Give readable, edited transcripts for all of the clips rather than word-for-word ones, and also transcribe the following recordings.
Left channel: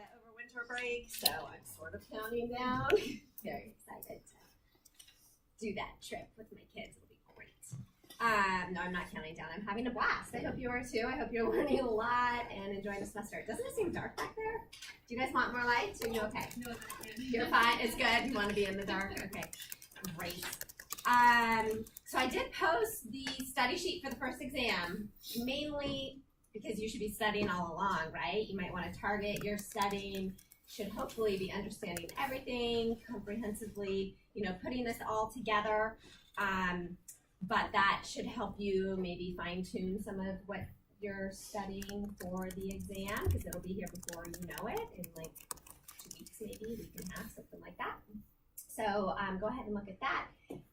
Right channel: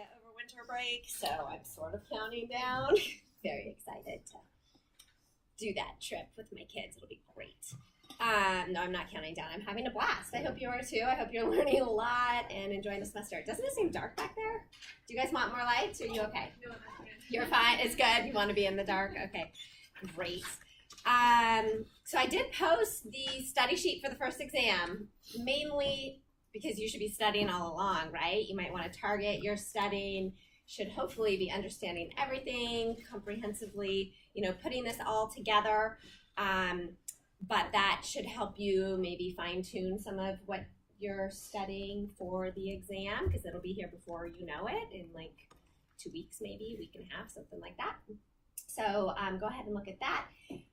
over winter break, so I'm sort of counting down. Very excited to do that trip with my kids. It'll be great. No, I'm not counting down. I'm having a blast. I hope you are too. I hope you're learning a lot and enjoying the semester. Doesn't it seem dark back there? Do you guys want more lights? Or are you okay? No, I'm good. You're fine. It's good. You want to be in the dark? Okay, great. So I did post the study sheet for the first exam, mainly because you should be studying all along, right? You might want to target your studying, should hopefully be understanding everything comprehensively, putting this all together. But that should help you maybe fine tune some of what you're studying for the exam, because it'll be here before you know it, in like 2 weeks maybe, week and a half, something like that. So go ahead and look at that.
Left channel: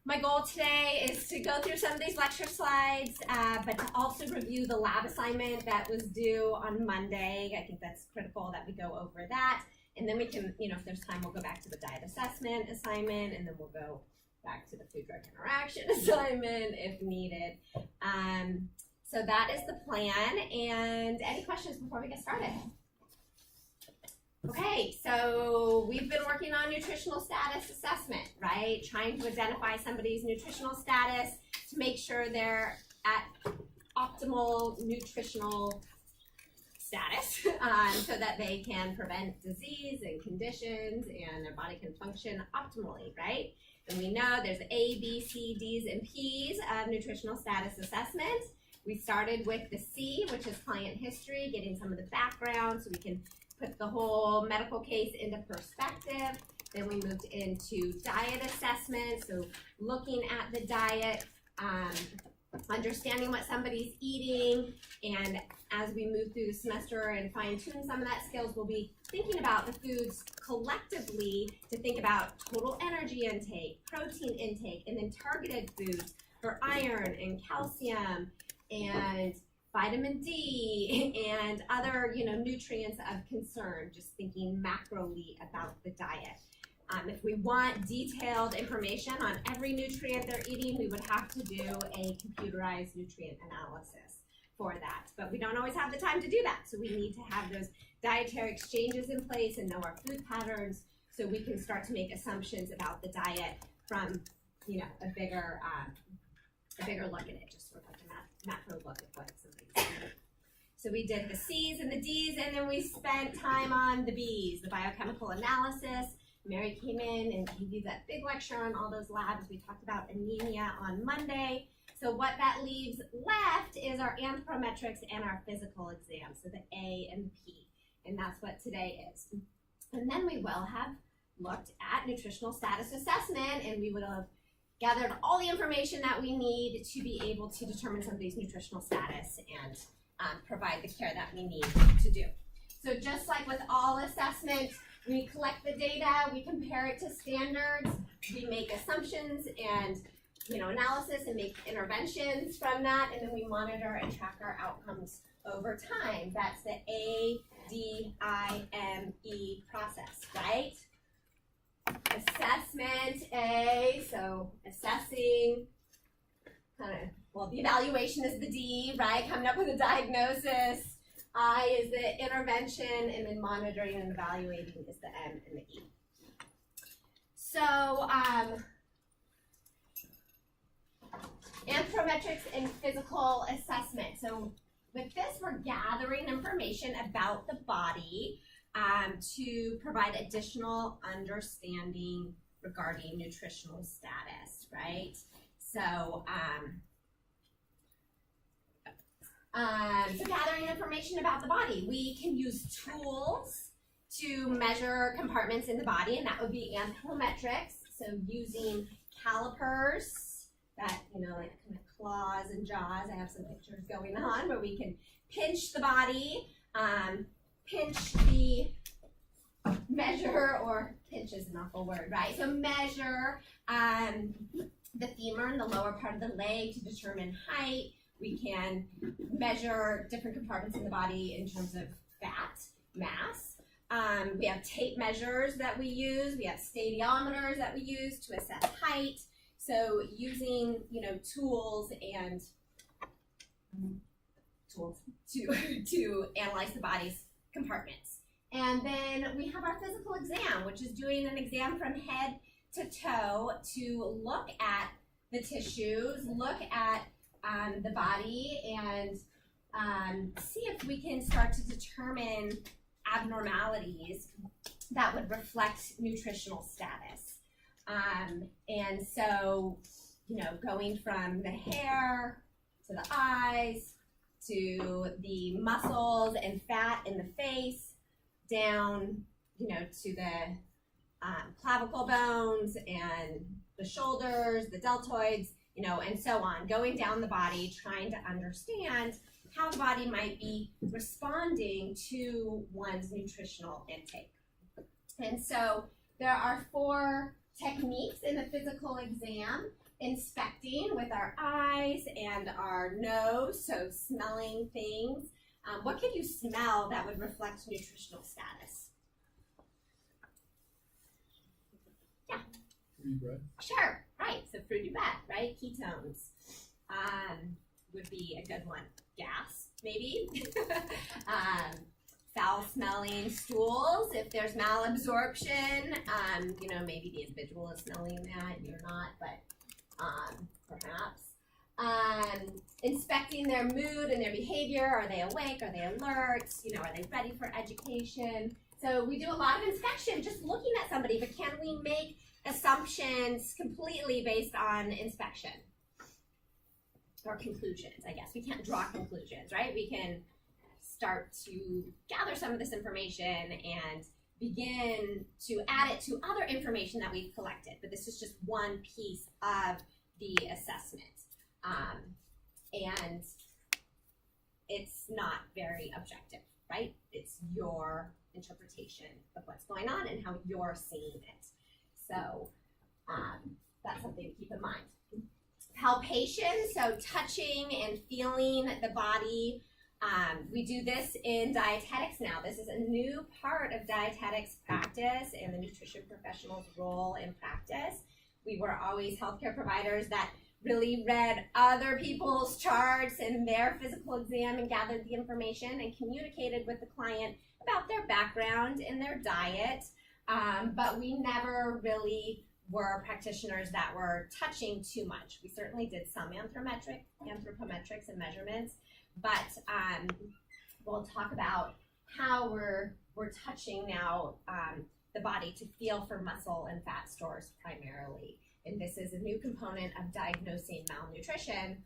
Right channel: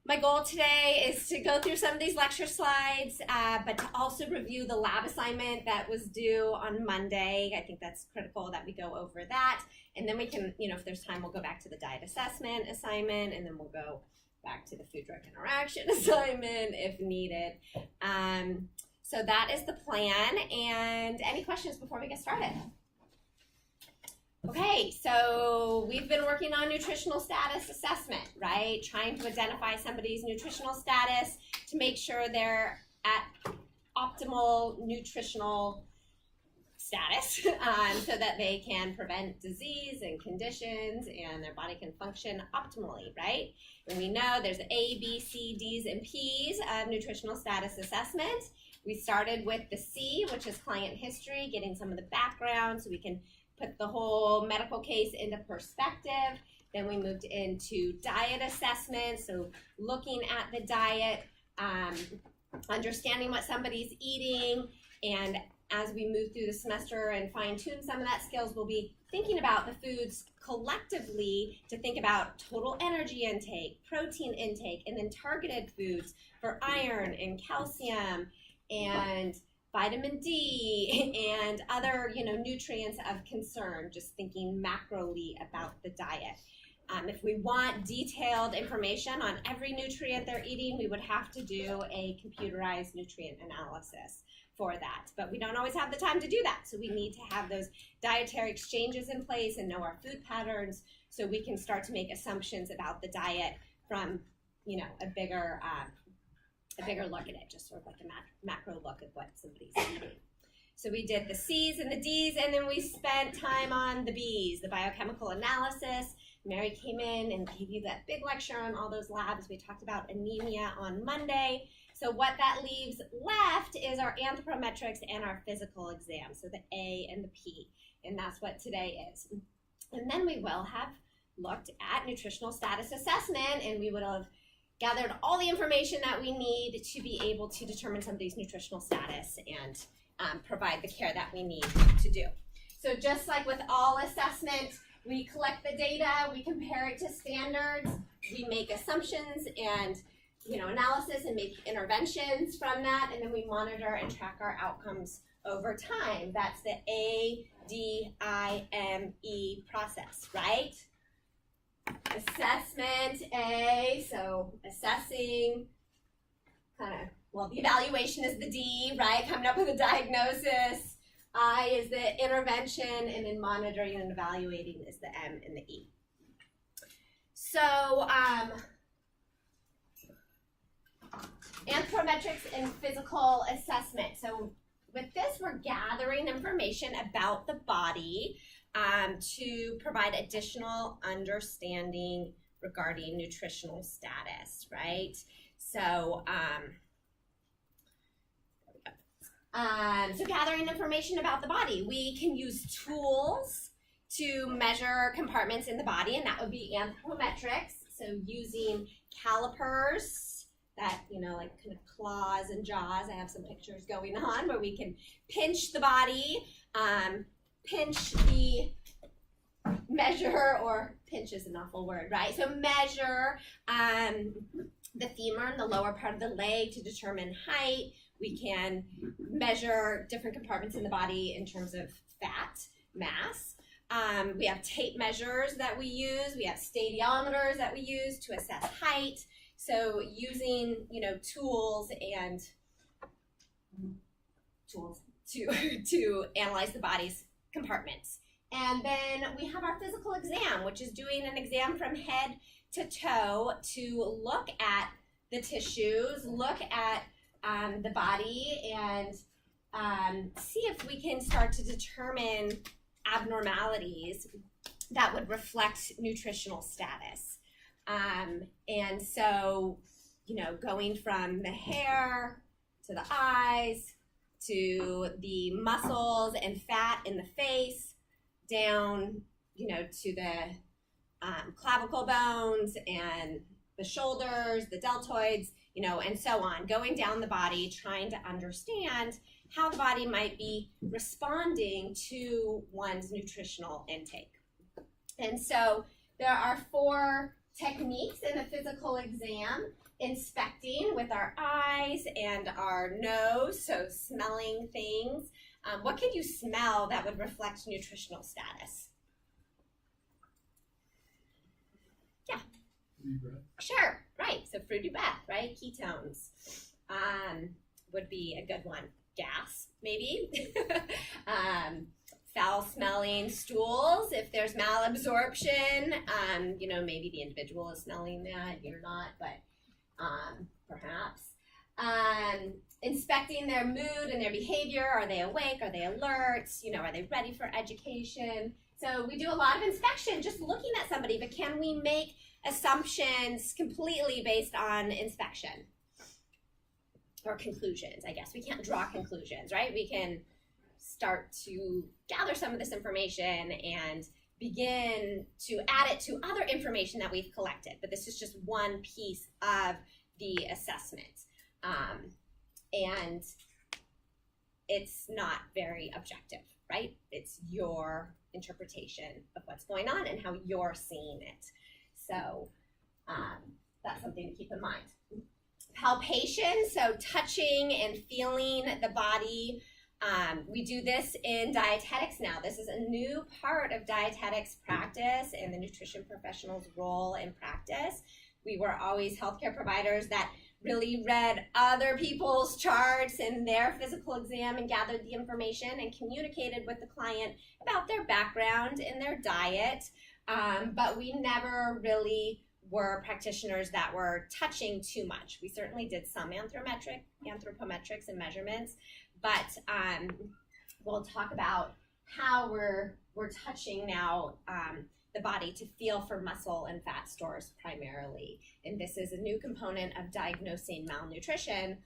My goal today is to go through some of these lecture slides, but to also review the lab assignment that was due on Monday. I think that's critical that we go over that. And then we can, if there's time, we'll go back to the diet assessment assignment, and then we'll go back to the food-drug interaction assignment if needed. So that is the plan. And any questions before we get started? Okay, so we've been working on nutritional status assessment, right? Trying to identify somebody's nutritional status to make sure they're at optimal nutritional status so that they can prevent disease and conditions and their body can function optimally, right? And we know there's A, B, C, D's, and P's of nutritional status assessment. We started with the C, which is client history, getting some of the background so we can put the whole medical case into perspective. Then we moved into diet assessment, so looking at the diet, understanding what somebody's eating, and as we move through the semester and fine-tune some of that skills, we'll be thinking about the foods collectively to think about total energy intake, protein intake, and then targeted foods for iron and calcium and vitamin D and other, nutrients of concern, just thinking macroly about the diet. If we want detailed information on every nutrient they're eating, we would have to do a computerized nutrient analysis for that. But we don't always have the time to do that, so we need to have those dietary exchanges in place and know our food patterns so we can start to make assumptions about the diet from, a bigger look at it, just sort of like a macro look at what somebody's eating. So we did the C's and the D's, and then we spent time on the B's, the biochemical analysis. Mary came in and gave you that big lecture on all those labs. We talked about anemia on Monday. So what that leaves left is our anthropometrics and our physical exam, so the A and the P, and that's what today is. And then we will have looked at nutritional status assessment, and we would have gathered all the information that we need to be able to determine somebody's nutritional status and provide the care that we need to do. So just like with all assessment, we collect the data, we compare it to standards, we make assumptions and analysis and make interventions from that, and then we monitor and track our outcomes over time. That's the ADIME process, right? Assessment, A, so assessing, the evaluation is the D, right? Coming up with a diagnosis. I is the intervention, and then monitoring and evaluating is the M and the E. So, anthropometrics and physical assessment. So with this, we're gathering information about the body to provide additional understanding regarding nutritional status, right? So, so gathering information about the body. We can use tools to measure compartments in the body, and that would be anthropometrics. So using calipers, that, like kind of claws and jaws. I have some pictures going on where we can pinch the body, pinch the measure, or pinch is an awful word, right? So measure the femur and the lower part of the leg to determine height. We can measure different compartments in the body in terms of fat mass. We have tape measures that we use. We have stadiometers that we use to assess height. So using, tools to analyze the body's compartments. And then we have our physical exam, which is doing an exam from head to toe to look at the tissues, look at the body, and see if we can start to determine abnormalities that would reflect nutritional status. And so, going from the hair to the eyes to the muscles and fat in the face, down, to the clavicle bones and the shoulders, the deltoids, and so on, going down the body, trying to understand how the body might be responding to one's nutritional intake. And so there are 4 techniques in a physical exam: inspecting with our eyes and our nose, so smelling things. What could you smell that would reflect nutritional status? Yeah. Fruity breath. Sure, right. So fruity breath, right? Ketones would be a good one. Gas, maybe. Foul-smelling stools, if there's malabsorption, maybe the individual is smelling that, you're not, but perhaps. Inspecting their mood and their behavior. Are they awake? Are they alert? Are they ready for education? So we do a lot of inspection, just looking at somebody, but can we make assumptions completely based on inspection? Or conclusions, I guess. We can't draw conclusions, right? We can start to gather some of this information and begin to add it to other information that we've collected. But this is just one piece of the assessment. And it's not very objective, right? It's your interpretation of what's going on and how you're seeing it. So that's something to keep in mind. Palpation, so touching and feeling the body. We do this in dietetics now. This is a new part of dietetics practice and the nutrition professional's role in practice. We were always healthcare providers that really read other people's charts and their physical exam and gathered the information and communicated with the client about their background and their diet. But we never really were practitioners that were touching too much. We certainly did some anthropometrics and measurements, but we'll talk about how we're touching now the body to feel for muscle and fat stores primarily. And this is a new component of diagnosing malnutrition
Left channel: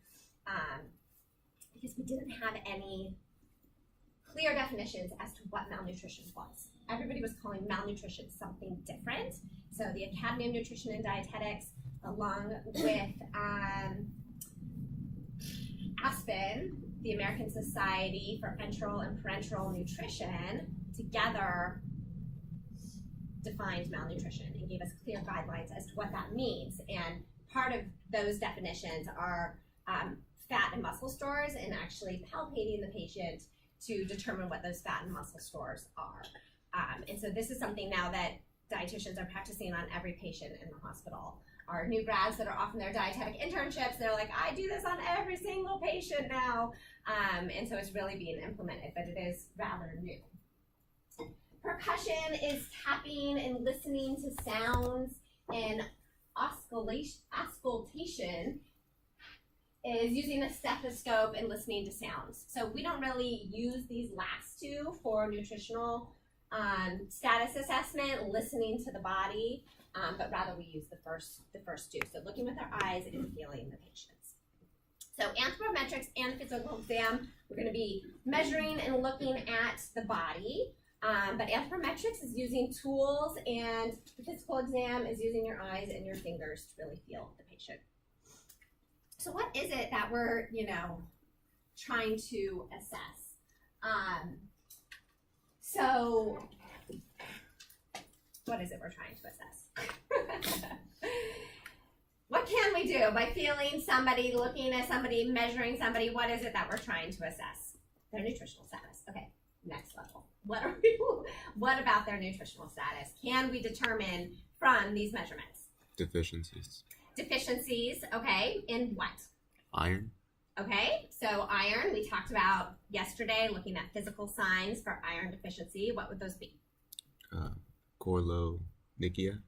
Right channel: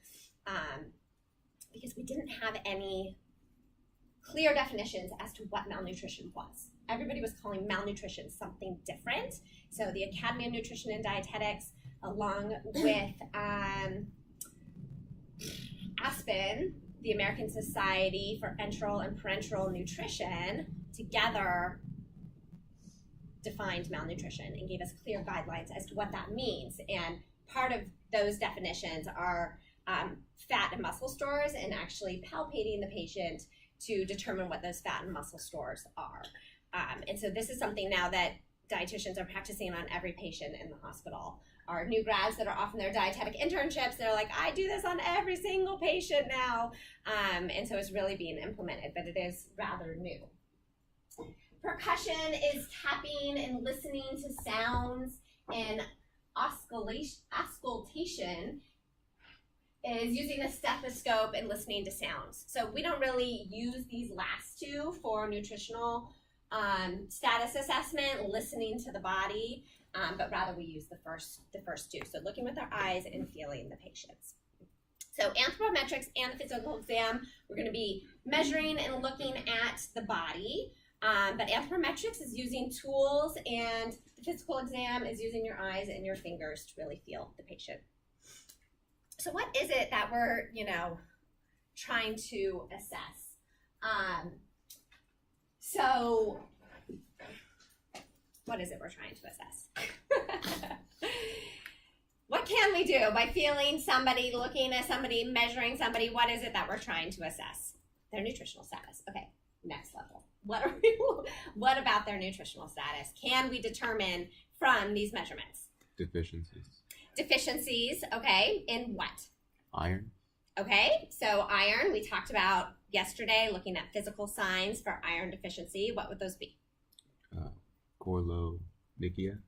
because we didn't have any clear definitions as to what malnutrition was. Everybody was calling malnutrition something different. So the Academy of Nutrition and Dietetics, along with ASPN, the American Society for Enteral and Parenteral Nutrition, together defined malnutrition and gave us clear guidelines as to what that means. And part of those definitions are fat and muscle stores and actually palpating the patient to determine what those fat and muscle stores are. And so this is something now that dietitians are practicing on every patient in the hospital. Our new grads that are off in their dietetic internships, they're like, I do this on every single patient now. And so it's really being implemented, but it is rather new. Percussion is tapping and listening to sounds, and auscultation is using a stethoscope and listening to sounds. So we don't really use these last two for nutritional status assessment, listening to the body, but rather we use the first two. So looking with our eyes and feeling the patients. So anthropometrics and the physical exam, we're going to be measuring and looking at the body. But anthropometrics is using tools, and the physical exam is using your eyes and your fingers to really feel the patient. So what is it that we're, trying to assess? So what is it we're trying to assess? What can we do by feeling somebody, looking at somebody, measuring somebody? What is it that we're trying to assess? Their nutritional status. Okay, next level. What about their nutritional status? Can we determine from these measurements? Deficiencies. Deficiencies, okay, in what? Iron. Okay, so iron, we talked about yesterday, looking at physical signs for iron deficiency. What would those be? Koilonychia.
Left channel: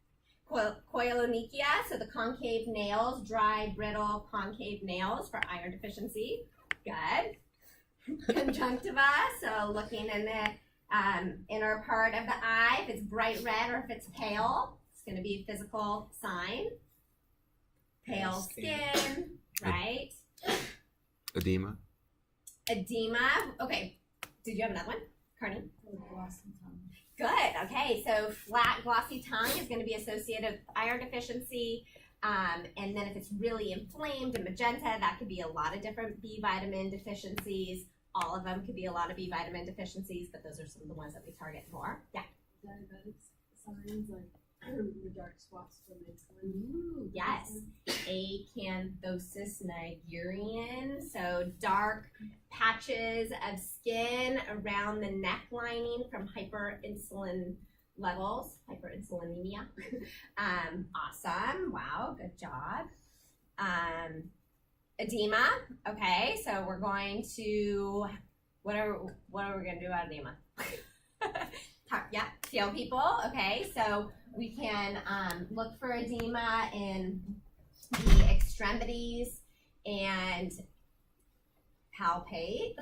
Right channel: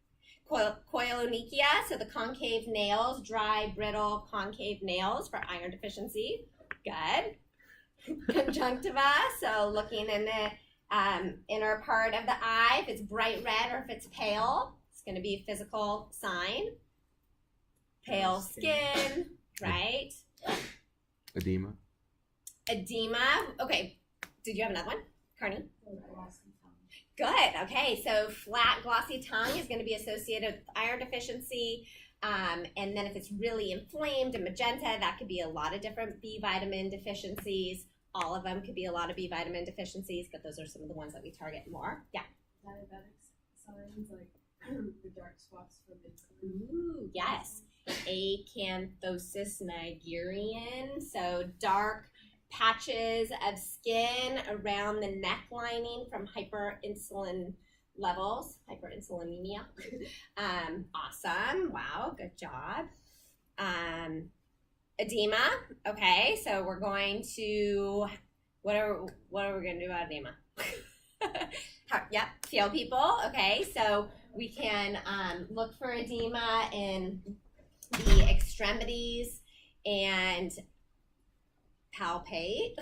Koilonychia, so the concave nails, dry, brittle, concave nails for iron deficiency. Good. Conjunctiva, so looking in the inner part of the eye, if it's bright red or if it's pale, it's going to be a physical sign. Pale skin, right? Edema. Edema. Okay, did you have another one, Carney? Good. Okay, so flat, glossy tongue is going to be associated with iron deficiency. And then if it's really inflamed and magenta, that could be a lot of different B vitamin deficiencies. All of them could be a lot of B vitamin deficiencies, but those are some of the ones that we target more. Yeah. Diabetic signs like the dark spots from insulin. Ooh, yes. Acanthosis nigerien, so dark patches of skin around the neck lining from hyperinsulin levels, hyperinsulinemia. Awesome. Wow, good job. Edema. Okay, so we're going to what are we going to do about edema? Yep, feel people. Okay, so we can look for edema in the extremities and palpate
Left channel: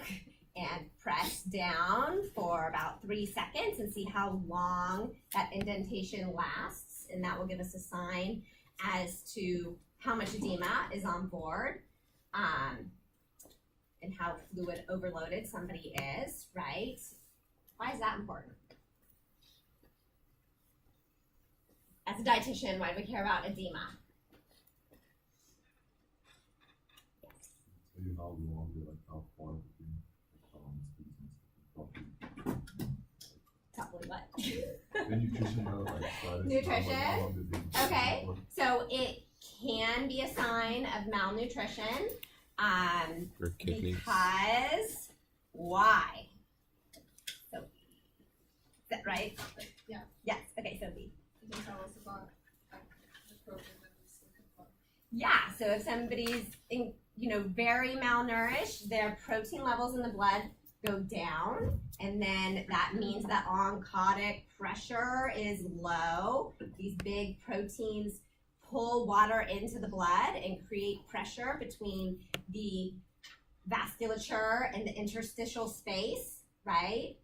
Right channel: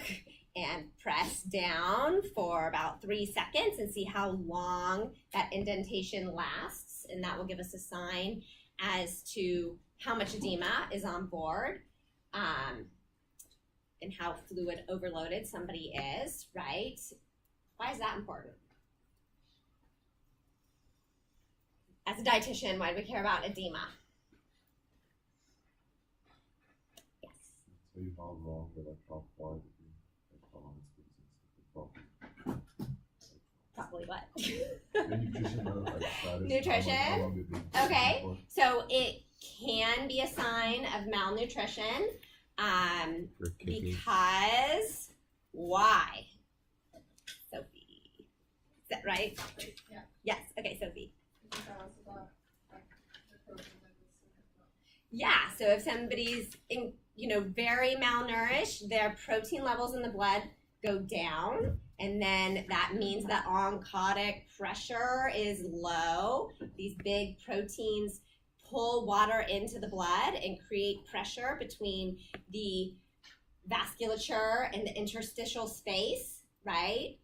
and press down for about 3 seconds and see how long that indentation lasts, and that will give us a sign as to how much edema is on board, and how fluid overloaded somebody is, right? Why is that important? As a dietitian, why do we care about edema? Yes. So you how long, like how far between Probably what? the nutritional like status, Nutrition? how long they've been Okay. for? So it can be a sign of malnutrition, For kidneys. because why? Sophie, is that right? Yeah. Yes. Okay, Sophie. Can you tell us about like the program that was looking for? Yeah. So if somebody's very malnourished, their protein levels in the blood go down, and then that means that oncotic pressure is low. These big proteins pull water into the blood and create pressure between the vasculature and the interstitial space, right?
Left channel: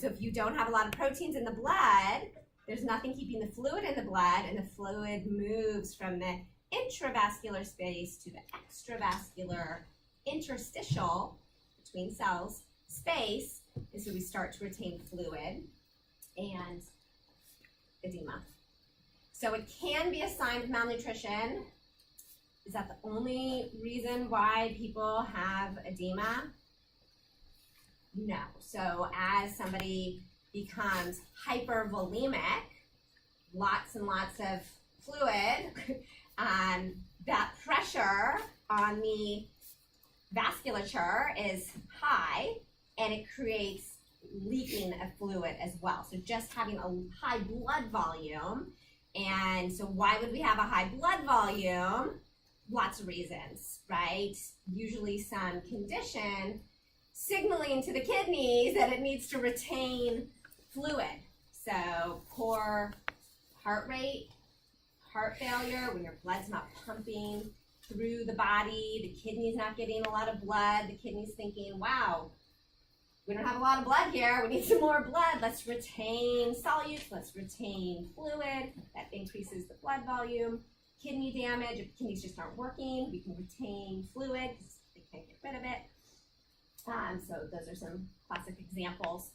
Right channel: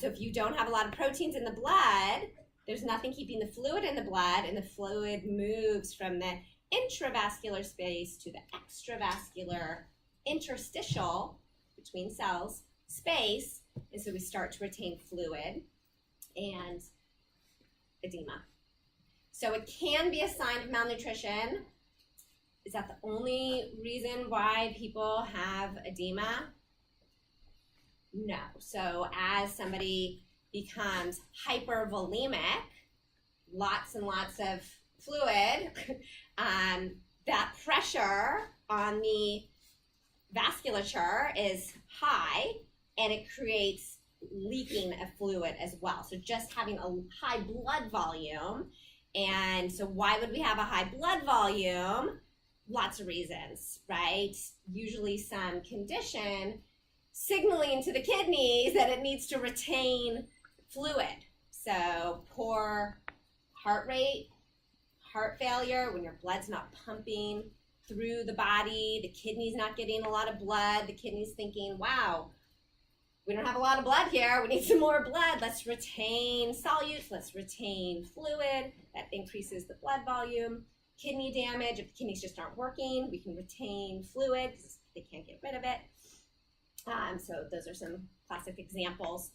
So if you don't have a lot of proteins in the blood, there's nothing keeping the fluid in the blood, and the fluid moves from the intravascular space to the extravascular interstitial between cells space, and so we start to retain fluid and edema. So it can be a sign of malnutrition. Is that the only reason why people have edema? No. So as somebody becomes hypervolemic, lots and lots of fluid, that pressure on the vasculature is high, and it creates leaking of fluid as well. So just having a high blood volume. And so why would we have a high blood volume? Lots of reasons, right? Usually some condition signaling to the kidneys that it needs to retain fluid. So poor heart rate, heart failure, when your blood's not pumping through the body, the kidney's not getting a lot of blood, the kidney's thinking, wow, we don't have a lot of blood here, we need some more blood, let's retain solutes, let's retain fluid, that increases the blood volume. Kidney damage, if the kidneys just aren't working, we can retain fluid because they can't get rid of it. So those are some classic examples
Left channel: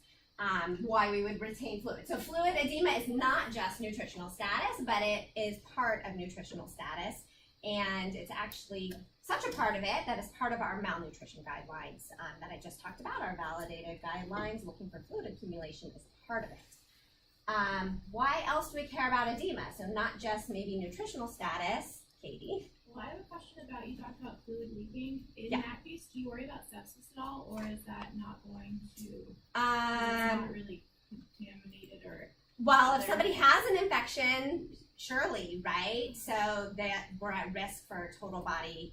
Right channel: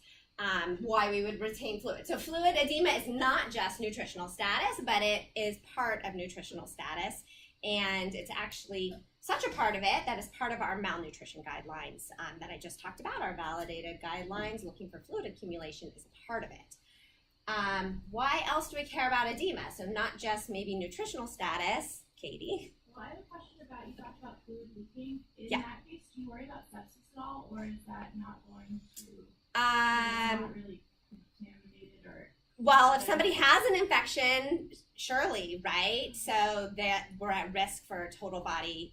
why we would retain fluid. So fluid edema is not just nutritional status, but it is part of nutritional status. And it's actually such a part of it that is part of our malnutrition guidelines that I just talked about. Our validated guidelines looking for fluid accumulation is a part of it. Why else do we care about edema? So not just maybe nutritional status. Katie? Well, I have a question about, you talked about fluid leaking. In Yeah. that case, do you worry about sepsis at all, or is that not going to, it's Um, not really contaminated or? Well, if somebody has an infection, surely, right? So that we're at risk for total body,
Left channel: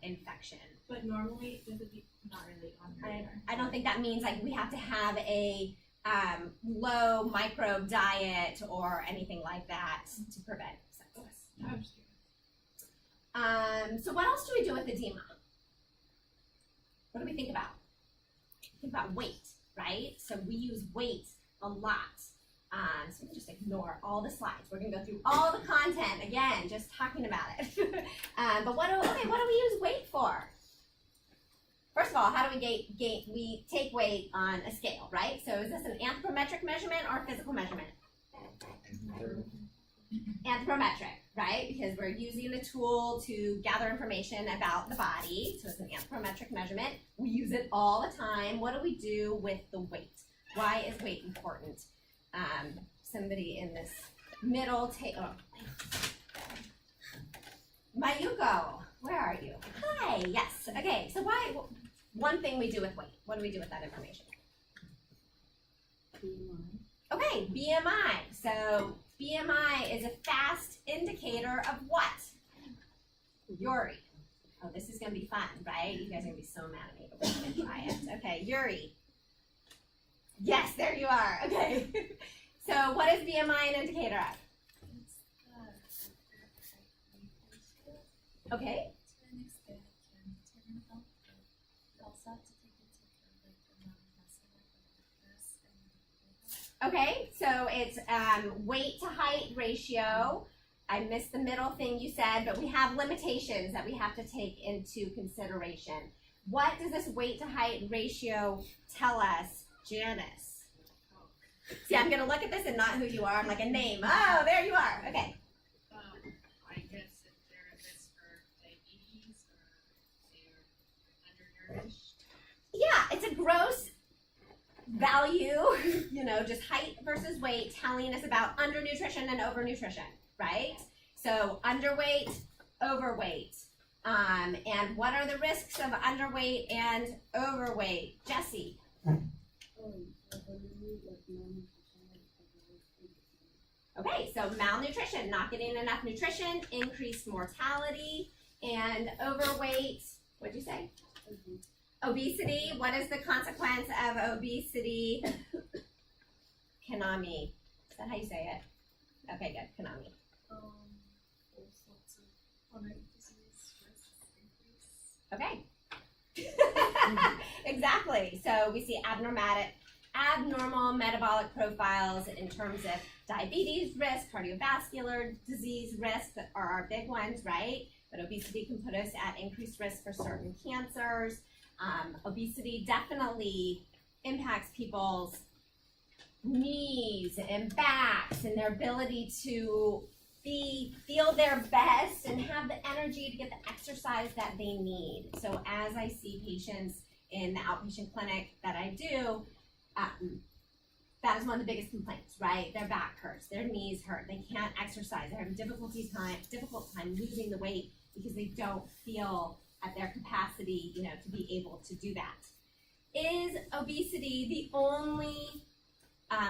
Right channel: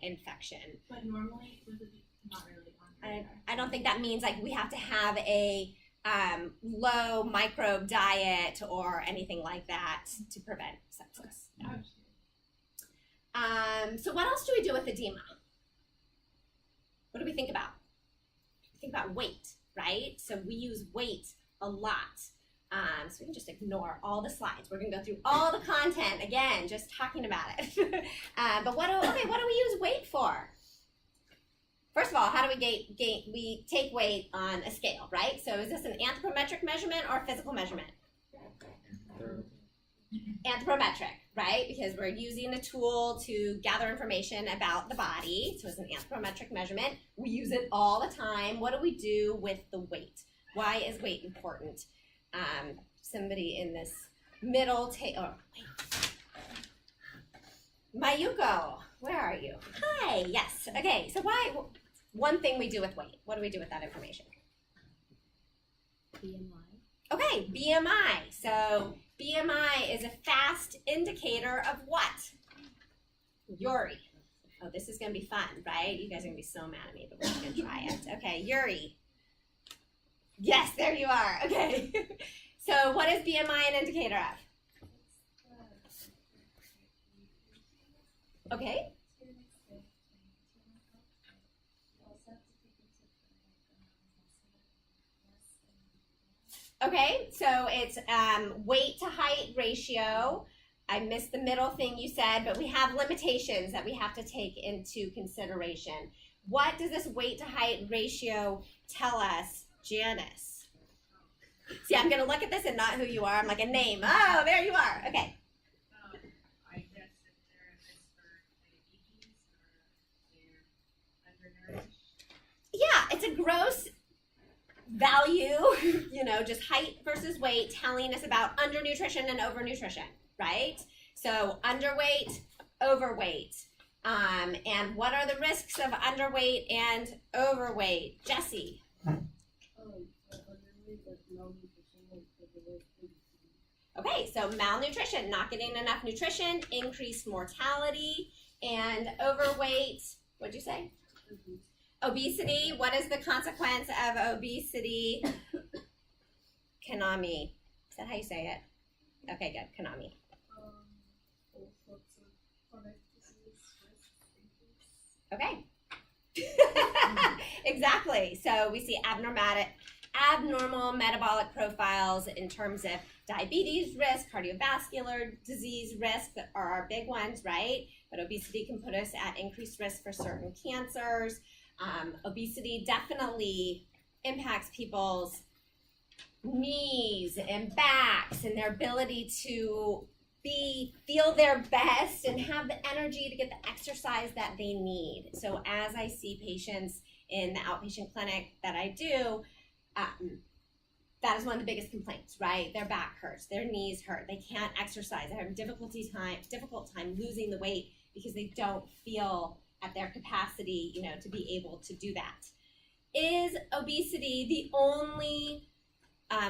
infection. But normally, does it be, not really on your radar? I don't think that means like we have to have a low microbe diet or anything like that to prevent sepsis. I was curious. So what else do we do with edema? What do we think about? Think about weight, right? So we use weight a lot. So we can just ignore all the slides. We're gonna go through all the content again, just talking about it. But what do we use weight for? First of all, how do we take weight on a scale, right? So is this an anthropometric measurement or a physical measurement? Anthropometric, right? Because we're using a tool to gather information about the body. So it's an anthropometric measurement. We use it all the time. What do we do with the weight? Why is weight important? Somebody in this middle Mayuko, where are you? Hi, yes. Okay, so one thing we do with weight. What do we do with that information? BMI. Okay, BMI. So BMI is a fast indicator of what? Yuri. Oh, this is gonna be fun, right? You guys are gonna be so mad at me, but we're gonna try it. Okay, Yuri. Yes, there you are. Okay. So what is BMI an indicator of? Okay. Okay, so it's weight to height ratio. I missed the middle thing you said, but we have limitations that we have to take into consideration. What does this weight to height ratio tell us, Janice? See, I'm gonna look at this and not who you are. I'm like a name. Oh, there you are. Okay. I guess if they're at risk for diabetes or they're undernourished. Yeah, it's a gross value, just height versus weight, telling us about undernutrition and overnutrition, right? So underweight, overweight. And what are the risks of underweight and overweight? Jessie. Okay, so malnutrition, not getting enough nutrition, increased mortality, and overweight, what'd you say? Obesity, what is the consequence of obesity? Kanami, is that how you say it? Okay, good, Kanami. All sorts of chronic disease risks increase. Okay. Exactly, so we see abnormal metabolic profiles in terms of diabetes risk, cardiovascular disease risk that are our big ones, right? But obesity can put us at increased risk for certain cancers. Obesity definitely impacts people's knees and backs and their ability to feel their best and have the energy to get the exercise that they need. So as I see patients in the outpatient clinic that I do, that is one of the biggest complaints, right? Their back hurts, their knees hurt, they can't exercise, they have a difficult time losing the weight because they don't feel at their capacity, to be able to do that. Is obesity the only,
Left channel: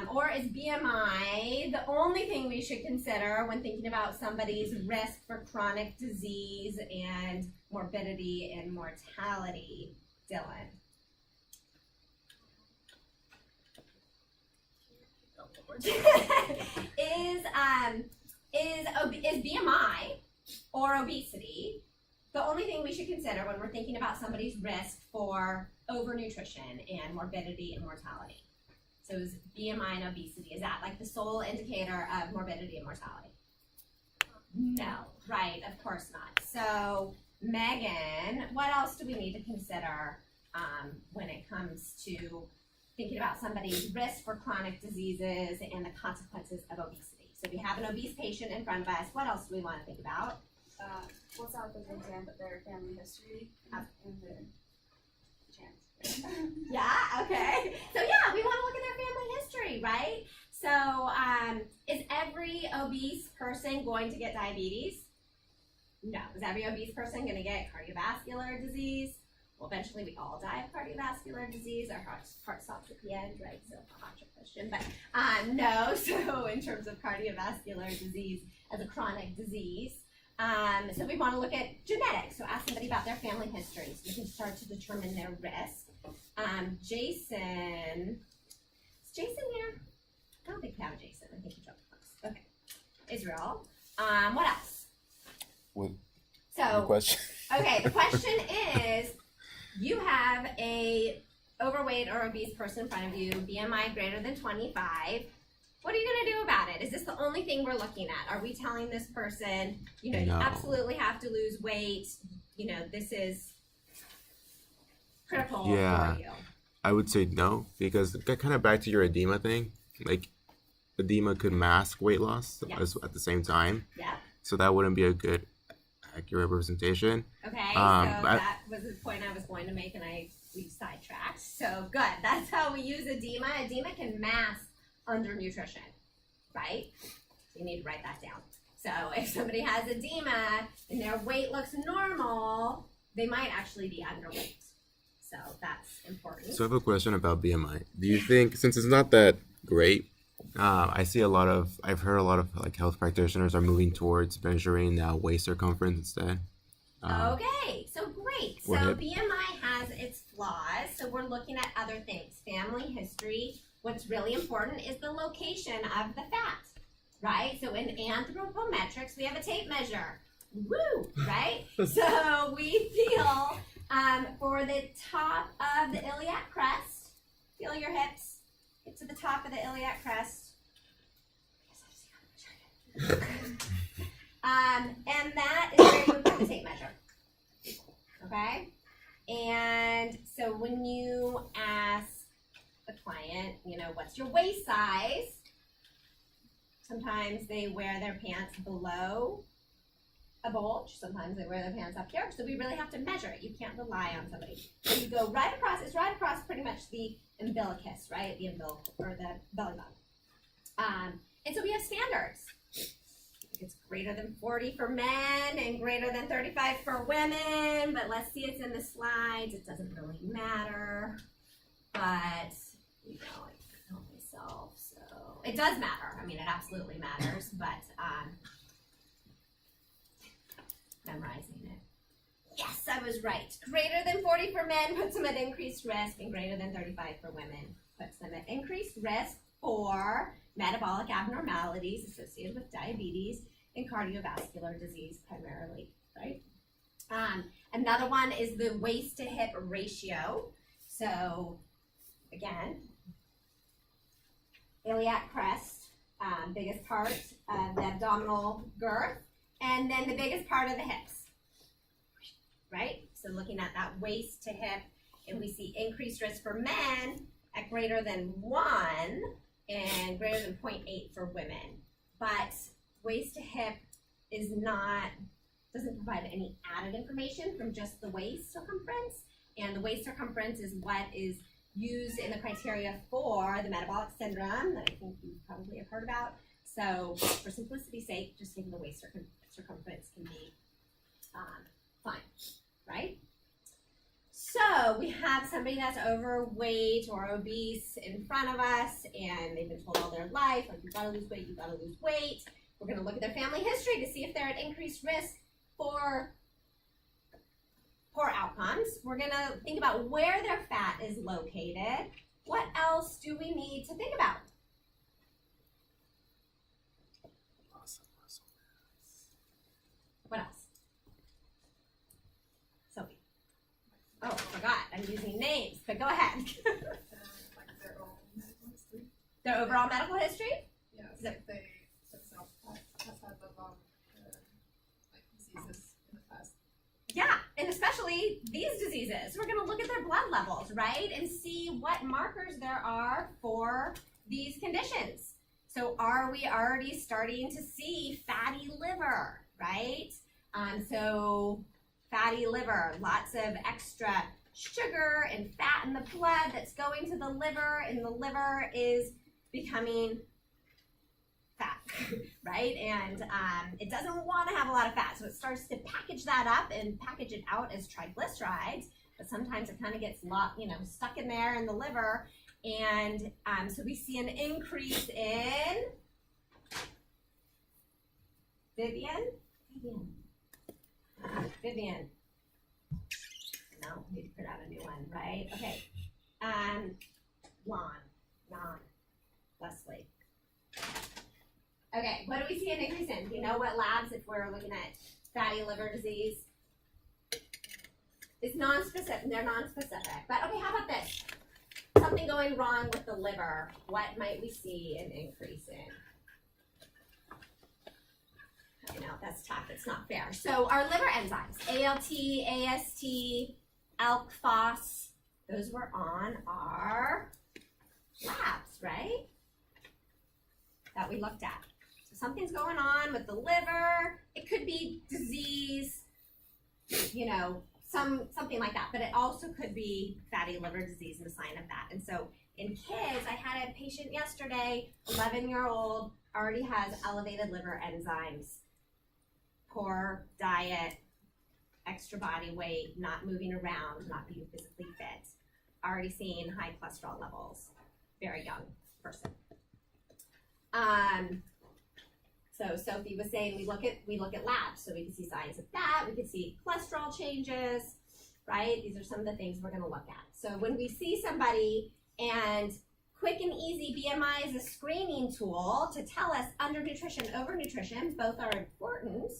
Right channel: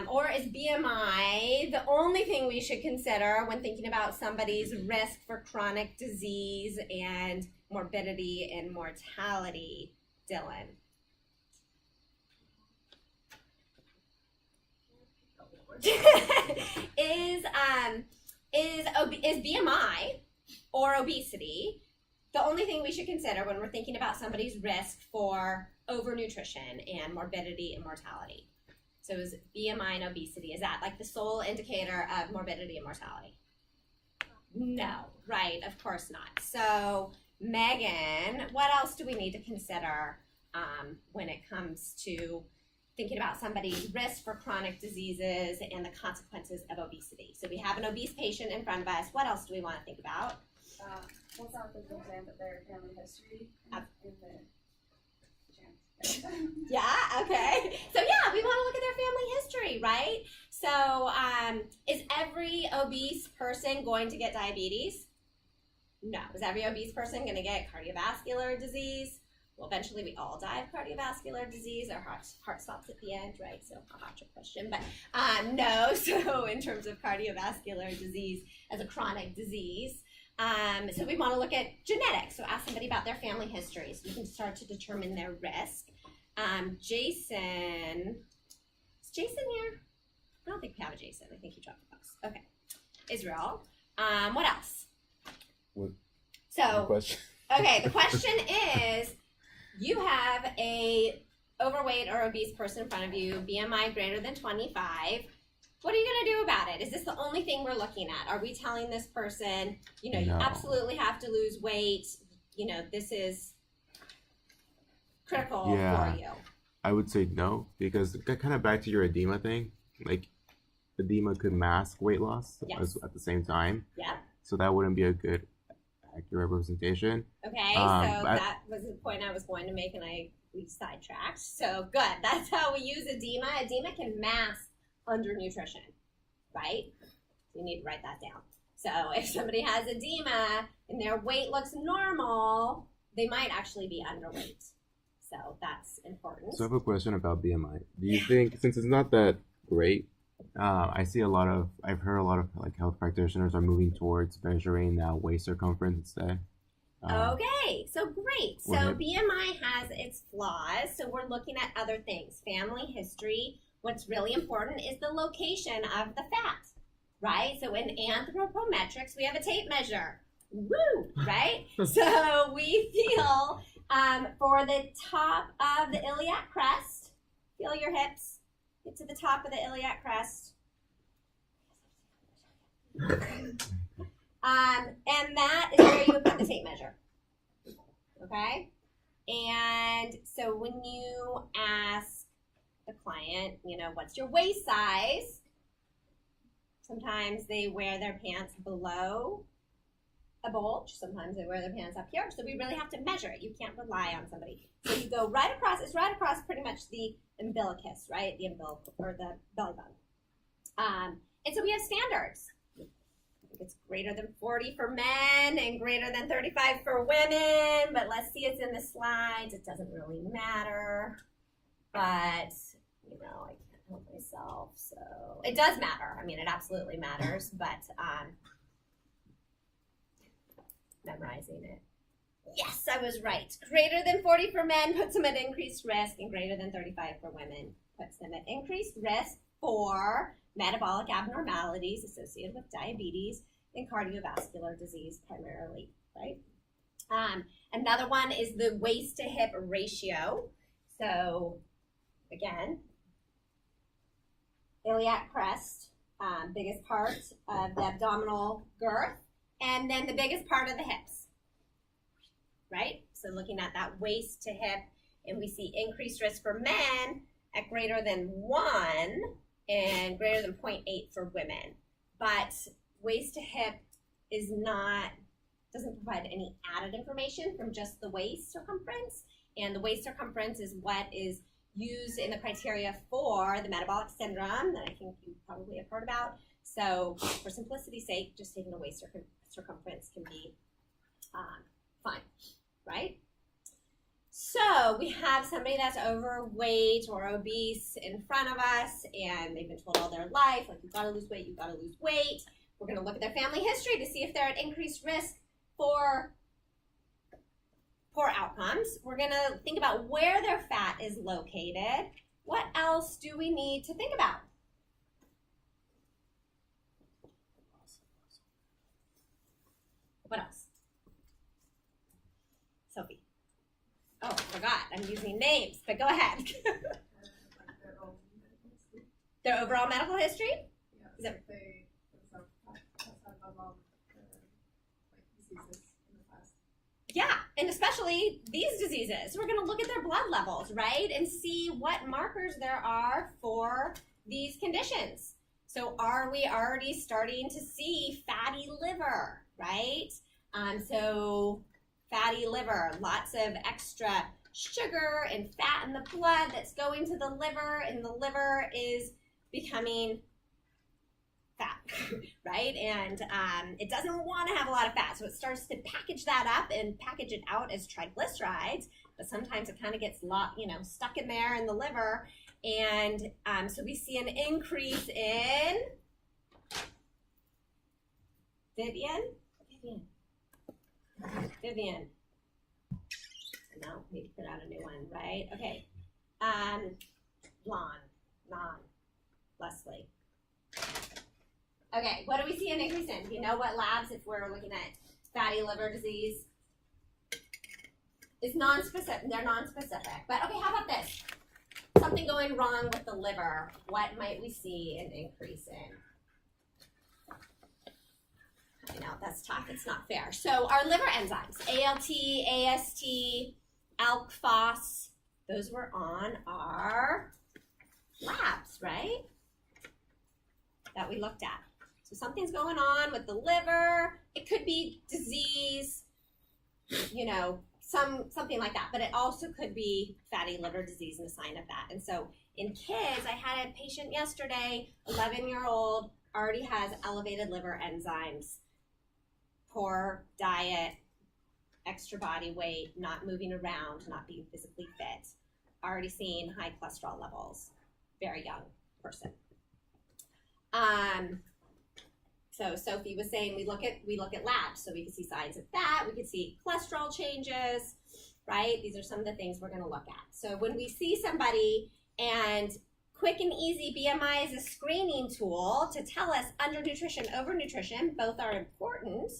or is BMI the only thing we should consider when thinking about somebody's risk for chronic disease and morbidity and mortality, Dylan? Is BMI or obesity the only thing we should consider when we're thinking about somebody's risk for overnutrition and morbidity and mortality? So is BMI and obesity, is that like the sole indicator of morbidity and mortality? No, right, of course not. So Megan, what else do we need to consider when it comes to thinking about somebody's risk for chronic diseases and the consequences of obesity? So we have an obese patient in front of us. What else do we want to think about? What's out there, for example, their family history and their chance. Yeah, okay. So yeah, we want to look at their family history, right? So is every obese person going to get diabetes? No. Is every obese person going to get cardiovascular disease? Well, eventually we all die of cardiovascular disease. Our heart stops at the end, right? So a hot trick question, but no. So in terms of cardiovascular disease as a chronic disease, so we want to look at genetics. So ask somebody about their family history so you can start to determine their risk. Jason, Is Jason here? I don't think we have a Jason. I think he dropped the books. Okay. Israel. What else? What? So, Question. okay, the question is, you have a overweight or obese person in front of you, BMI greater than 25. What are you gonna do about it? Is this the only thing we're looking at? Are we telling this person, you No. absolutely have to lose weight? This is critical Yeah. for you. I would say no, because kind of back to your edema thing. Like, edema could mask weight loss Yes. at the same time, Yeah. so that wouldn't be a good, accurate representation. Okay. But that was the point I was going to make, and we sidetracked. So good. That's how we use edema. Edema can mask undernutrition, right? You need to write that down. So if somebody has edema and their weight looks normal, they might actually be underweight. So that's important. So I have a question about BMI. Do you think, since it's not that great, I've heard a lot of like health practitioners are moving towards measuring waist circumference instead. Okay, so great. So Or hip. BMI has its flaws, so we're looking at other things. Family history. What's really important is the location of the fat, right? So in anthropometrics, we have a tape measure. Woo, right? So we feel for the top of the iliac crest, feel your hips, get to the top of the iliac crest. And that is where you would put the tape measure. Okay? And so when you ask the client, what's your waist size? Sometimes they wear their pants below a bulge. Sometimes they wear their pants up here. So we really have to measure it. You can't rely on somebody. So you go right across. It's right across pretty much the umbilicus, right? The umbilical or the belly button. And so we have standards. It's greater than 40 for men and greater than 35 for women, but let's see, it's in the slides. It doesn't really matter, but I help myself, so it does matter. I mean, it absolutely matters, but memorizing it. Yes, I was right. Greater than 40 for men puts them at increased risk, and greater than 35 for women puts them at increased risk for metabolic abnormalities associated with diabetes and cardiovascular disease primarily, right? Another one is the waist to hip ratio. So again, iliac crest, biggest part of the abdominal girth, and then the biggest part of the hips, right? So looking at that waist to hip, and we see increased risk for men at greater than 1 and greater than 0.8 for women. But waist to hip doesn't provide any added information from just the waist circumference. And the waist circumference is what is used in the criteria for the metabolic syndrome that I think you probably have heard about. So for simplicity's sake, just taking the waist circumference can be fine, right? So we have somebody that's overweight or obese in front of us, and they've been told all their life, like, you've got to lose weight, you've got to lose weight. We're going to look at their family history to see if they're at increased risk for poor outcomes. We're going to think about where their fat is located. What else do we need to think about? What else? Sophie. Oh, I forgot. I'm using names, but go ahead. Like their own medical history. Their overall medical history? Yeah, Is so if they themselves has had diseases in the past. Yeah, and especially these diseases. We're going to look at their blood levels, right? And see what markers there are for these conditions. So are we already starting to see fatty liver, right? So fatty liver, lots of extra sugar and fat in the blood that's going to the liver, and the liver is becoming fat, right? And it doesn't want to have a lot of fat, so it starts to package that up and package it out as triglycerides, but sometimes it kind of gets stuck in there in the liver, and so we see an increase in Vivian. No, need to put out a new one, right? Okay. Non. Leslie? Okay, what do we see an increase in? Do you know what labs, if we're looking at fatty liver disease? It's non-specific, they're non-specific. But okay, how about this? Something going wrong with the liver, what might we see an increase in? I know, that's tough, it's not fair. So our liver enzymes, ALT, AST, ALK, PHOS, those were on our labs, right? That we looked at. So something's going on with the liver. It could be disease, you know, something like that. But it also could be fatty liver disease and a sign of that. And so in kids, I had a patient yesterday, 11-year-old, already has elevated liver enzymes, poor diet, extra body weight, not moving around, not being physically fit, already seeing high cholesterol levels, very young person. So Sophie was saying we look at labs, so we can see signs of that. We could see cholesterol changes, right? These are some of the things we're going to look at. So when we see somebody, and quick and easy BMI is a screening tool to tell us undernutrition, overnutrition, both are important,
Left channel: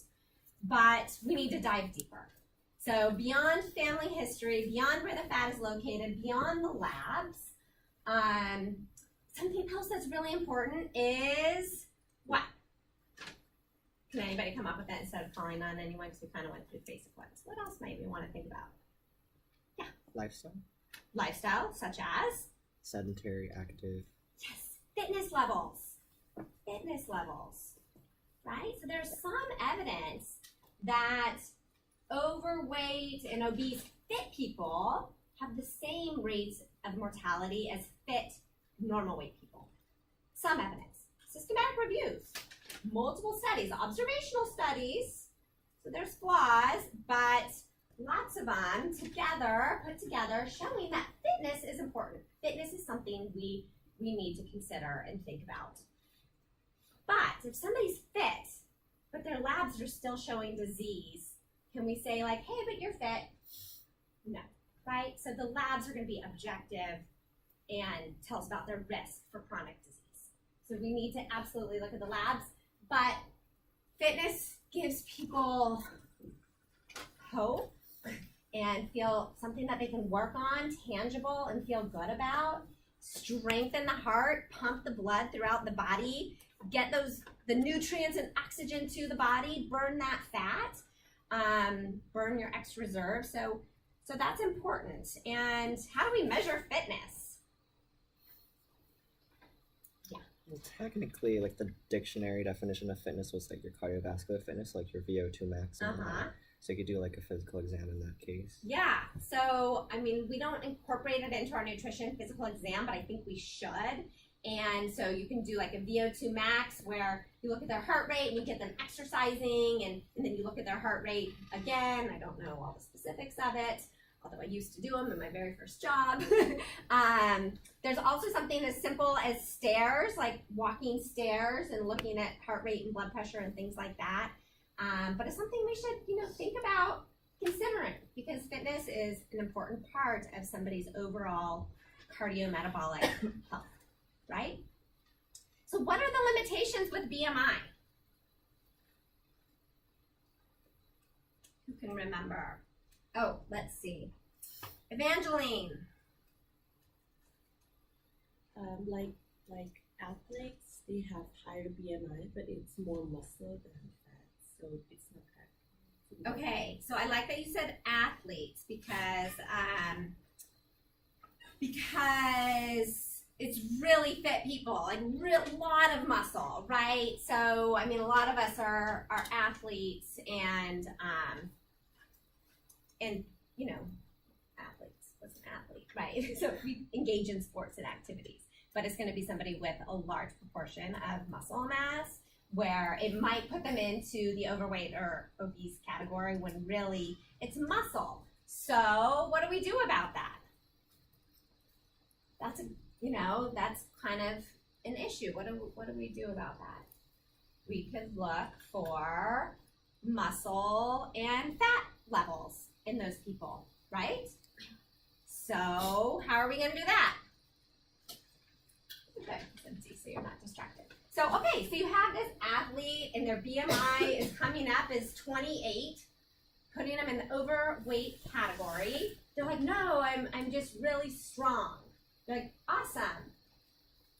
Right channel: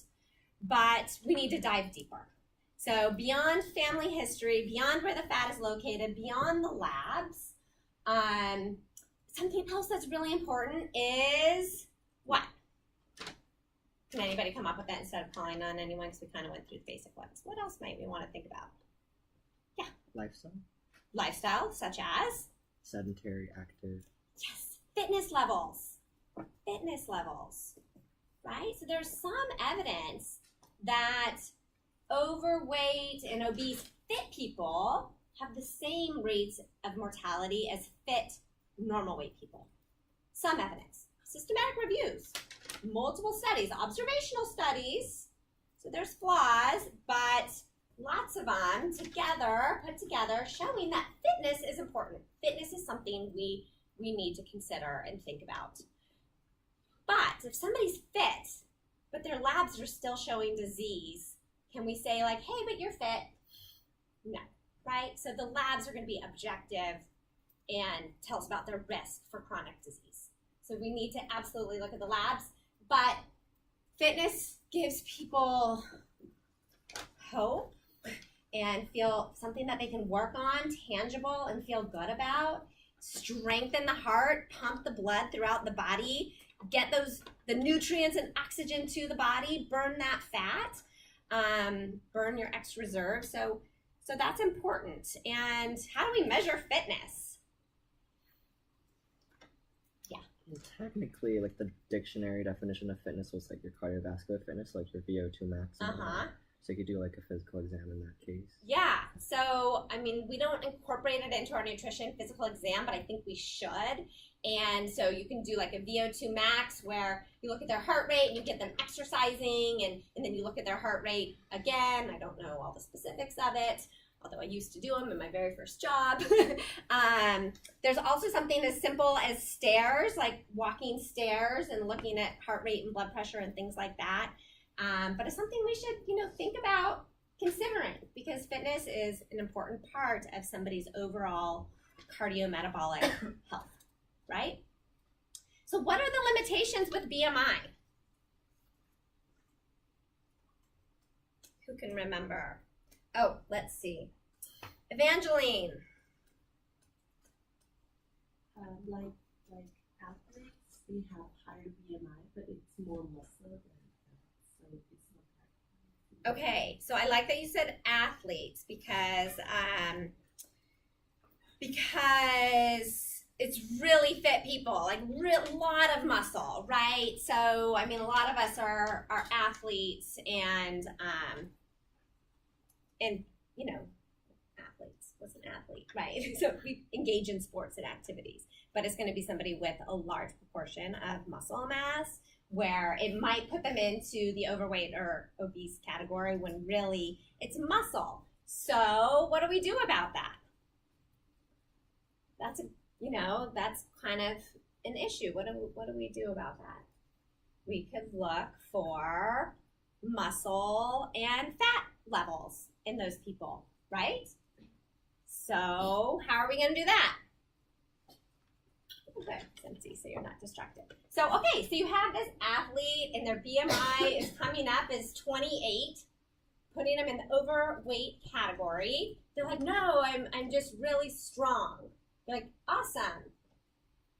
but we need to dive deeper. So beyond family history, beyond where the fat is located, beyond the labs, something else that's really important is what? Can anybody come up with that instead of calling on anyone, because we kind of went through the basic ones? What else might we want to think about? Lifestyle, Lifestyle, such as? sedentary, active. Yes, fitness levels, right? So there's some evidence that overweight and obese fit people have the same rates of mortality as fit normal weight people. Some evidence, systematic reviews, multiple studies, observational studies, so there's flaws, but lots of them together, put together, showing that fitness is important. Fitness is something we need to consider and think about. But if somebody's fit, but their labs are still showing disease, can we say like, hey, but you're fit? No, right? So the labs are going to be objective and tell us about their risk for chronic disease. So we need to absolutely look at the labs, but fitness gives people hope and feel something that they can work on, tangible, and feel good about. Strengthen the heart, pump the blood throughout the body, get the nutrients and oxygen to the body, burn that fat, burn your extra reserve. So that's important. And how do we measure fitness? Well, technically, like the dictionary definition of fitness was like your cardiovascular fitness, like your VO2 max. And all that. So you could do like a physical exam in that case. Yeah, so I mean, we don't incorporate it into our nutrition physical exam, but I think we should. And so you can do like a VO2 max where you look at their heart rate and you get them exercising, and then you look at their heart rate again. I don't know all the specifics of it, although I used to do them in my very first job. There's also something as simple as stairs, like walking stairs and looking at heart rate and blood pressure and things like that. But it's something we should, think about considering, because fitness is an important part of somebody's overall cardiometabolic health, right? So what are the limitations with BMI? Who can remember? Oh, let's see. Evangeline. Like athletes, they have higher BMI, but it's more muscle than fat, so it's not that. Okay, so I like that you said athletes because it's really fit people, like a lot of muscle, right? So I mean, a lot of us are athletes, and athletes. What's an athlete, right? So we engage in sports and activities, but it's going to be somebody with a large proportion of muscle mass, where it might put them into the overweight or obese category when really it's muscle. So what do we do about that? That's kind of an issue. What do we do about that? We could look for muscle and fat levels in those people, right? So how are we going to do that? Okay, it's empty, so you're not distracted. So, okay, so you have this athlete and their BMI is coming up as 28, putting them in the overweight category. They're like, no, I'm just really strong. You're like, awesome.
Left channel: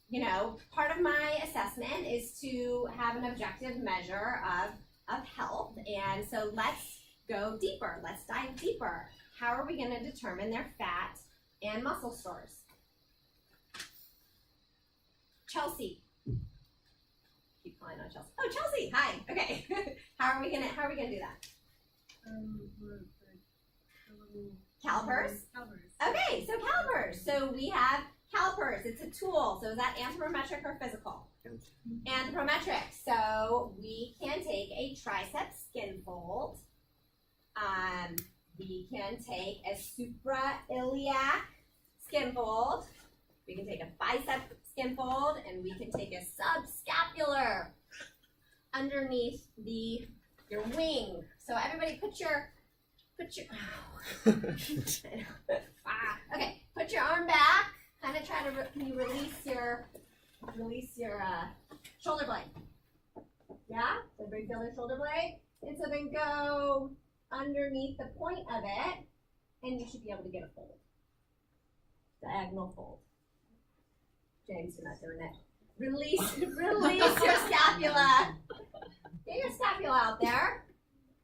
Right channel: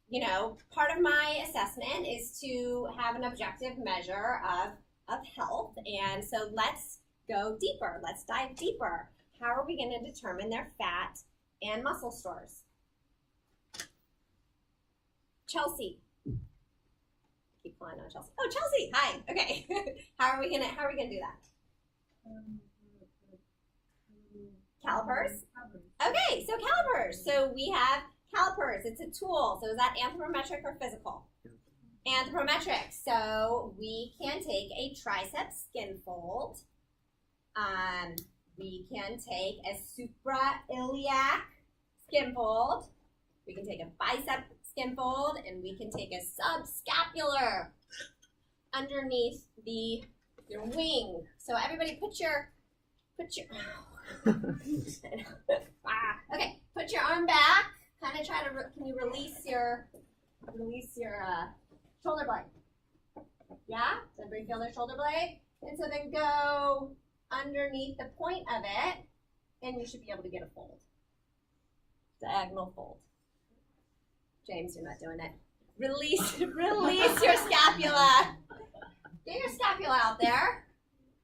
You know, part of my assessment is to have an objective measure of health. And so let's go deeper. Let's dive deeper. How are we going to determine their fat and muscle stores? Chelsea. Keep calling on Chelsea. Oh, Chelsea, hi. Okay. How are we gonna do that? Calipers? Okay, so calipers. So we have calipers. It's a tool. So is that anthropometric or physical? Anthropometric. So we can take a tricep skin fold. We can take a suprailiac skin fold. We can take a bicep skin fold, and we can take a subscapular underneath your wing. So everybody put your okay, put your arm back. Kind of try to can you release your shoulder blade? Yeah? Does everybody feel their shoulder blade? And so then go underneath the point of it, and you should be able to get a fold. Diagonal fold. James, you're not doing it. Release your scapula. Get your scapula out there.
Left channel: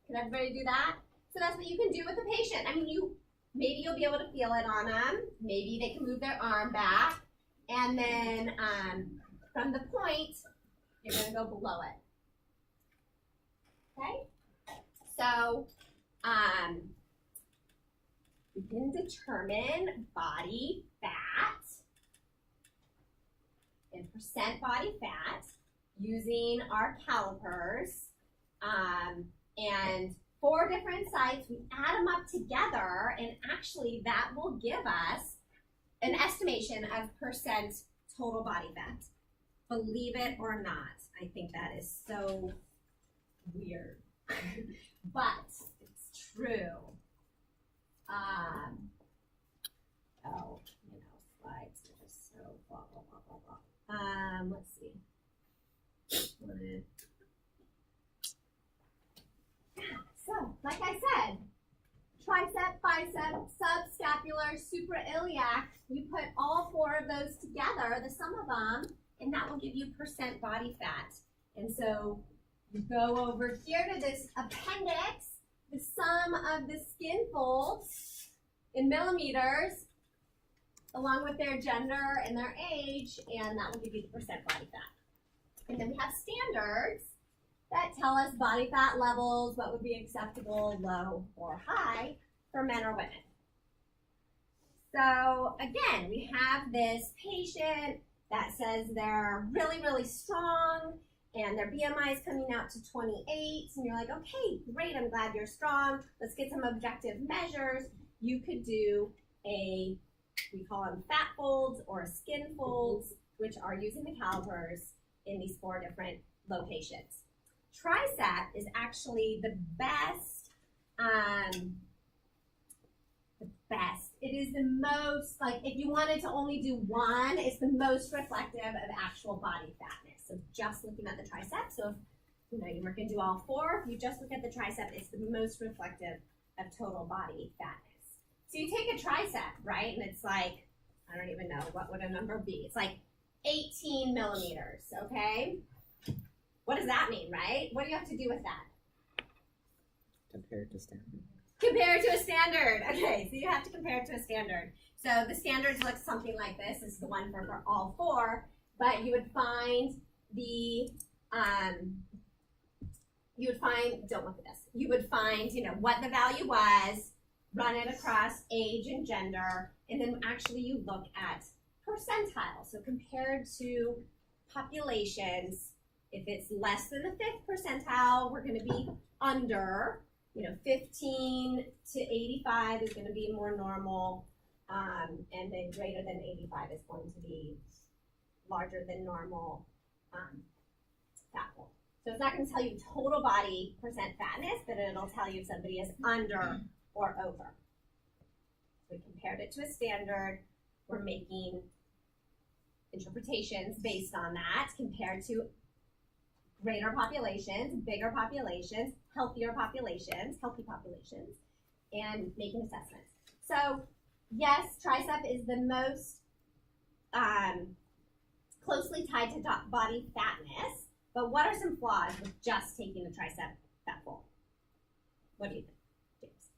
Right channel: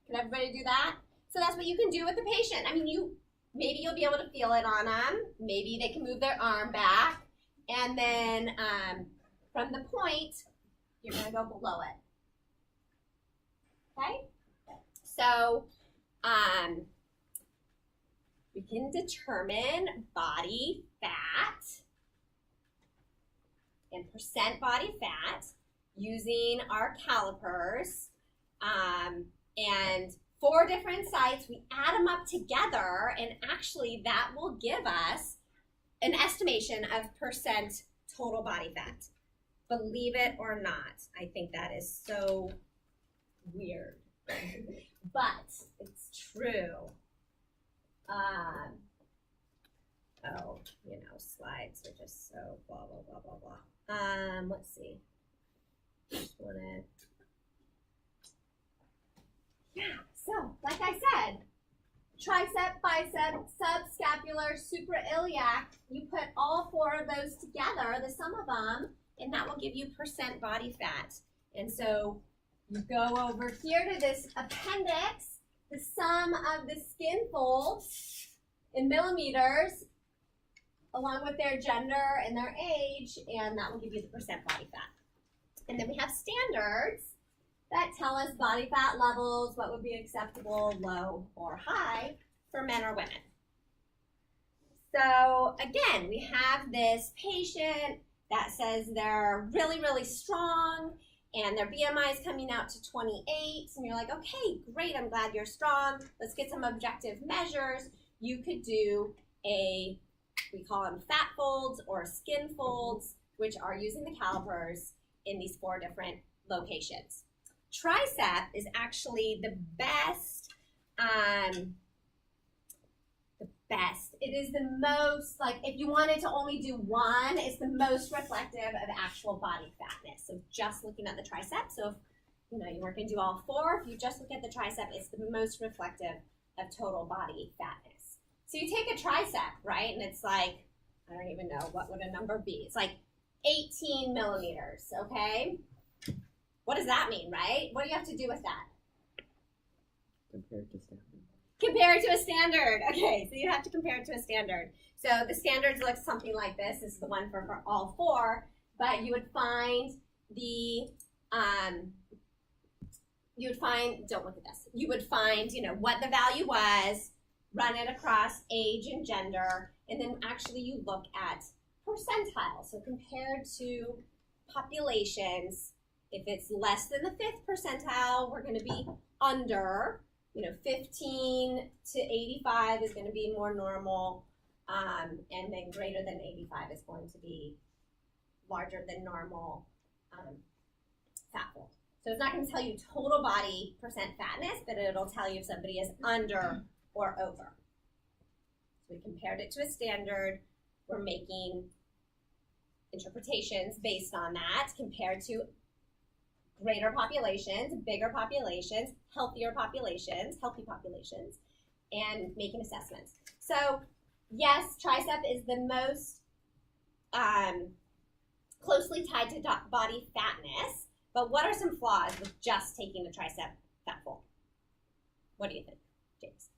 Can everybody do that? So that's what you can do with the patient. I mean, maybe you'll be able to feel it on them. Maybe they can move their arm back. And then from the point, you're going to go below it. Okay? So we can determine body fat and percent body fat using our calipers. And 4 different sites, we add them up together, and actually that will give us an estimation of percent total body fat. Believe it or not, I think that is so weird, but it's true. Oh, slides are just so blah, blah, blah, blah, blah. Let's see. So, like I said, tricep, bicep, subscapular, suprailiac, you put all 4 of those together, the sum of them, and that will give you percent body fat. And so you go over here to this appendix, the sum of the skin folds in millimeters, along with their gender and their age, and that will give you the percent body fat. And then we have standards that tell us body fat levels, what would be acceptable, low or high for men or women. So again, we have this patient that says they're really, really strong and their BMI is coming out to 28, and you're like, okay, great, I'm glad you're strong. Let's get some objective measures. You could do we call them fat folds or skin folds, which are using the calipers in these 4 different locations. Tricep is actually the best. It is the most, like, if you wanted to only do one, it's the most reflective of actual body fatness. So just looking at the tricep. So if you weren't going to do all 4, if you just look at the tricep, it's the most reflective of total body fatness. So you take a tricep, right, and it's like, I don't even know, what would a number be? It's like 18 millimeters, okay? What does that mean, right? What do you have to do with that? Compare it to standard. Compare it to a standard. Okay, so you have to compare it to a standard. So the standards look something like this. This is the one for all 4, but you would find don't look at this. You would find, what the value was, run it across age and gender, and then actually you look at percentile. So compared to populations, if it's less than the 5th percentile, we're going to be under. 15 to 85 is going to be more normal, and then greater than 85 is going to be larger than normal fat fold. So it's not going to tell you total body percent fatness, but it'll tell you if somebody is under or over. So we compared it to a standard. We're making interpretations based on that compared to greater populations, bigger populations, healthy populations, and making assessments. So yes, tricep is the most closely tied to body fatness, but what are some flaws with just taking the tricep fatful? What do you think, James?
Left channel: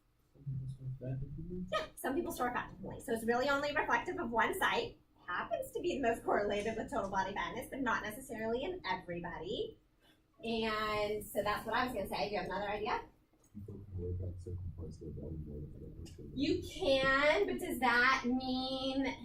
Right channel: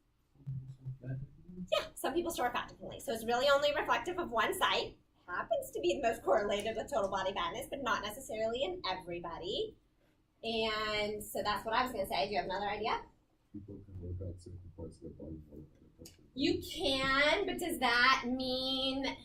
Yeah, some people store fat differently. So it's really only reflective of one site. Happens to be the most correlated with total body fatness, but not necessarily in everybody. And so that's what I was going to say. Do you have another idea? People can work out certain parts of their body more than other parts of their body. You can, but does that mean...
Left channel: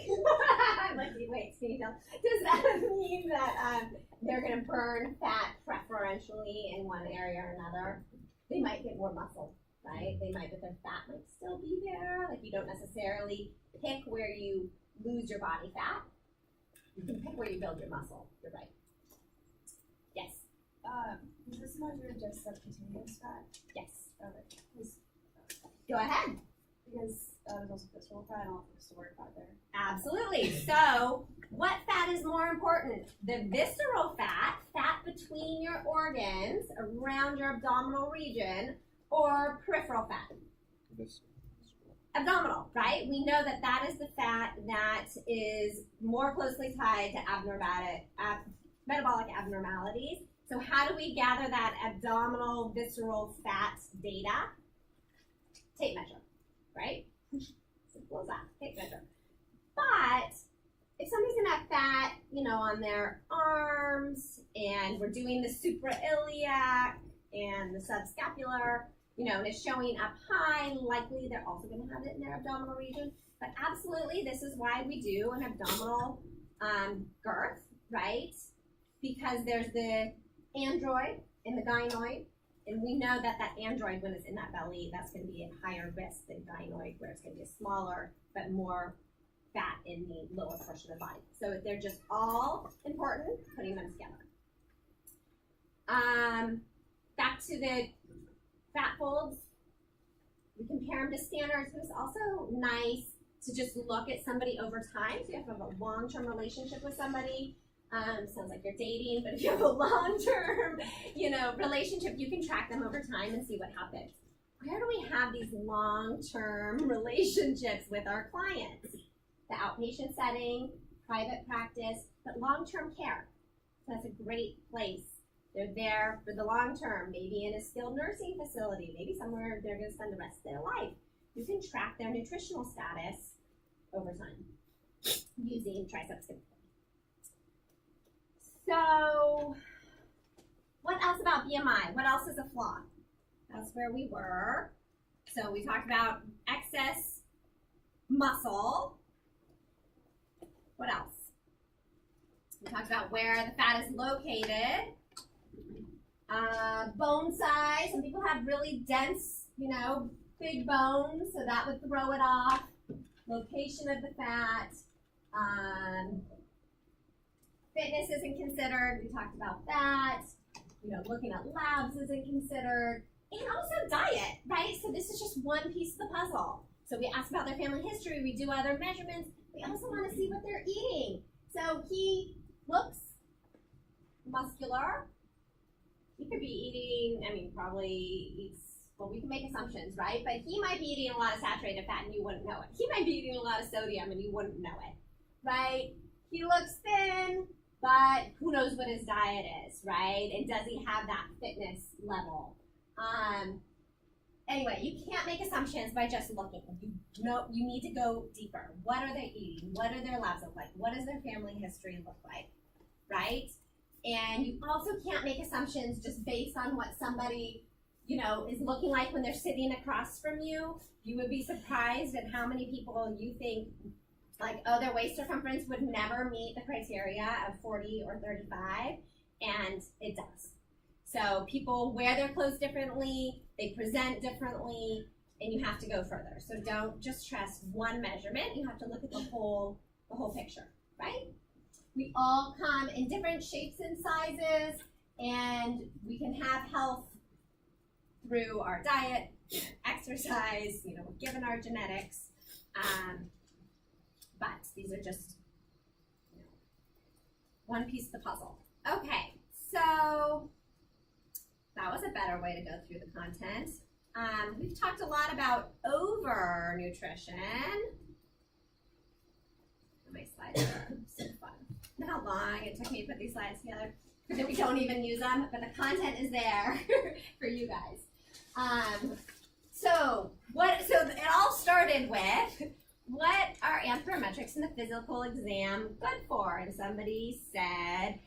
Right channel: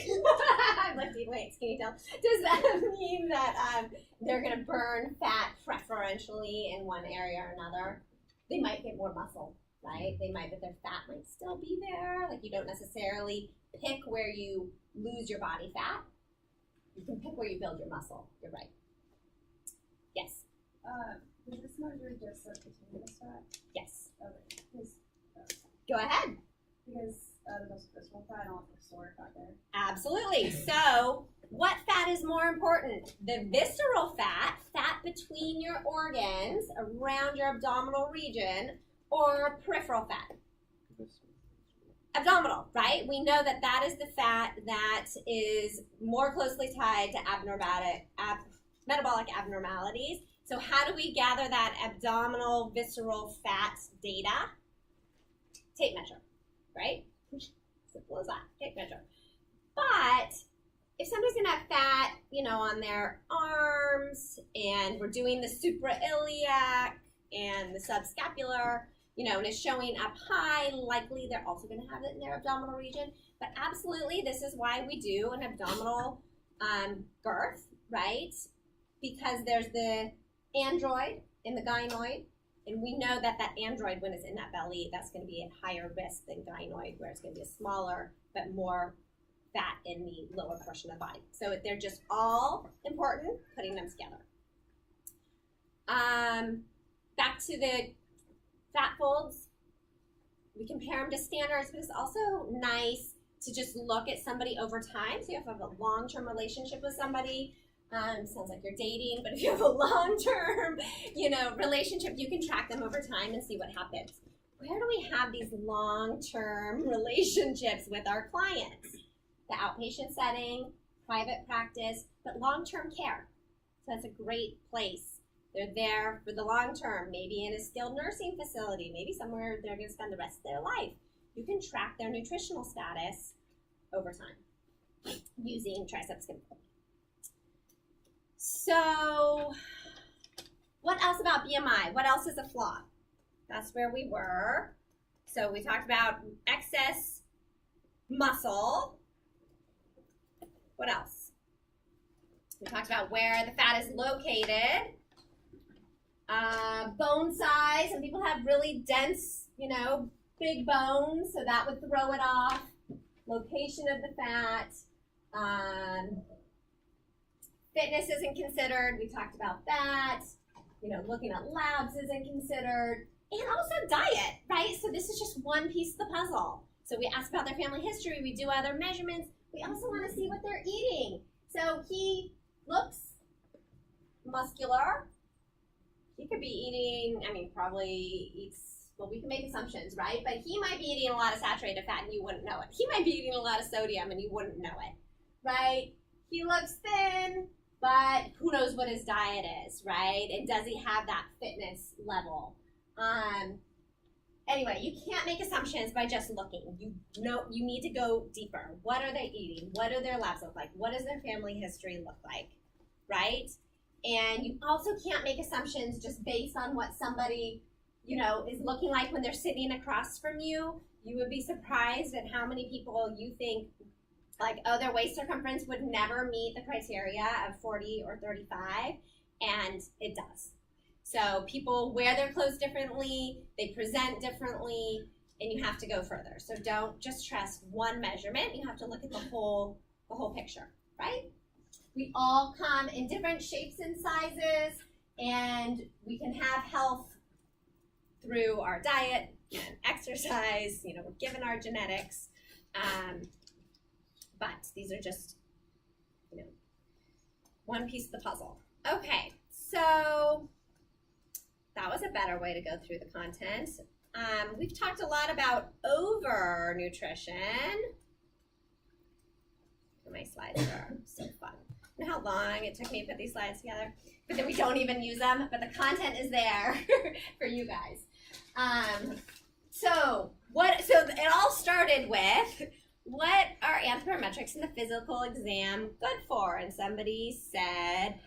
I'm looking, wait, can you tell? Does that mean that they're going to burn fat preferentially in one area or another? They might get more muscle, right? They might, but their fat might still be there. Like you don't necessarily pick where you lose your body fat. You can pick where you build your muscle. You're right. Yes. Does this measure just subcutaneous fat? Yes. Okay. Go ahead. Because there's also visceral fat, I don't think stored fat there. Absolutely. So, what fat is more important? The visceral fat, fat between your organs, around your abdominal region, or peripheral fat? Abdominal, right? We know that that is the fat that is more closely tied to metabolic abnormalities. So how do we gather that abdominal visceral fat data? Tape measure, right? Simple as that, tape measure. But if somebody's gonna have fat, on their arms, and we're doing the suprailiac and the subscapular, and it's showing up high, likely they're also gonna have it in their abdominal region. But absolutely, this is why we do an abdominal girth, right? Because there's the android and the gynoid, and we know that that android, when it's in that belly, that's going to be at higher risk than gynoid, where it's going to be a smaller but more fat in the lower portion of the body. So they're just all important, putting them together. Back to the fat folds, we compare them to standards, but it's also nice to just look at somebody over time. So you have a long-term relationship with somebody. Sounds like you're dating, but if you have a long-term, relationship, you can track them over time and see what happens. Where do we have these long-term relationships with our clients? The outpatient setting, private practice, but long-term care. So that's a great place. They're there for the long term, maybe in a skilled nursing facility, maybe somewhere they're going to spend the rest of their life. You can track their nutritional status over time using triceps skin. So, what else about BMI? What else is a flaw? That's where we were. So we talked about excess muscle. What else? We talked about where the fat is located. Bone size. Some people have really dense, big bones, so that would throw it off. Location of the fat. Fitness isn't considered. We talked about that. Looking at labs isn't considered. And also diet, right? So this is just one piece of the puzzle. So we ask about their family history. We do other measurements. We also want to see what they're eating. So he looks muscular. He could be eating, probably eats, we can make assumptions, right? But he might be eating a lot of saturated fat and you wouldn't know it. He might be eating a lot of sodium and you wouldn't know it, right? He looks thin, but who knows what his diet is, right? And does he have that fitness level? Anyway, you can't make assumptions by just looking. You need to go deeper. What are they eating? What do their labs look like? What does their family history look like, right? And you also can't make assumptions just based on what somebody, is looking like when they're sitting across from you. You would be surprised at how many people you think, their waist circumference would never meet the criteria of 40 or 35, and it does. So people wear their clothes differently, they present differently, and you have to go further. So don't just trust one measurement. You have to look at the whole picture, right? We all come in different shapes and sizes, and we can have health through our diet and exercise. We're given our genetics, but these are just one piece of the puzzle. Okay, so that was a better way to go through the content. We've talked a lot about over nutrition. My slides are so fun. You know how long it took me to put these slides together? But then we don't even use them, but the content is there for you guys. So it all started with, what are anthropometrics in the physical exam good for? And somebody said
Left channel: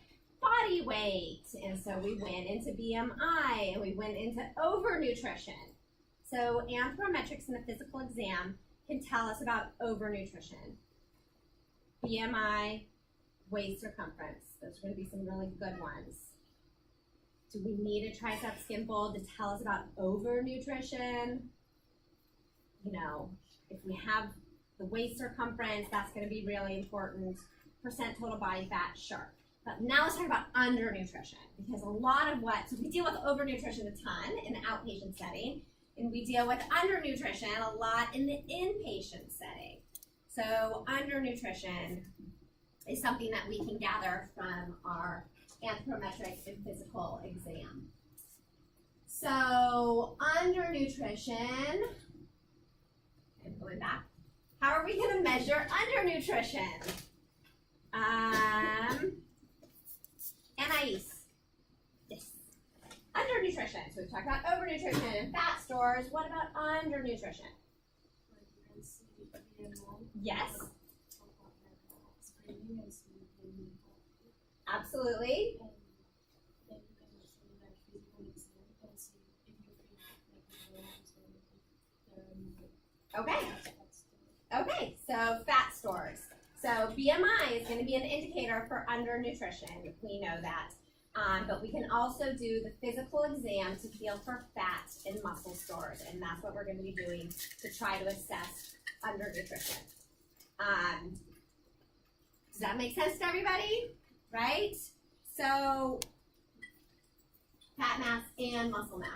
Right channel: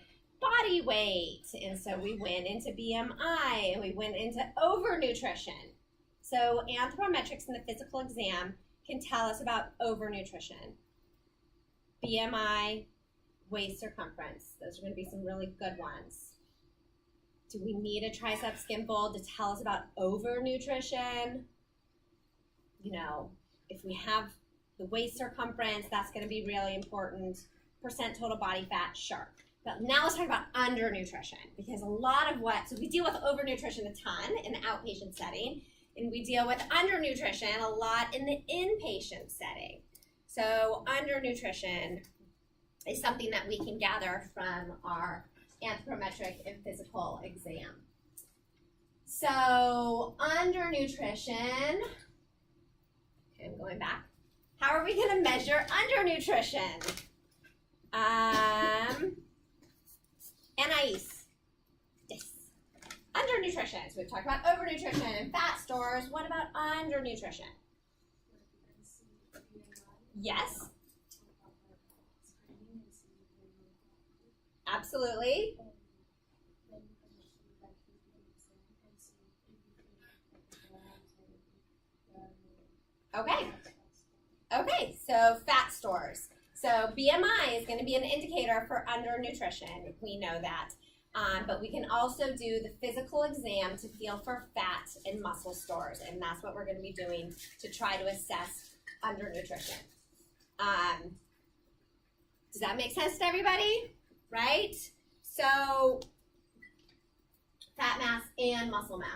body weight. And so we went into BMI and we went into overnutrition. So anthropometrics in the physical exam can tell us about overnutrition. BMI, waist circumference. Those are going to be some really good ones. Do we need a tricep skin fold to tell us about overnutrition? You know, if we have the waist circumference, that's going to be really important. Percent total body fat, sure. But now let's talk about undernutrition, because a lot of so we deal with overnutrition a ton in the outpatient setting, and we deal with undernutrition a lot in the inpatient setting. So undernutrition is something that we can gather from our anthropometric and physical exam. So undernutrition, okay, I'm going back. How are we going to measure undernutrition? Anais. Yes. Undernutrition. So we've talked about overnutrition and fat stores. What about undernutrition? Yes. Absolutely. Okay. Okay, so fat stores. So BMI is going to be an indicator for undernutrition. We know that. But we can also do the physical exam to feel for fat and muscle stores, and that's what we're going to be doing to try to assess undernutrition. Does that make sense to everybody? Right? So fat mass and muscle mass.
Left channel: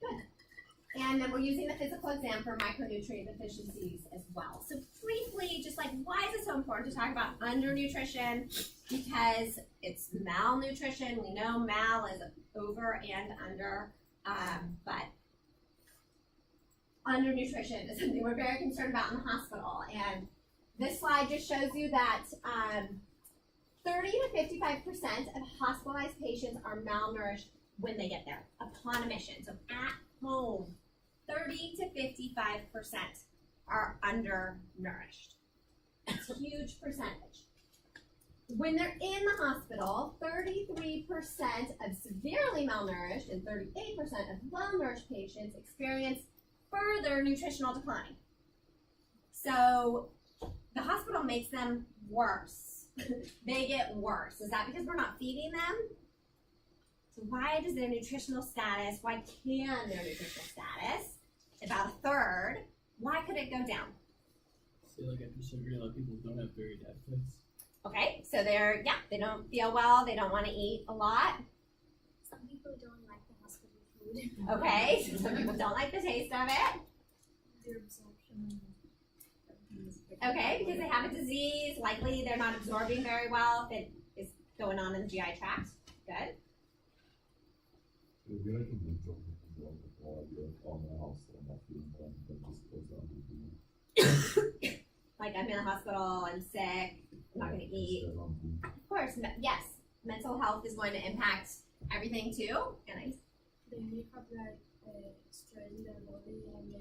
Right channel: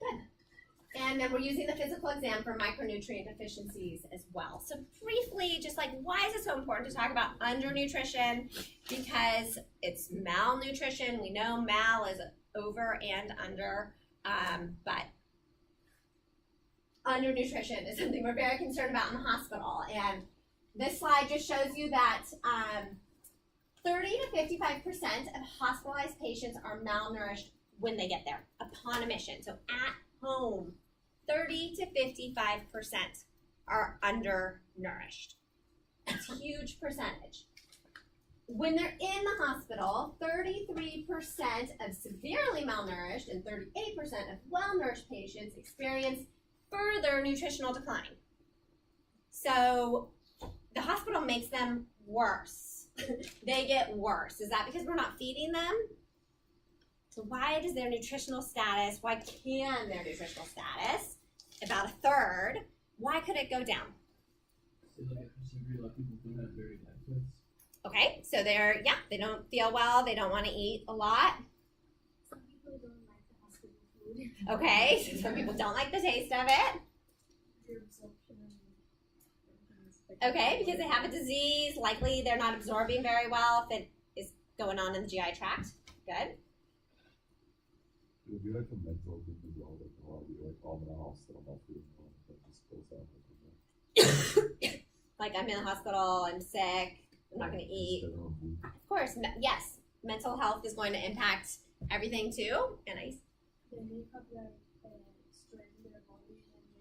Good. And then we're using the physical exam for micronutrient deficiencies as well. So briefly, just like, why is it so important to talk about undernutrition? Because it's malnutrition. We know mal is over and under, but undernutrition is something we're very concerned about in the hospital. And this slide just shows you that 30 to 55% of hospitalized patients are malnourished when they get there, upon admission. So at home, 30 to 55% are undernourished. It's a huge percentage. When they're in the hospital, 33% of severely malnourished and 38% of well-nourished patients experience further nutritional decline. So the hospital makes them worse. They get worse. Is that because we're not feeding them? So why does their nutritional status, why can their nutritional status, about a third, why could it go down? So like after surgery, a lot of people don't have varied appetites. Okay, so they don't feel well, they don't want to eat a lot. Some people don't like the hospital food. Okay, so some people don't like the taste of it. Their absorption. Okay, because they have a disease, likely they're not absorbing very well if it is going on in the GI tract. Good. It'd be like a mental thing as well, like, oh, you're like, oh, I'm in the hospital, I'm not feeling well, and then just goes out and do Like, I'm in the hospital, I'm sick, I'm not going to eat. Of course, yes, mental health is going to impact everything too. And They may have like stress in their body and they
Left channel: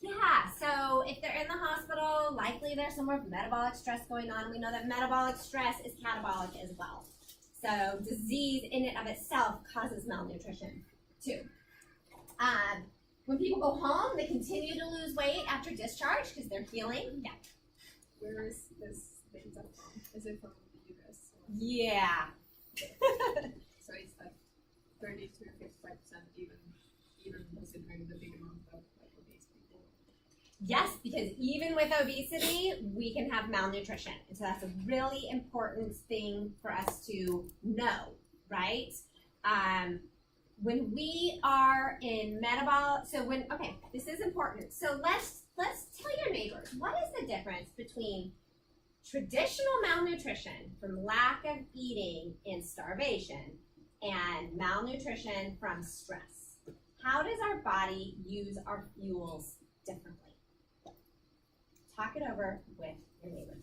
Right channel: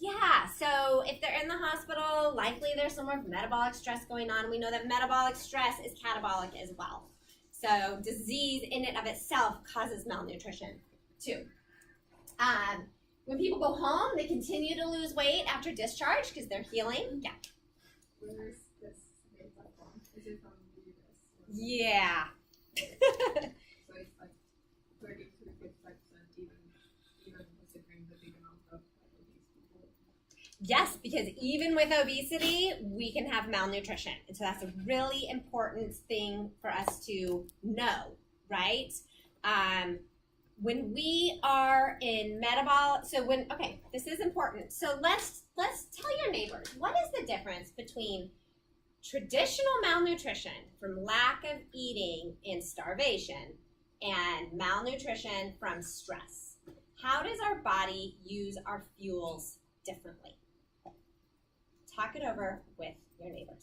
yeah, so if they're in the hospital, likely there's some more metabolic stress going on. We know that metabolic stress is catabolic as well. So disease in and of itself causes malnutrition too. When people go home, they continue to lose weight after discharge because they're healing. Yeah. Where is this data from? Is it from the US? Yeah. So it's like 30 to 55%, even considering the big amount of obese people. Yes, because even with obesity, we can have malnutrition. And so that's a really important thing for us to know, right? When we are in metabolic, this is important. So let's tell your neighbors, what is the difference between traditional malnutrition from lack of eating and starvation, and malnutrition from stress. How does our body use our fuels differently? Talk it over with your neighbors.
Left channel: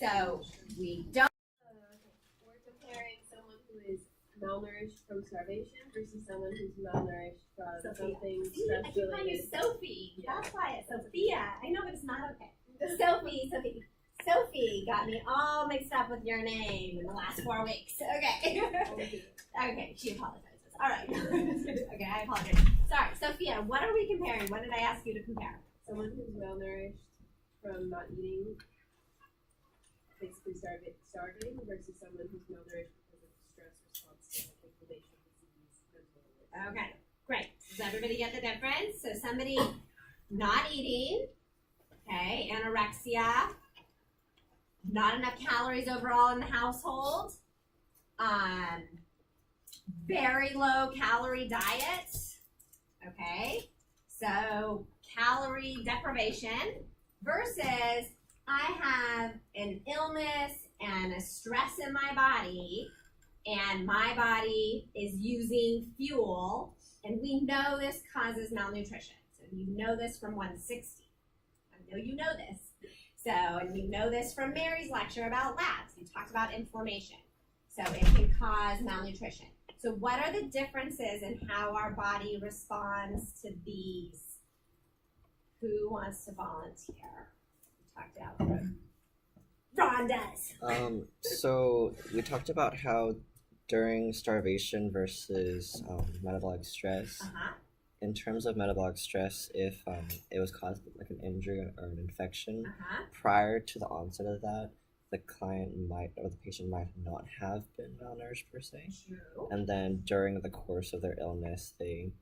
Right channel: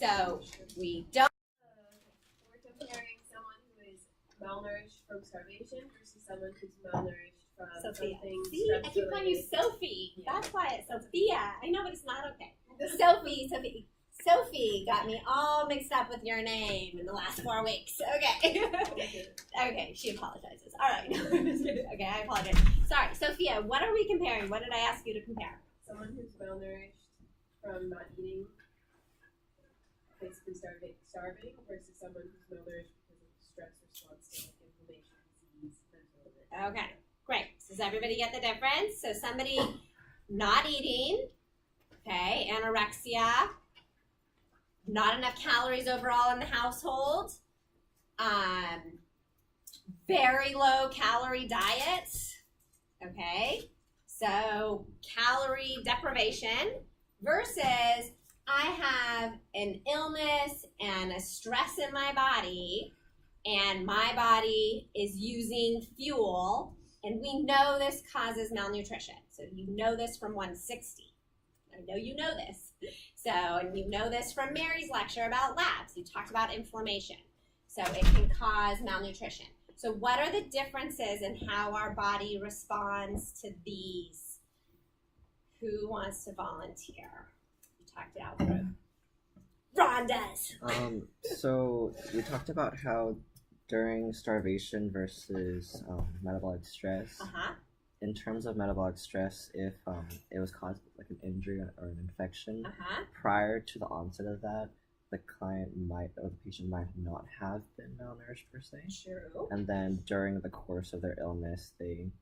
So we don't. We're comparing someone who is malnourished from starvation versus someone who's malnourished from Sophia. something See, I keep calling you stress-related. Sophie. Yeah. That's why it's Sophia. I know, but it's not okay. Sophie got me all mixed up with your name in the last 4 weeks. Okay. Okay, she apologizes. All right. Okay, I apologize. Sorry, Sophia, what are we comparing? What did I ask you to compare? Someone who's malnourished from not eating, basically starving versus someone who's malnourished because of stress response to inflammation, disease, mental illness. Okay, great. Does everybody get the difference? So somebody not eating, okay, anorexia, not enough calories overall in the household, very low calorie diet, okay, so calorie deprivation versus I have an illness and a stress in my body and my body is using fuel, and we know this causes malnutrition. So you know this from 160. I know you know this. So, and you know this from Mary's lecture about labs. You talked about inflammation. So it can cause malnutrition. So what are the differences in how our body responds to these? Who wants to volunteer? You talked it out through. Ron does. So we talked about how during starvation versus metabolic stress. Uh-huh. In terms of metabolic stress, if it was caused like an injury or an infection, Uh-huh. prior to the onset of that, the client might or the patient might not have been malnourished per se. True. And then during the course of their illness, they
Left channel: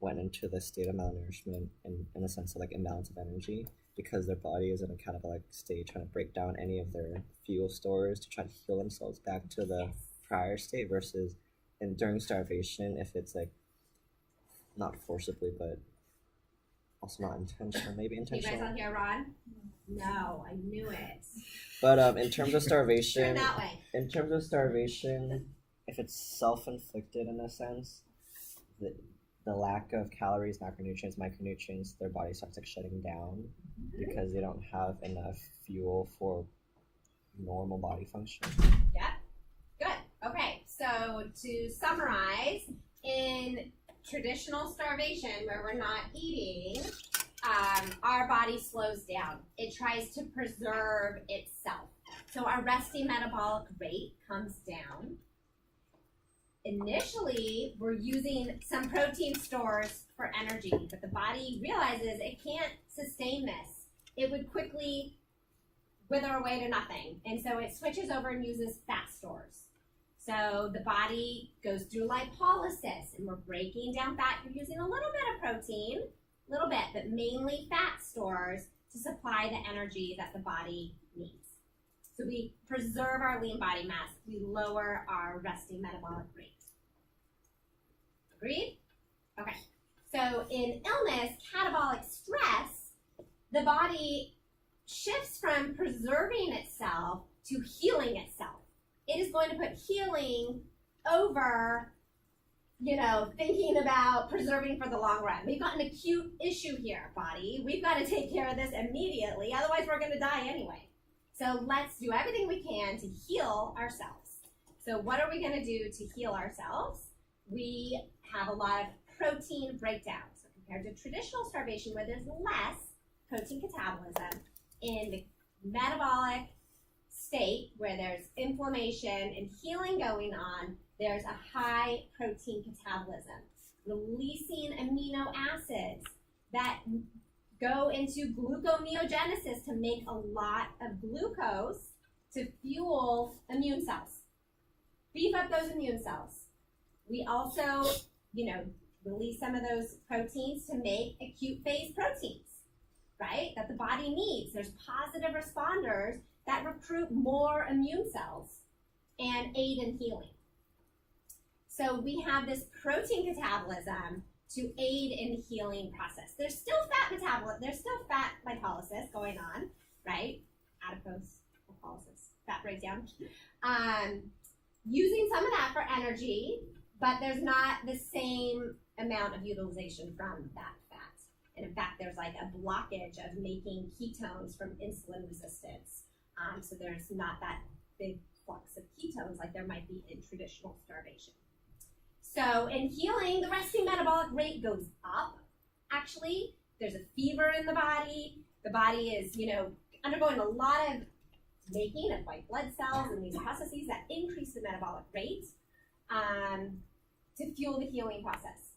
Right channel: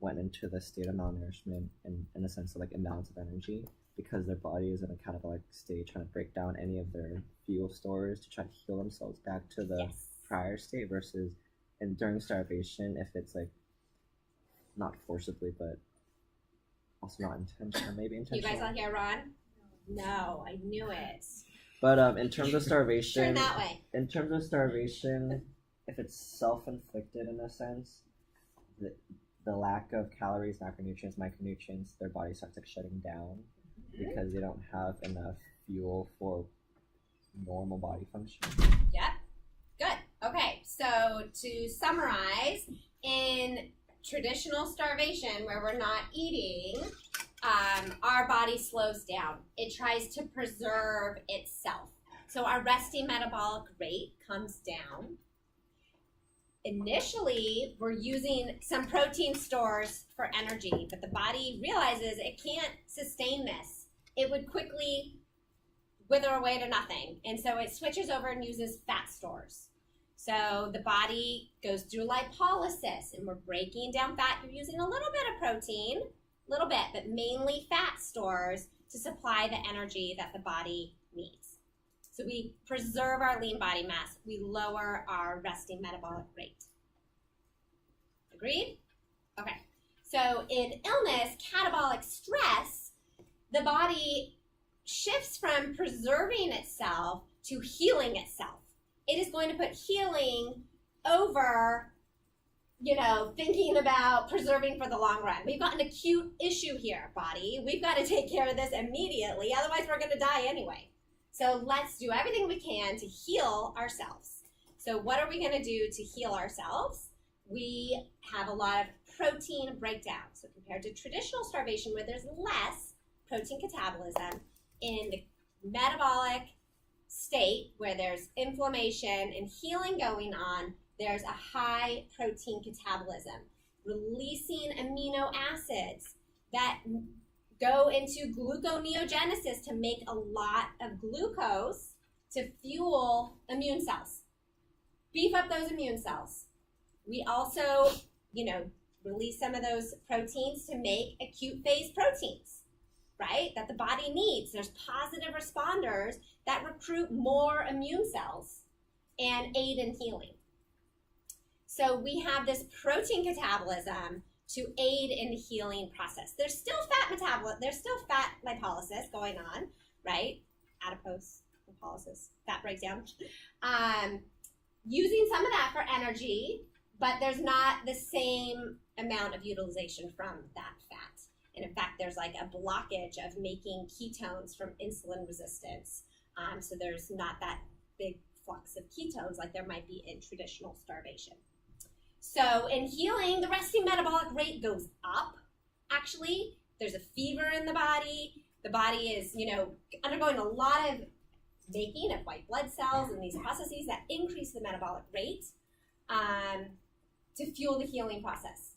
went into the state of malnourishment in a sense of like imbalance of energy because their body is in a catabolic state trying to break down any of their fuel stores to try to heal themselves back to the Yes. prior state versus and during starvation, if it's like not forcibly but also not intentional, maybe You intentional. guys all hear Ron? No, I knew it. But in terms of Turn starvation, that way. in terms of starvation, if it's self-inflicted in a sense, the lack of calories, macronutrients, micronutrients, their body starts like shutting down because they don't have enough fuel for normal body function. Yep. Good. Okay. So to summarize, in traditional starvation where we're not eating, our body slows down. It tries to preserve itself. So our resting metabolic rate comes down. Initially, we're using some protein stores for energy, but the body realizes it can't sustain this. It would quickly wither away to nothing. And so it switches over and uses fat stores. So the body goes through lipolysis and we're breaking down fat. You're using a little bit of protein, a little bit, but mainly fat stores to supply the energy that the body needs. So we preserve our lean body mass. We lower our resting metabolic rate. Agreed? Okay. So in illness, catabolic stress, the body shifts from preserving itself to healing itself. It is going to put healing over, thinking about preserving for the long run. We've got an acute issue here, body. We've got to take care of this immediately, otherwise we're going to die anyway. So let's do everything we can to heal ourselves. So what are we going to do to heal ourselves? We have a lot of protein breakdown. So compared to traditional starvation where there's less protein catabolism, in the metabolic state where there's inflammation and healing going on, there's a high protein catabolism, releasing amino acids that go into gluconeogenesis to make a lot of glucose to fuel immune cells. Beef up those immune cells. We also, release some of those proteins to make acute phase proteins, right? That the body needs. There's positive responders that recruit more immune cells and aid in healing. So we have this protein catabolism to aid in the healing process. There's still fat lipolysis going on, right? Adipose lipolysis, fat breakdown. Using some of that for energy, but there's not the same amount of utilization from that fat. And in fact, there's like a blockage of making ketones from insulin resistance. So there's not that big flux of ketones like there might be in traditional starvation. So in healing, the resting metabolic rate goes up. Actually, there's a fever in the body. The body is, undergoing a lot of making of white blood cells and these processes that increase the metabolic rate to fuel the healing process.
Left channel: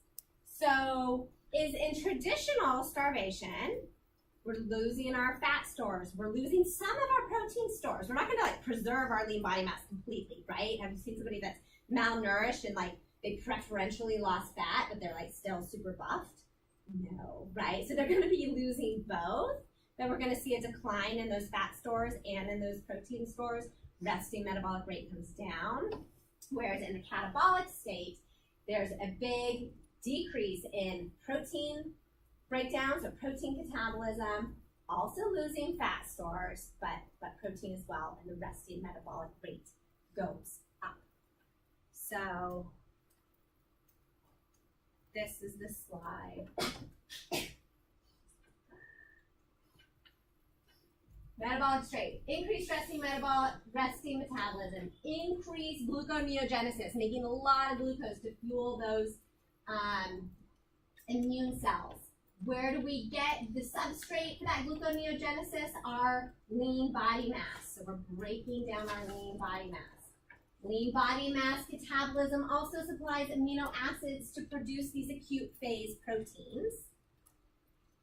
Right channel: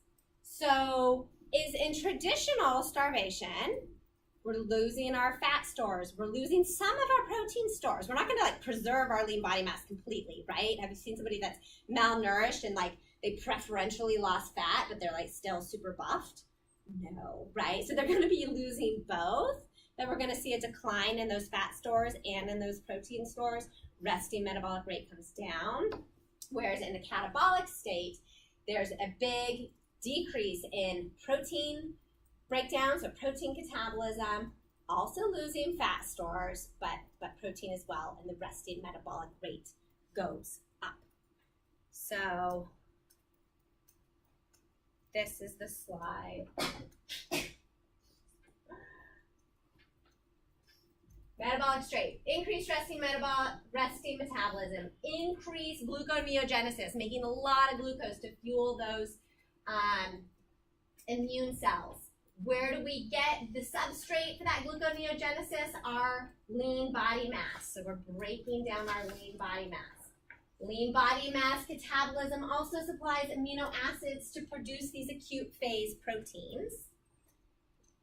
So in traditional starvation, we're losing our fat stores. We're losing some of our protein stores. We're not going to preserve our lean body mass completely, right? Have you seen somebody that's malnourished and they preferentially lost fat, but they're still super buffed? No, right? So they're going to be losing both, but we're going to see a decline in those fat stores and in those protein stores. Resting metabolic rate comes down, whereas in the catabolic state, there's a big decrease in protein breakdown, so protein catabolism, also losing fat stores, but protein as well, and the resting metabolic rate goes up. So this is the slide. Metabolic state, increased resting metabolism, increased gluconeogenesis, making a lot of glucose to fuel those immune cells. Where do we get the substrate for that gluconeogenesis? Our lean body mass. So we're breaking down our lean body mass. Lean body mass catabolism also supplies amino acids to produce these acute phase proteins.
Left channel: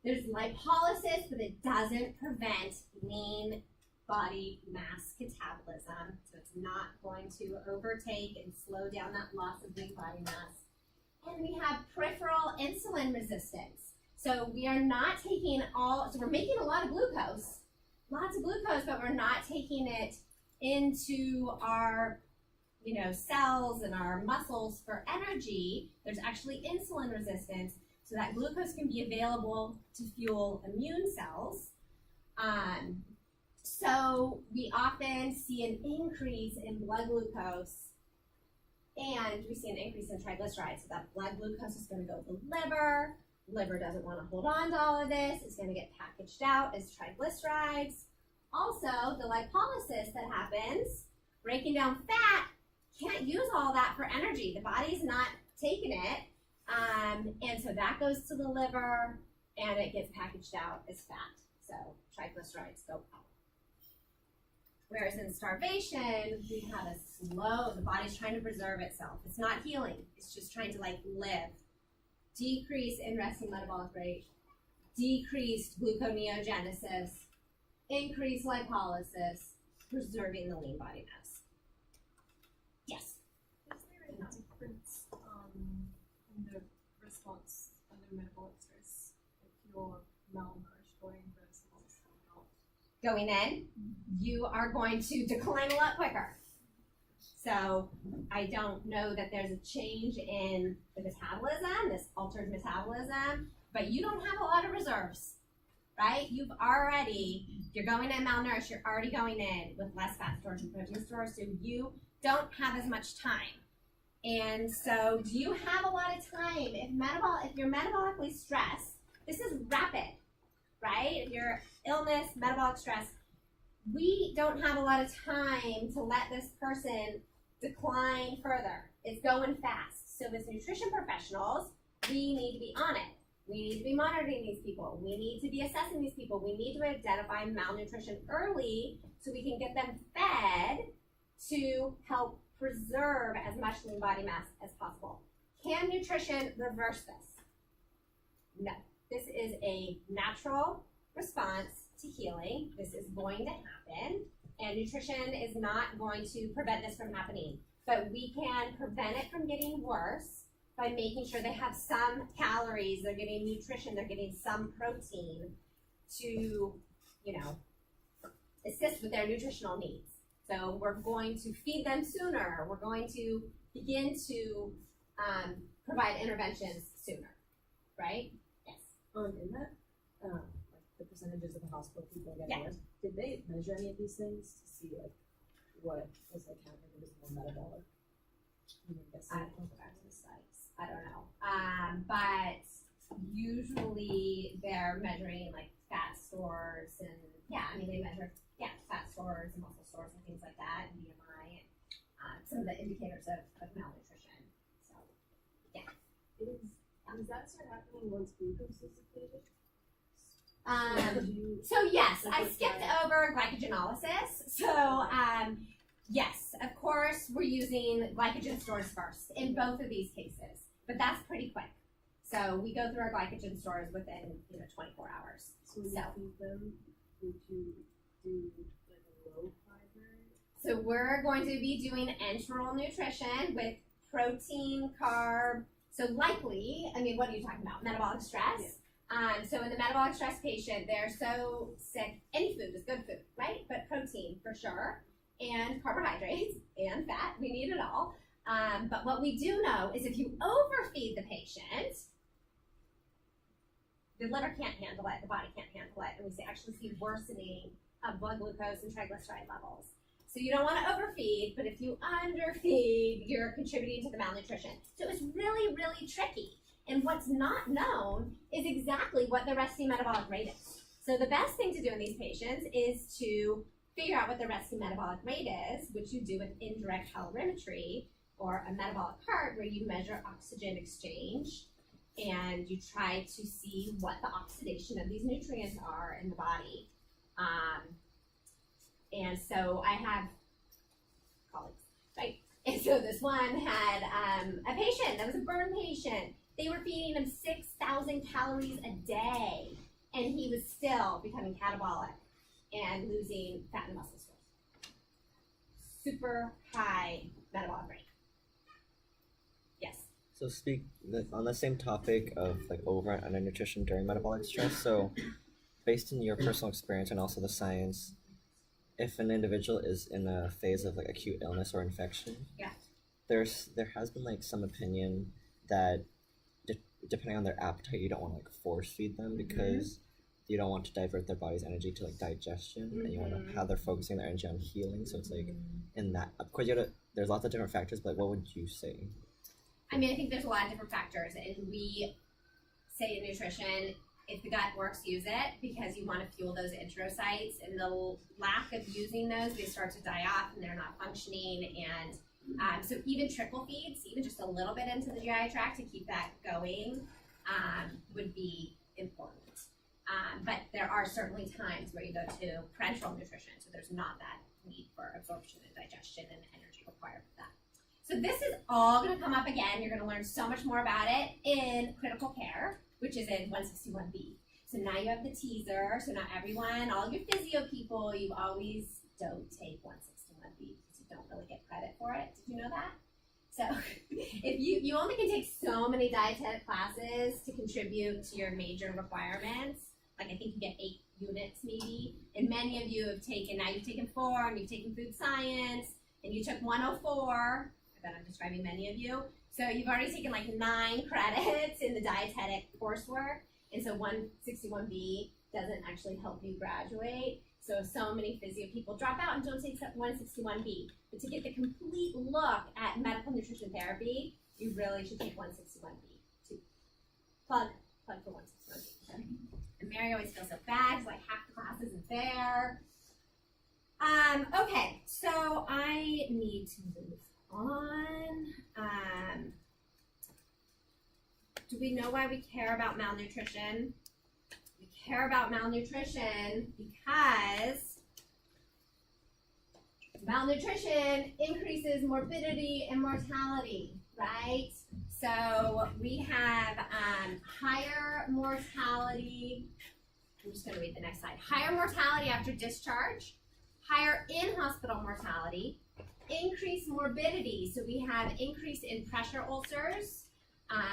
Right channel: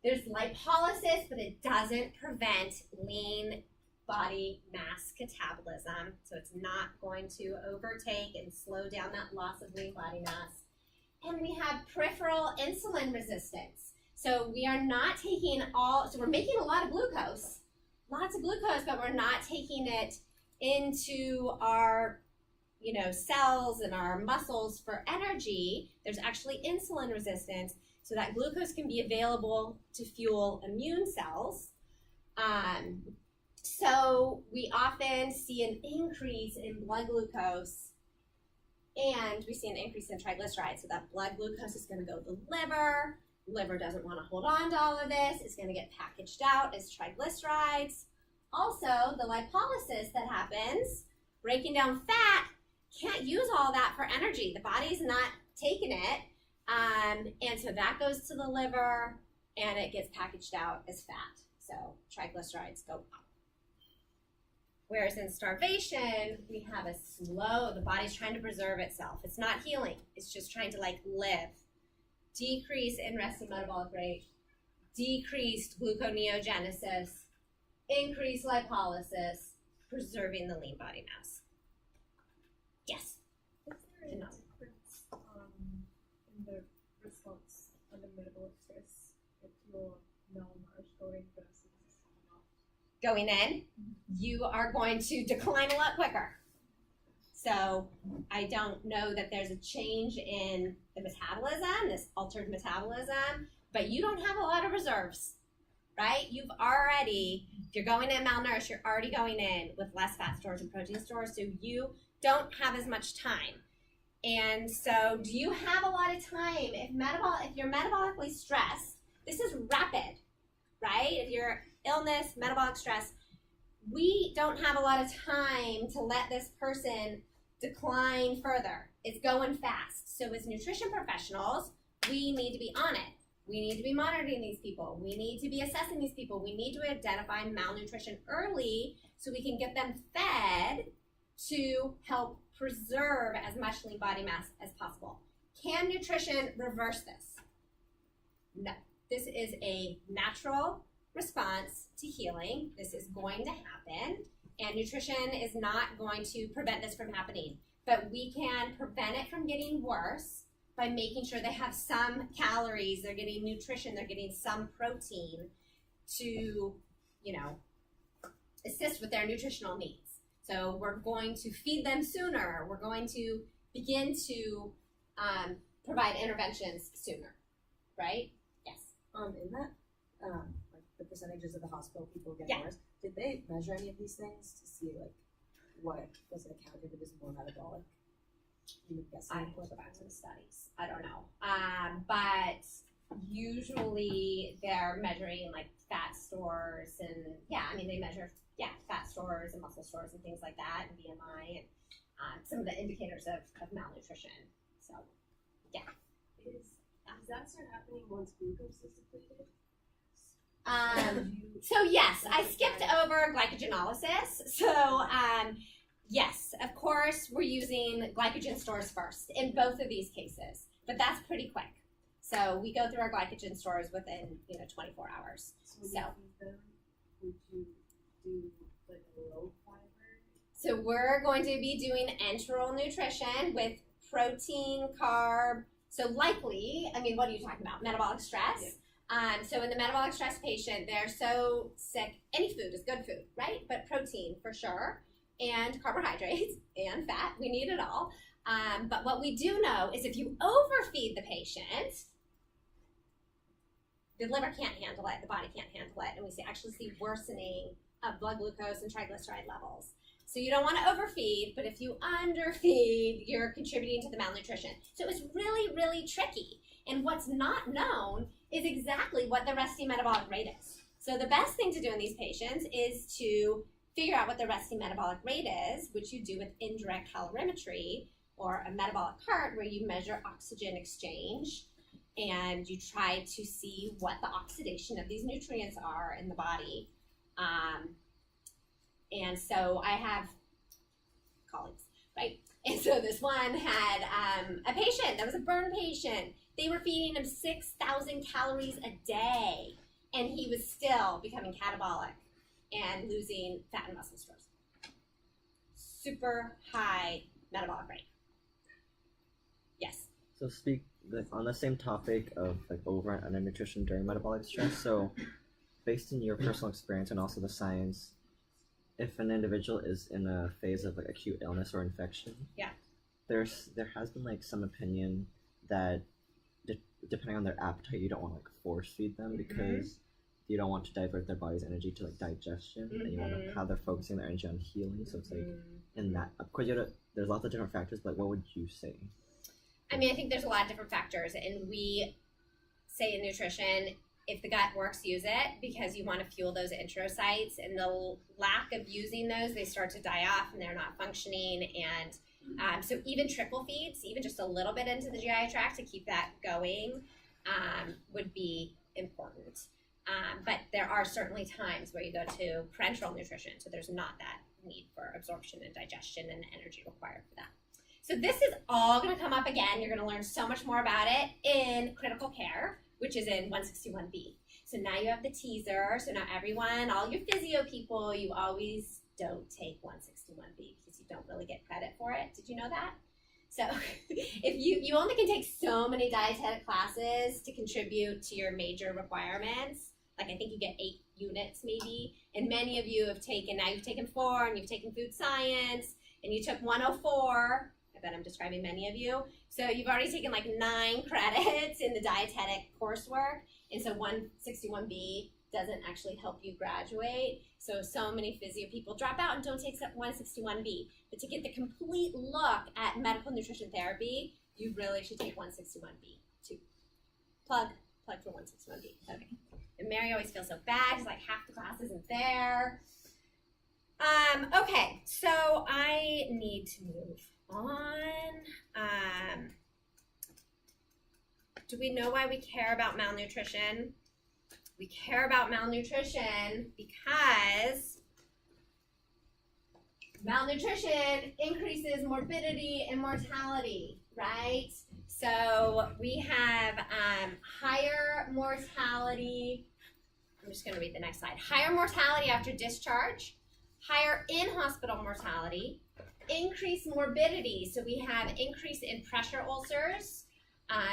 There's lipolysis, but it doesn't prevent lean body mass catabolism. So it's not going to overtake and slow down that loss of lean body mass. And we have peripheral insulin resistance. So we are not taking so we're making a lot of glucose, lots of glucose, but we're not taking it into our, cells and our muscles for energy. There's actually insulin resistance, so that glucose can be available to fuel immune cells. So we often see an increase in blood glucose, and we see an increase in triglycerides. So that blood glucose is going to go to the liver. Liver doesn't want to hold on to all of this. It's going to get packaged out as triglycerides. Also, the lipolysis that happens, breaking down fat, can't use all that for energy. The body's not taking it. And so that goes to the liver, and it gets packaged out as fat. So triglycerides go up. Whereas in starvation, we have the body's trying to preserve itself. It's not healing. It's just trying to live. Decrease in resting metabolic rate, decreased gluconeogenesis, increased lipolysis, preserving the lean body mass. Yes? Is there a difference in the response under metabolic stress if you're malnourished going versus not? Going in, you are going to decline a lot quicker. So I don't know that there's a change in the metabolism, this altered metabolism, but you don't have a lot of reserves, right? If you're going in malnourished, you're already going in with less fat stores and protein stores, so you don't have as much time. And so do you have a lot of time? If you're metabolically stressed, this is rapid, right? If you're illness, metabolic stress, we don't have a lot of time to let this person decline further. It's going fast. So as nutrition professionals, we need to be on it. We need to be monitoring these people. We need to be assessing these people. We need to identify malnutrition early so we can get them fed to help preserve as much lean body mass as possible. Can nutrition reverse this? No. This is a natural response to healing. This is going to happen, and nutrition is not going to prevent this from happening, but we can prevent it from getting worse by making sure they have some calories, they're getting nutrition, they're getting some protein to, assist with their nutritional needs. So we're going to feed them sooner. We're going to begin to provide interventions sooner. right? Yes. In that, like the percentages of the hospital people get Yeah. worse, did they measure any of these things to see like what was accounted if it was more metabolic? I'm guessing. I have to go back to the studies. I don't know. But usually they're measuring like fat stores and they measure fat stores and muscle stores and things like that and BMI and some of the indicators of malnutrition. So Does that start happening once glucose is depleted? So yes, I skipped over glycogenolysis. So yes, of course we're using glycogen stores first in both of these cases, but that's pretty quick. So we go through our glycogen stores within 24 hours. So when you feed them, would you do like a low fiber? So we're going to be doing enteral nutrition with protein, carb. So likely, what are you talking about? Metabolic stress. Yeah. So in the metabolic stress patient, they're so sick. Any food is good food, right? But protein for sure, and carbohydrates and fat. We need it all. But what we do know is if you overfeed the patient, the liver can't handle it, the body can't handle it, and we actually see worsening of blood glucose and triglyceride levels. So you don't want to overfeed, but if you underfeed, you're contributing to the malnutrition. So it was really, really tricky. And what's not known is exactly what the resting metabolic rate is. So the best thing to do in these patients is to figure out what the resting metabolic rate is, which you do with indirect calorimetry or a metabolic cart where you measure oxygen exchange and you try to see what the oxidation of these nutrients are in the body. And so I have colleagues, right? And so this one had a patient that was a burn patient. They were feeding him 6,000 calories a day, and he was still becoming catabolic and losing fat and muscle stores. Super high metabolic rate. Yes. So on the same topic of like over and under nutrition during metabolic stress. So based on your personal experience and also the science, if an individual is in a phase of like acute illness or infection, there has been like some opinion that depending on their appetite, you don't want to like force feed them because you don't want to divert their body's energy to like digestion, and you want to how they're focusing their energy on healing. So it's like in that, of course, there's lots of different factors, but what would you say? I think there's a lot of different factors, and we say in nutrition, if the gut works, use it, because you want to fuel those enterocytes, and the lack of using those, they start to die off and they're not functioning. And so even trickle feeds, even just a little bit into the GI tract to keep that going, would be important. But there are certainly times where you go to parenteral nutrition, so there's not that need for absorption and digestion and energy required for that. So this is all going to come up again. You're going to learn so much more about it in critical care, which is in 161B. So now you have the teaser. So now everyone, all your physio people, you always don't take 161B because you don't really get credit for it. Did you know that? So if you only can take so many dietetic classes to contribute to your major requirements, like I think you get 8 units maybe, and many of you have taken, now you've taken 4 and you've taken food science and you took 104. I bet I'm describing many of you. So you've already taken like 9 credits in the dietetic coursework, and so 161B doesn't actually help you graduate. So many physio people drop out and don't take 161B. But to get the complete look at medical nutrition therapy, you really should take 161B too. Plug for 161B. Okay. And Mary always feels so bad because like half the class isn't there. Okay, so I need to move on. Do we know why we care about malnutrition? We care about malnutrition because malnutrition increases morbidity and mortality, right? So we have higher mortality. I'm just going to read the next slide. Higher mortality after discharge, higher in-hospital mortality, increased morbidity. So we have increase in pressure ulcers.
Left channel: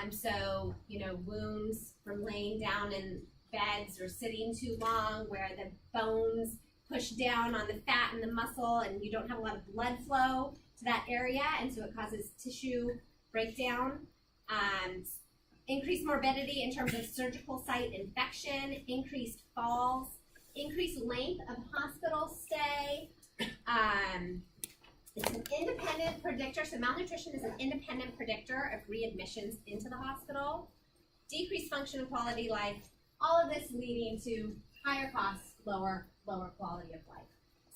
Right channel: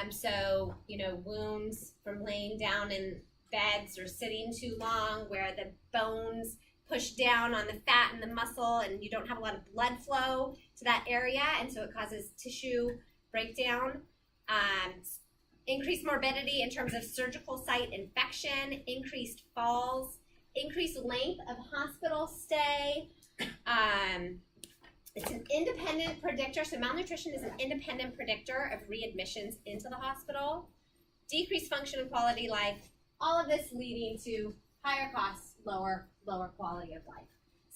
So, wounds from laying down in beds or sitting too long where the bones push down on the fat and the muscle and you don't have a lot of blood flow to that area, and so it causes tissue breakdown. increased morbidity in terms of surgical site infection, increased falls, increased length of hospital stay. It's an independent predictor, so malnutrition is an independent predictor of readmissions into the hospital. Decreased function and quality life, all of this leading to higher costs, lower quality of life.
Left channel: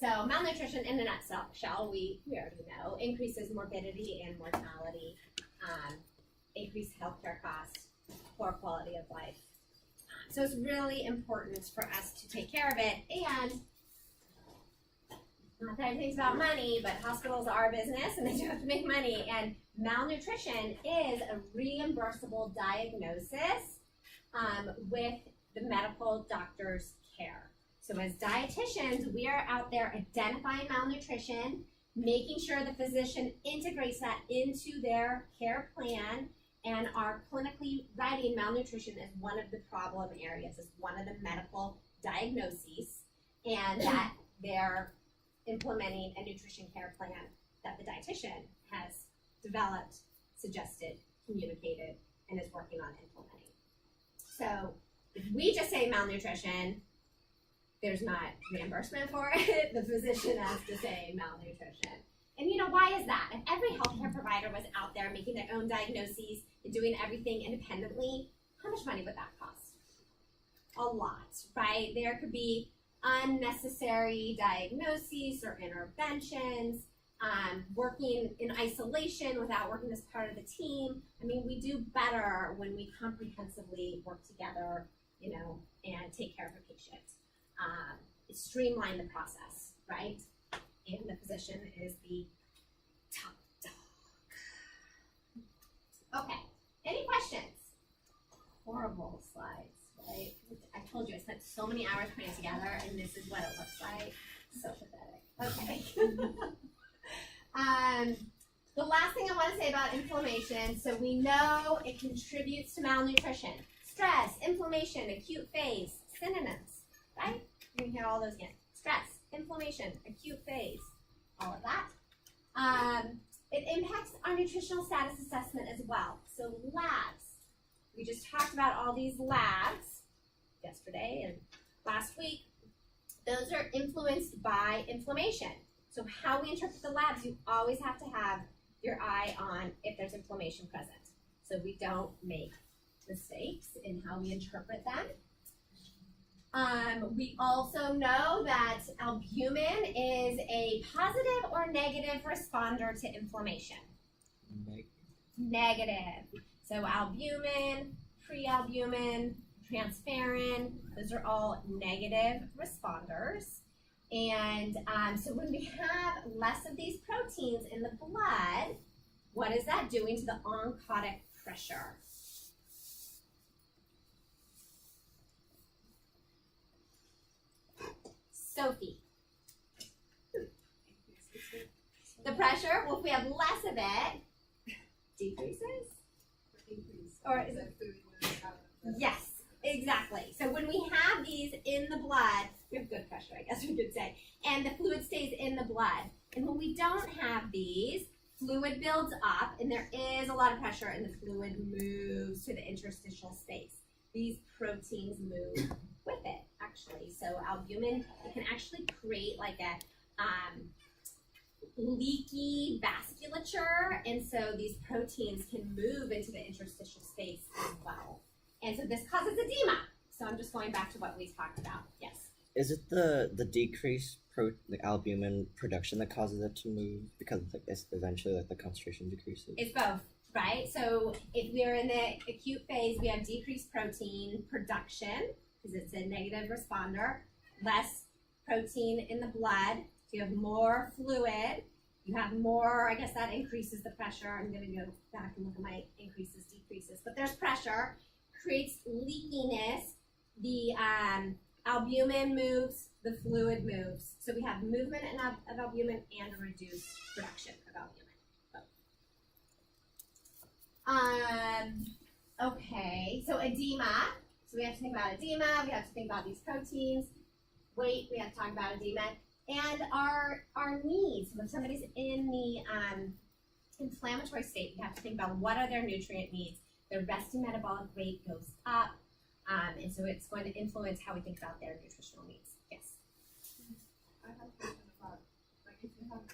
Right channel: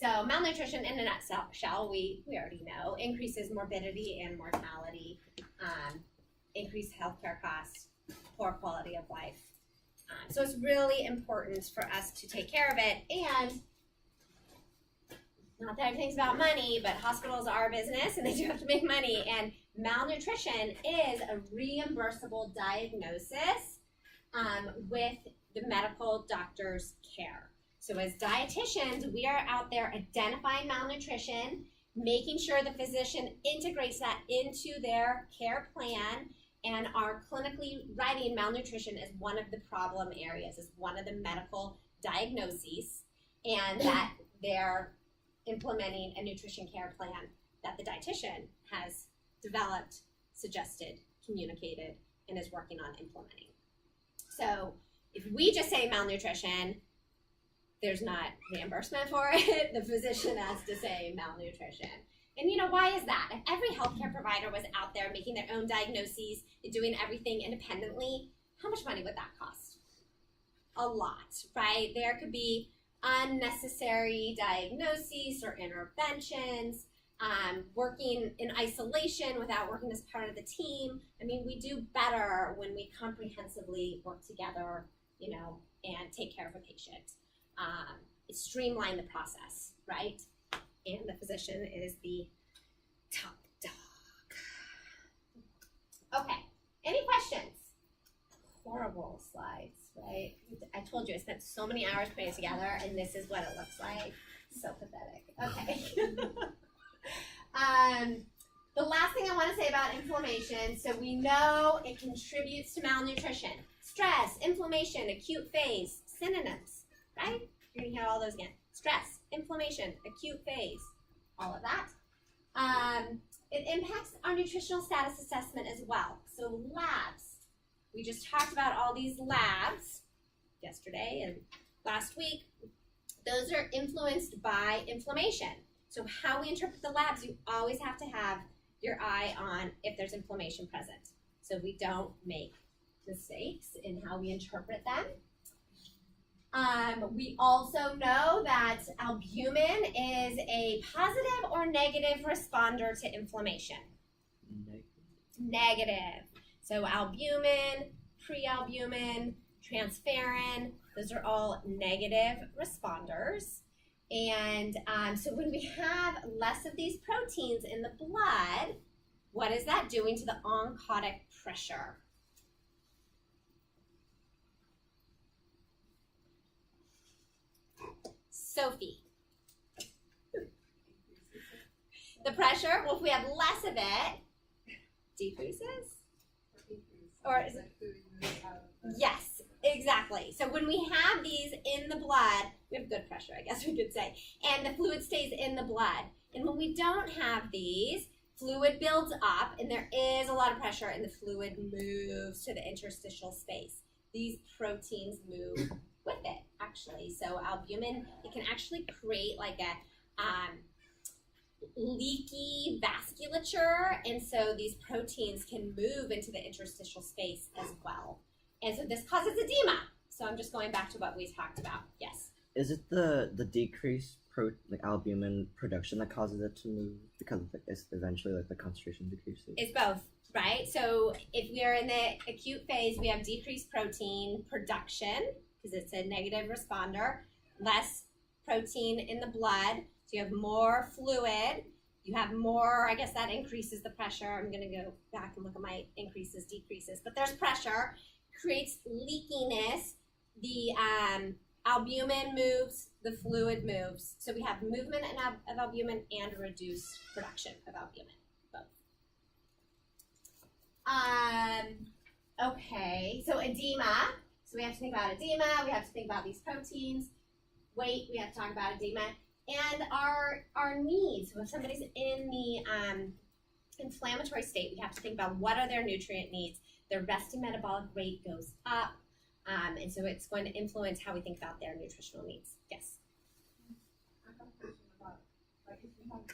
So malnutrition in a nutshell, we already know, increases morbidity and mortality, increased healthcare costs, poor quality of life. So it's really important for us to take care of it, and not that everything's about money, but hospitals are a business and they do have to make money, and malnutrition is a reimbursable diagnosis with the medical doctor's care. So as dietitians, we are out there identifying malnutrition, making sure the physician integrates that into their care plan, and are clinically writing malnutrition as one of the problem areas, as one of the medical diagnoses, and that they're implementing a nutrition care plan that the dietitian has developed, suggested, communicated, and is working on implementing. So if we just say malnutrition, there's not reimbursement for it. The physician has to say malnutrition. And you know, why is that? If every healthcare provider was out there making their own diagnoses and doing everything independently, how much money would that cost? A lot, right? There could be unnecessary diagnoses or interventions, working in isolation without working as part of the team. I mean, we do better when we comprehensively work together, you know, and take care of a patient. Streamline the process, right? And the physician is the top dog. Okay, any questions? Horrible slides, right? I told you I spent so many hours putting it together, and this is what it looks like. So pathetic. Okay. The last thing I want to say about inflammation, so we know it contributes to malnutrition. Stress, inflammation, acute phase, synonyms, right? You're going to hear all those again. Stress, inflammation, acute phase, all of that. It impacts our nutritional status assessment as well. So labs, we just talked about all these labs yesterday and last week. Those are influenced by inflammation. So how we interpret the labs, you always have to have your eye on if there's inflammation present, so we don't make mistakes in how we interpret them. We also know that albumin is a positive or negative responder to inflammation. Negative. So albumin, prealbumin, transferrin, those are all negative responders. And so when we have less of these proteins in the blood, what is that doing to the oncotic pressure? Sophie. The pressure, well, if we have less of it, decreases? Or is it? Yes, exactly. So when we have these in the blood, we have good pressure, I guess we could say, and the fluid stays in the blood. And when we don't have these, fluid builds up, and there is a lot of pressure, and the fluid moves to the interstitial space. These proteins move with it, actually. So albumin, it can actually create like a leaky vasculature, and so these proteins can move into the interstitial space as well. And so this causes edema. So I'm just going back to what we talked about. Yes? Is it the decreased albumin production that causes it to move because it's eventually like the concentration decreases? It's both, right? So if we're in the acute phase, we have decreased protein production because it's a negative responder, less protein in the blood, so you have more fluid, you have more, I guess that increases the pressure. I'm going to go back and look at my increases, decreases, but there's pressure, creates leakiness, the albumin moves, the fluid moves. So we have movement of albumin and reduced production of albumin, both. Okay, so edema. So we have to think about edema, we have to think about these proteins, weight, we have to talk about edema, and our needs. So if somebody's in the inflammatory state, we have to think about what are their nutrient needs. their resting metabolic rate goes up. And so it's going to influence how we think about their nutritional needs. Yes. I have a question about, like, if you have a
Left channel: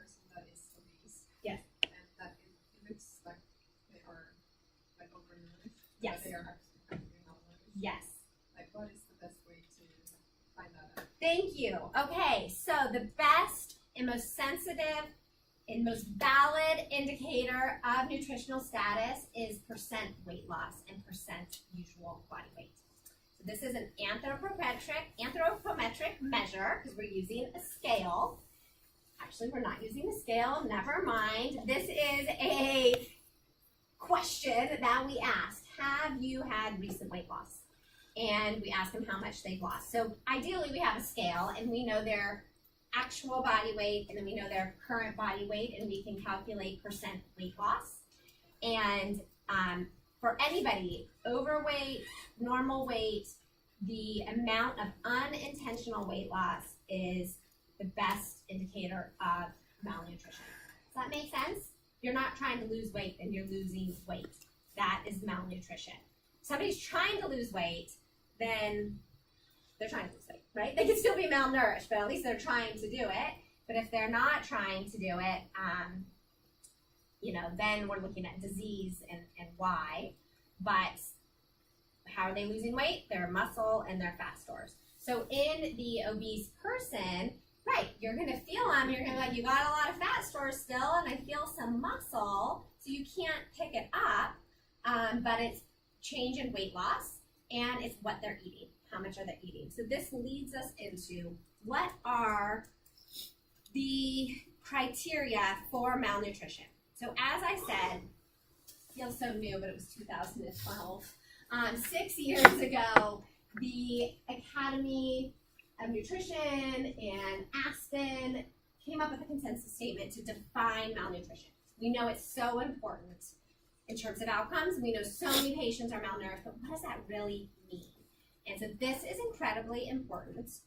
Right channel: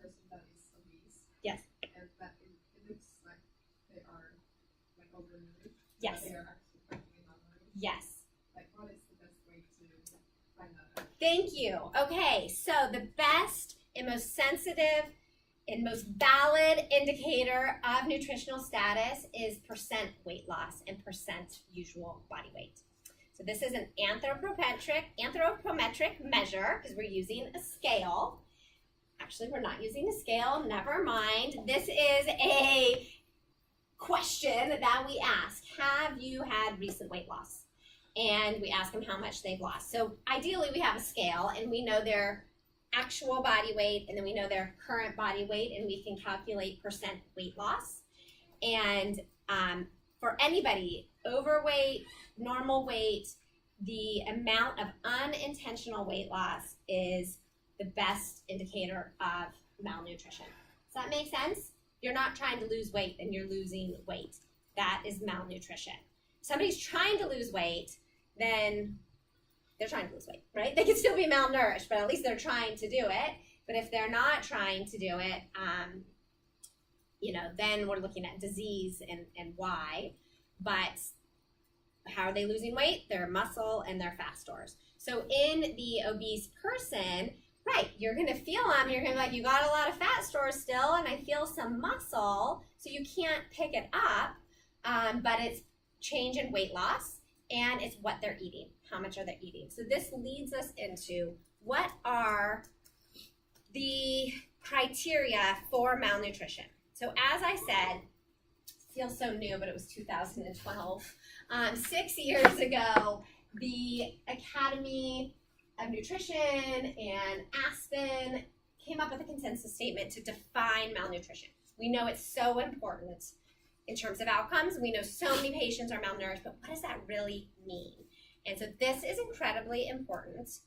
person that is obese. Yes. And that it looks like they are, like, overnourished. Yes. But they are actually malnourished. Yes. Like, what is the best way to find that out? Thank you. Okay, so the best and most sensitive and most valid indicator of nutritional status is percent weight loss and percent usual body weight. So this is an anthropometric measure because we're using a scale. Actually, we're not using a scale, never mind. This is a question that we ask. Have you had recent weight loss? And we ask them how much they've lost. So ideally we have a scale and we know their actual body weight and then we know their current body weight and we can calculate percent weight loss. And for anybody, overweight, normal weight, the amount of unintentional weight loss is the best indicator of malnutrition. Does that make sense? You're not trying to lose weight and you're losing weight. That is malnutrition. Somebody's trying to lose weight, then they're trying to lose weight, right? They could still be malnourished, but at least they're trying to do it. But if they're not trying to do it, then we're looking at disease and why. But how are they losing weight? Their muscle and their fat stores. So in the obese person, right, you're gonna feel them, you're gonna be like, you got a lot of fat stores still, and I feel some muscle, so you can't pick it up, but it's change in weight loss, and it's what they're eating. How much are they eating? So this leads us into what are the criteria for malnutrition. So as I said, feels so new, but it was 2012. 6 years ago, the Academy of Nutrition and Aspen came up with a consensus statement to define malnutrition. We know it's so important in terms of outcomes. We know so many patients are malnourished, but what does that really mean? And so this is incredibly important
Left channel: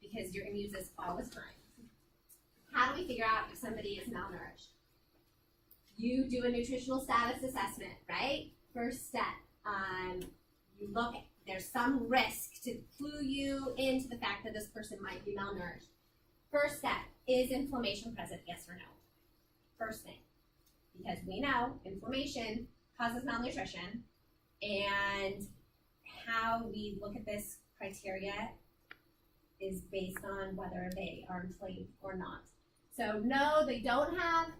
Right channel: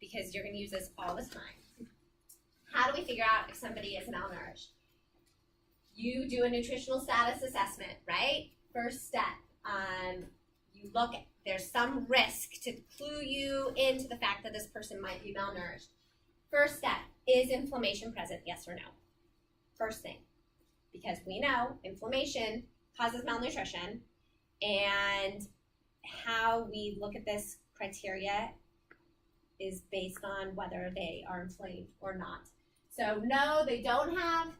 because you're going to use this all the time. How do we figure out if somebody is malnourished? You do a nutritional status assessment, right? First step, you look at, there's some risk to clue you into the fact that this person might be malnourished. First step, is inflammation present, yes or no? First thing, because we know inflammation causes malnutrition, and how we look at this criteria is based on whether they are inflamed or not. So no, they don't have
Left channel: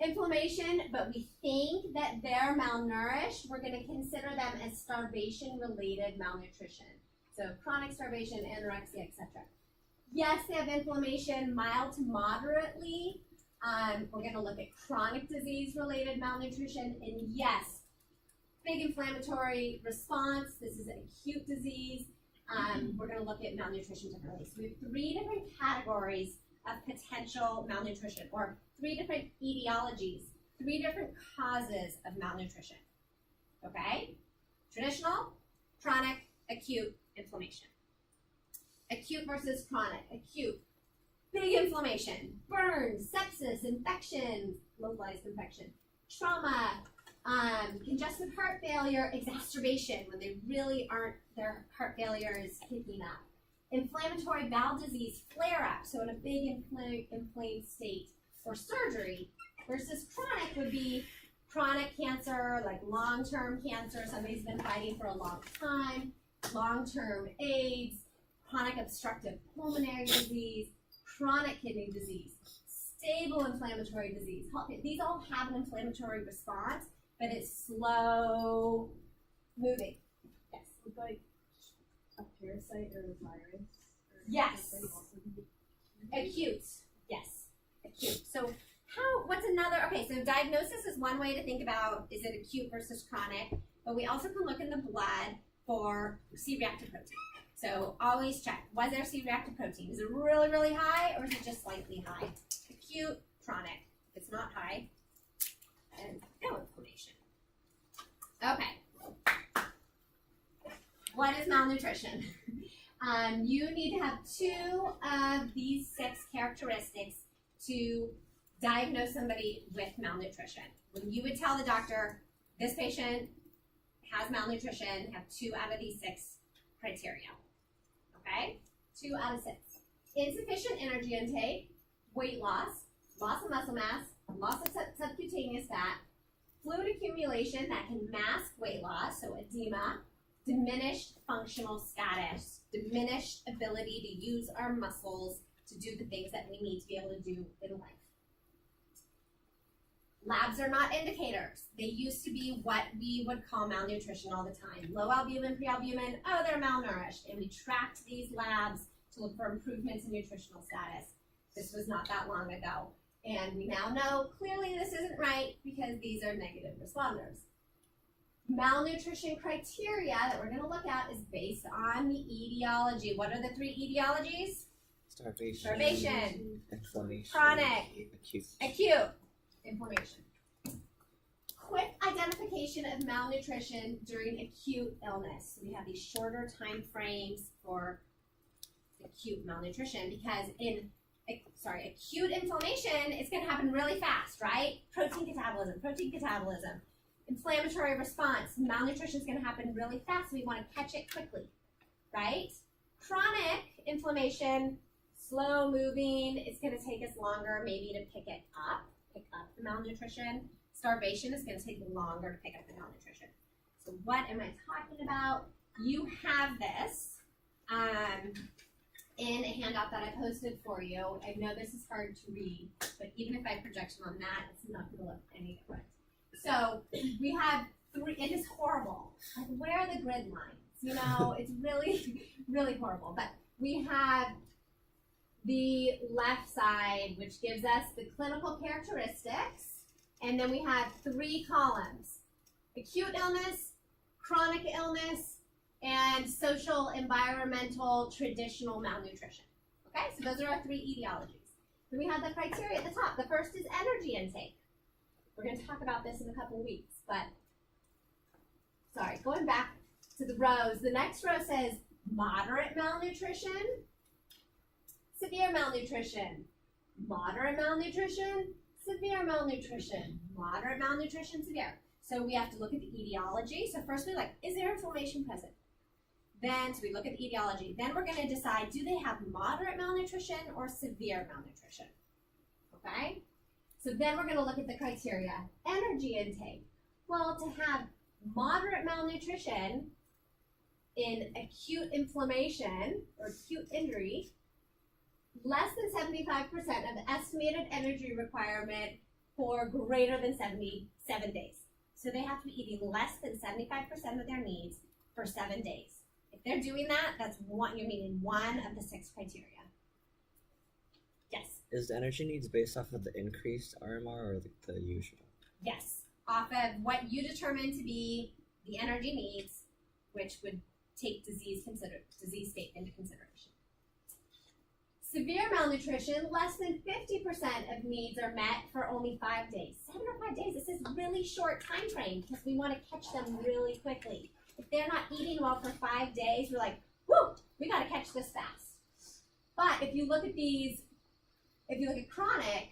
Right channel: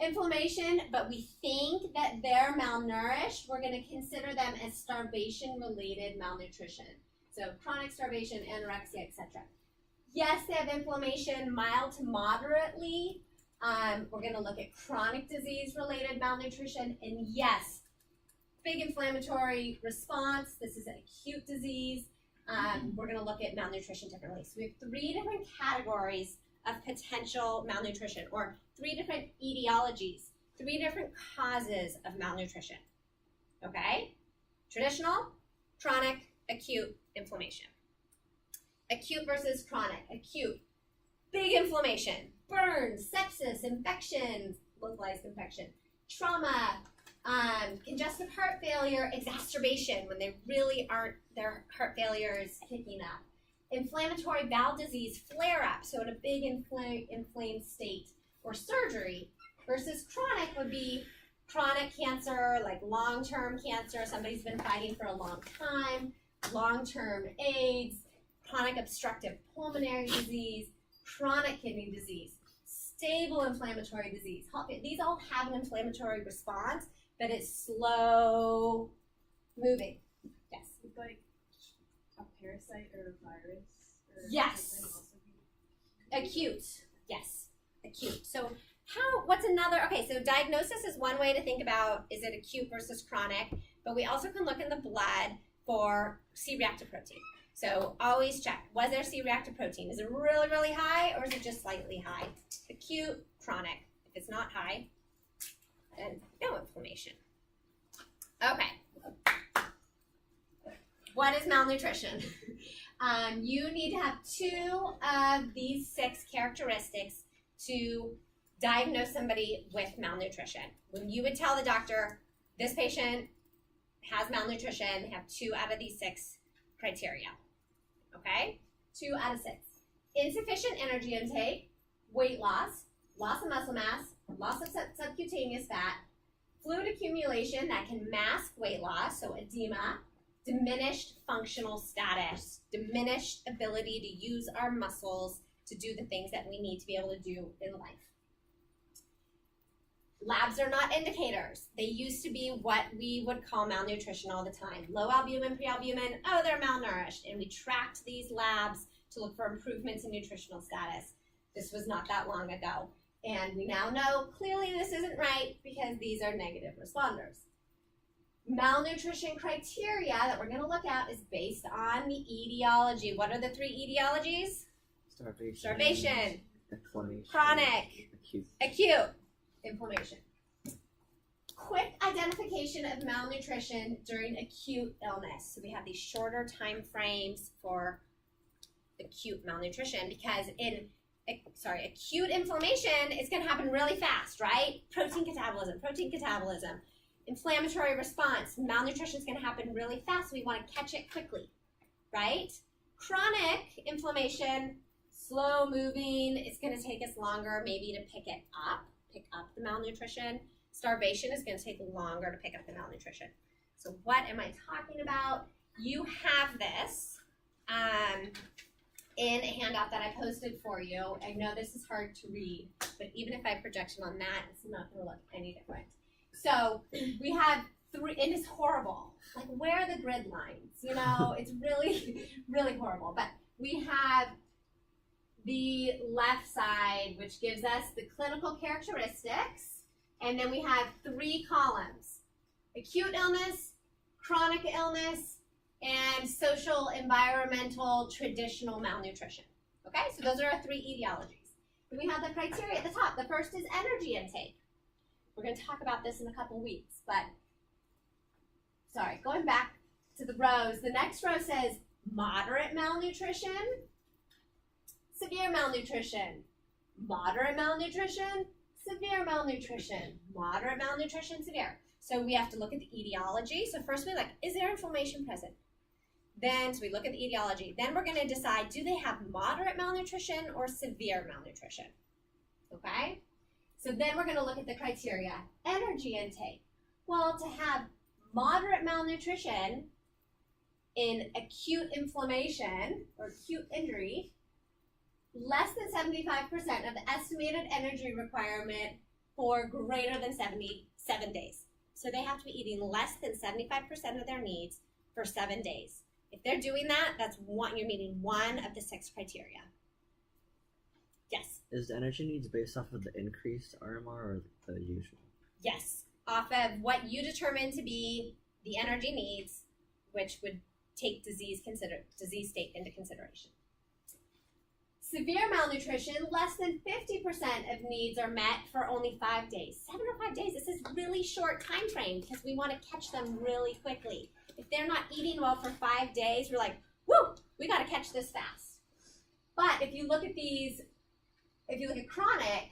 inflammation, but we think that they're malnourished. We're going to consider them as starvation-related malnutrition. So chronic starvation, anorexia, etc. Yes, they have inflammation, mild to moderately. We're going to look at chronic disease-related malnutrition, and yes, big inflammatory response. This is an acute disease. We're going to look at malnutrition differently. So we have 3 different categories of potential malnutrition, or 3 different etiologies, 3 different causes of malnutrition. Okay? Traditional, chronic, acute, inflammation. Acute versus chronic. Acute, big inflammation, burns, sepsis, infections, localized infection, trauma, congestive heart failure, exacerbation when they really aren't, their heart failure is picking up. Inflammatory bowel disease flare-up, so in a big inflamed state, or surgery, versus chronic would be chronic cancer, like long-term cancer, somebody's been fighting for a long time, long-term AIDS, chronic obstructive pulmonary disease, chronic kidney disease, stable inflammatory disease. These all have an inflammatory response, but it's slow moving. Yes? Would like a parasite or a virus? Or yes. something also be Acute. Yes. Acute. So what's another, okay, so diagnosis is one way to think about, is it acute versus chronic, but we also can look in the blood for C-reactive protein. So always check, was there C-reactive protein? Is it really, really high, or is it just slightly high? Acute, chronic. If it's not high, then no inflammation. Okay. What is malnutrition? You need to have 2 of these 6 characteristics to diagnose somebody with malnutrition. When you would tell the doctor, this patient has malnutrition, they have 2 out of these 6 criteria. Okay? 2 out of 6. Insufficient energy intake, weight loss, loss of muscle mass, loss of subcutaneous fat, fluid accumulation that can mask weight loss, so edema, diminished functional status, diminished ability to use our muscles to do the things that we need to be able to do in life. Labs are not indicators. They used to be what we would call malnutrition all the time. Low albumin, pre-albumin, oh, they're malnourished. And we tracked these labs to look for improvements in nutritional status. This was not that long ago. And we now know clearly this isn't right because these are negative responders. Malnutrition criteria that we're going to look at is based on the etiology. What are the 3 etiologies? Starvation, Inflammation. chronic, acute inflammation. Quick identification of malnutrition during acute illness. So we have these shorter time frames for acute malnutrition because in acute inflammation, it's going to happen really fast, right? Protein catabolism. Inflammatory response, malnutrition is going to happen really fast. So we want to catch it quickly, right? Chronic inflammation, slow moving. It's going to take us longer maybe to pick up the malnutrition. Starvation is going to take longer to pick up the malnutrition. So what am I talking about? You have this in a handout that I posted for you. I know this is hard to read, but even if I project it on that, it's not going to look any different. So we have 3, it is horrible. Like, where are the grid lines? You know, it's really, really horrible. But we have the left side, which gives us the clinical characteristics, and then we have 3 columns: acute illness, chronic illness, and social, environmental, traditional malnutrition. Okay, so those are our 3 etiologies. Then we have the criteria at the top. The first is energy intake. We're going to talk about this in a couple weeks, but sorry, going back to the rows. The next row says moderate malnutrition, severe malnutrition, moderate malnutrition, severe malnutrition, moderate malnutrition, severe. So we have to look at the etiology. So first we is there inflammation present? Then, so we look at the etiology. Then we're going to decide, do they have moderate malnutrition or severe malnutrition? Okay? So then we're going to look at the criteria. Energy intake. Well, to have moderate malnutrition in acute inflammation or acute injury, less than 75% of the estimated energy requirement for greater than 7 days. So they have to be eating less than 75% of their needs for 7 days. If they're doing that, you're meeting 1 of the 6 criteria. Yes. Is the energy needs based off of the increased RMR or the usual? Yes, off of what you determine to be the energy needs, which would take disease state into consideration. Severe malnutrition, less than 50% of needs are met for only 5 days. 7 or 5 days, this is really short time frame because we want to catch them really quickly. If they're not eating well for 5 days, we're like, whoo, we got to catch this fast. But if you look at chronic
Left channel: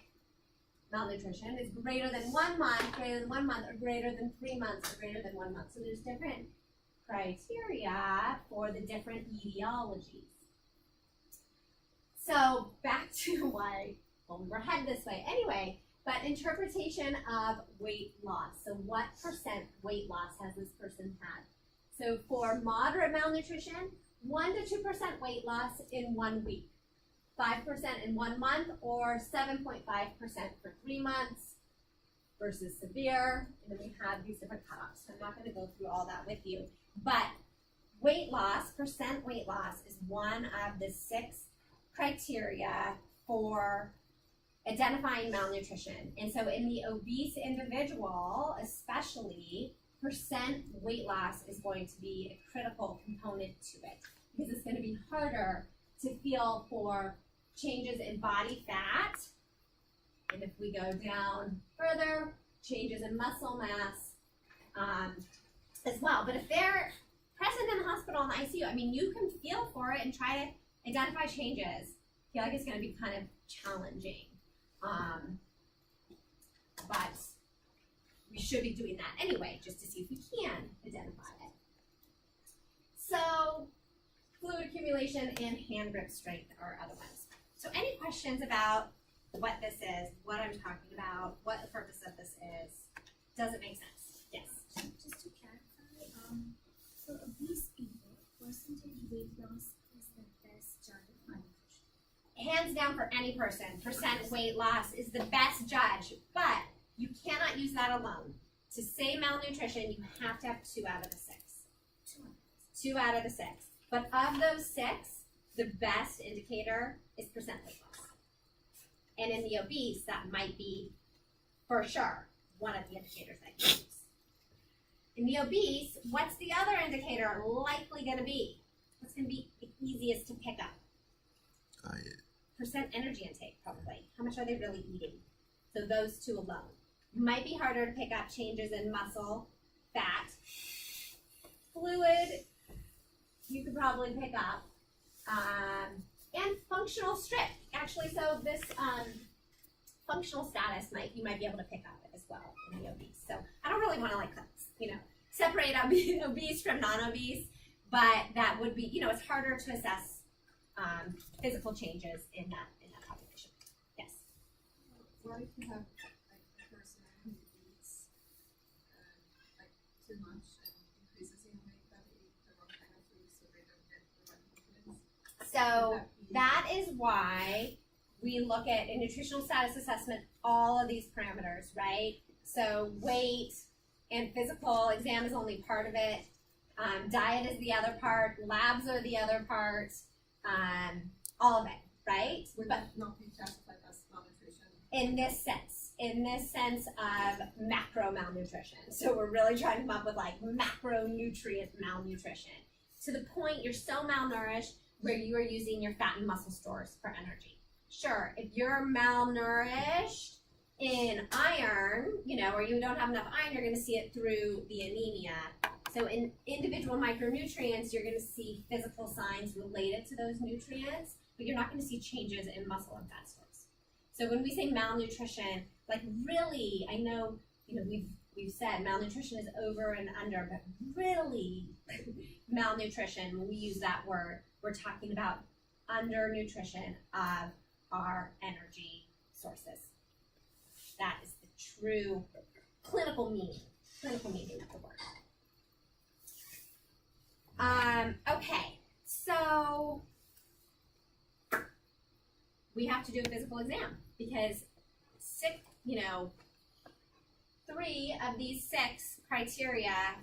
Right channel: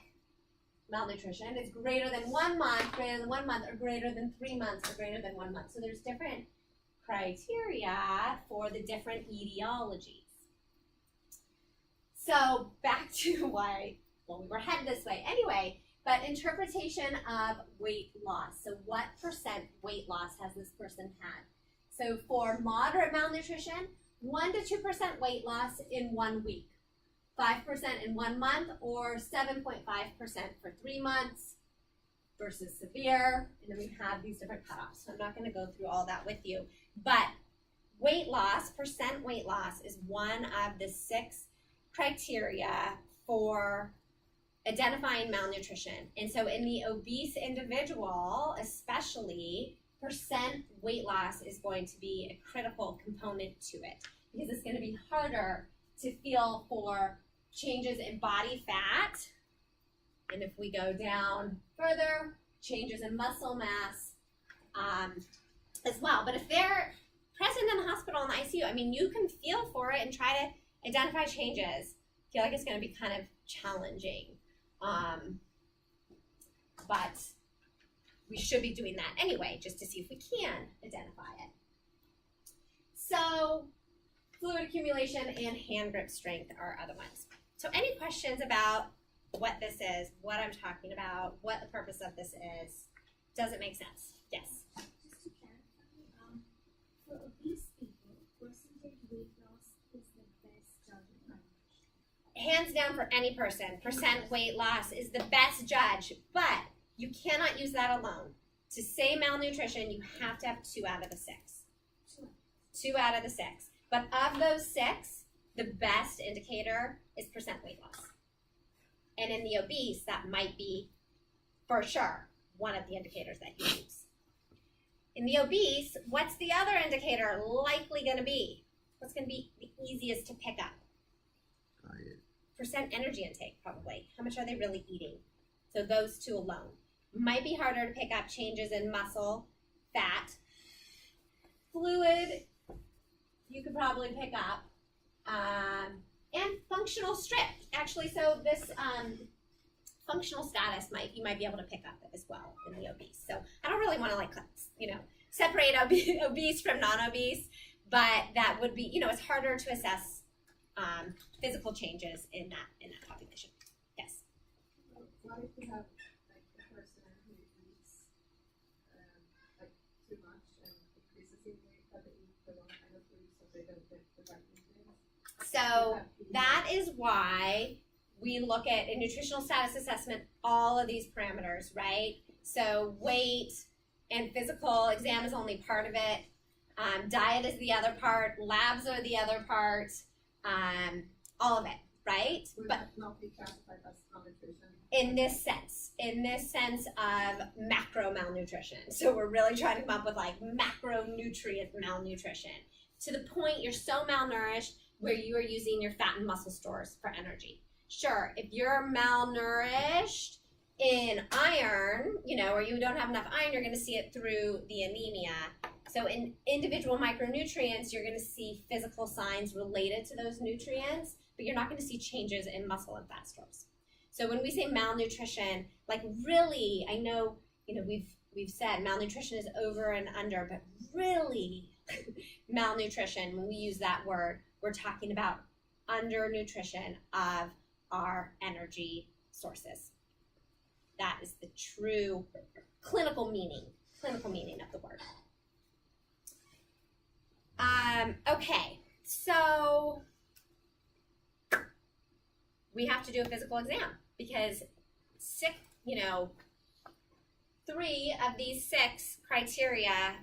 malnutrition, it's greater than 1 month, or greater than 3 months, or greater than 1 month. So there's different criteria for the different etiologies. So back to why, we were headed this way anyway, but interpretation of weight loss. So what percent weight loss has this person had? So for moderate malnutrition, 1 to 2% weight loss in 1 week. 5% in 1 month, or 7.5% for 3 months versus severe. And then we have these different cutoffs. So I'm not going to go through all that with you. But weight loss, percent weight loss, is one of the 6 criteria for identifying malnutrition. And so in the obese individual, especially, percent weight loss is going to be a critical component to it because it's going to be harder to feel for changes in body fat, and if we go down further, changes in muscle mass as well. But if they're present in the hospital in the ICU, I mean, you can feel for it and try to identify changes. I feel like it's going to be kind of challenging, but we should be doing that anyway, just to see if we can identify it. So fluid accumulation and hand grip strength are other ones. So any questions about what this is, what I'm talking about, what the purpose of this is? Does it make sense? Yes. Just to clarify, for obese people, percentage weight loss is the best judge of malnutrition. Hands down for any person, percent weight loss is the best judge, but you cannot use that alone. To say malnutrition, you have to have 2 out of the 6. 2 out of the 6. But of those 6, the best indicator is percent weight loss. And in the obese, that might be, for sure, one of the indicators that you use. In the obese, what's the other indicator likely going to be? What's going to be the easiest to pick up? Diet. Percent energy intake, probably. How much are they really eating? So those 2 alone. Might be harder to pick up changes in muscle, fat, fluid, you could probably pick up, and functional strength. Actually, so this functional status you might be able to pick up as well in the obese. So I don't really want to separate obese from non-obese, but that would be, it's harder to assess physical changes in that population. Yes. What if you have like a person who eats like too much and increases in weight, but they eat the wrong kind of food, so they don't get the right nutrients? So that is why we look at in nutritional status assessment all of these parameters, right? So weight and physical exam is only part of it. Diet is the other part. Labs are the other part. All of it, right? Would But that not be classified as malnutrition? in this sense of macro malnutrition. So we're really trying to come up with like macronutrient malnutrition. To the point you're so malnourished where you are using your fat and muscle stores for energy. Sure, if you're malnourished in iron, or you don't have enough iron, you're going to see it through the anemia. So in individual micronutrients, you're going to see physical signs related to those nutrients, but you're not going to see changes in muscle and fat stores. So when we say malnutrition, like really, I know, we've said malnutrition is over and under, but really malnutrition, when we use that word, we're talking about undernutrition of our energy sources. That is the true clinical meaning of the word. Okay, so we have to do a physical exam because 3 of these 6 criteria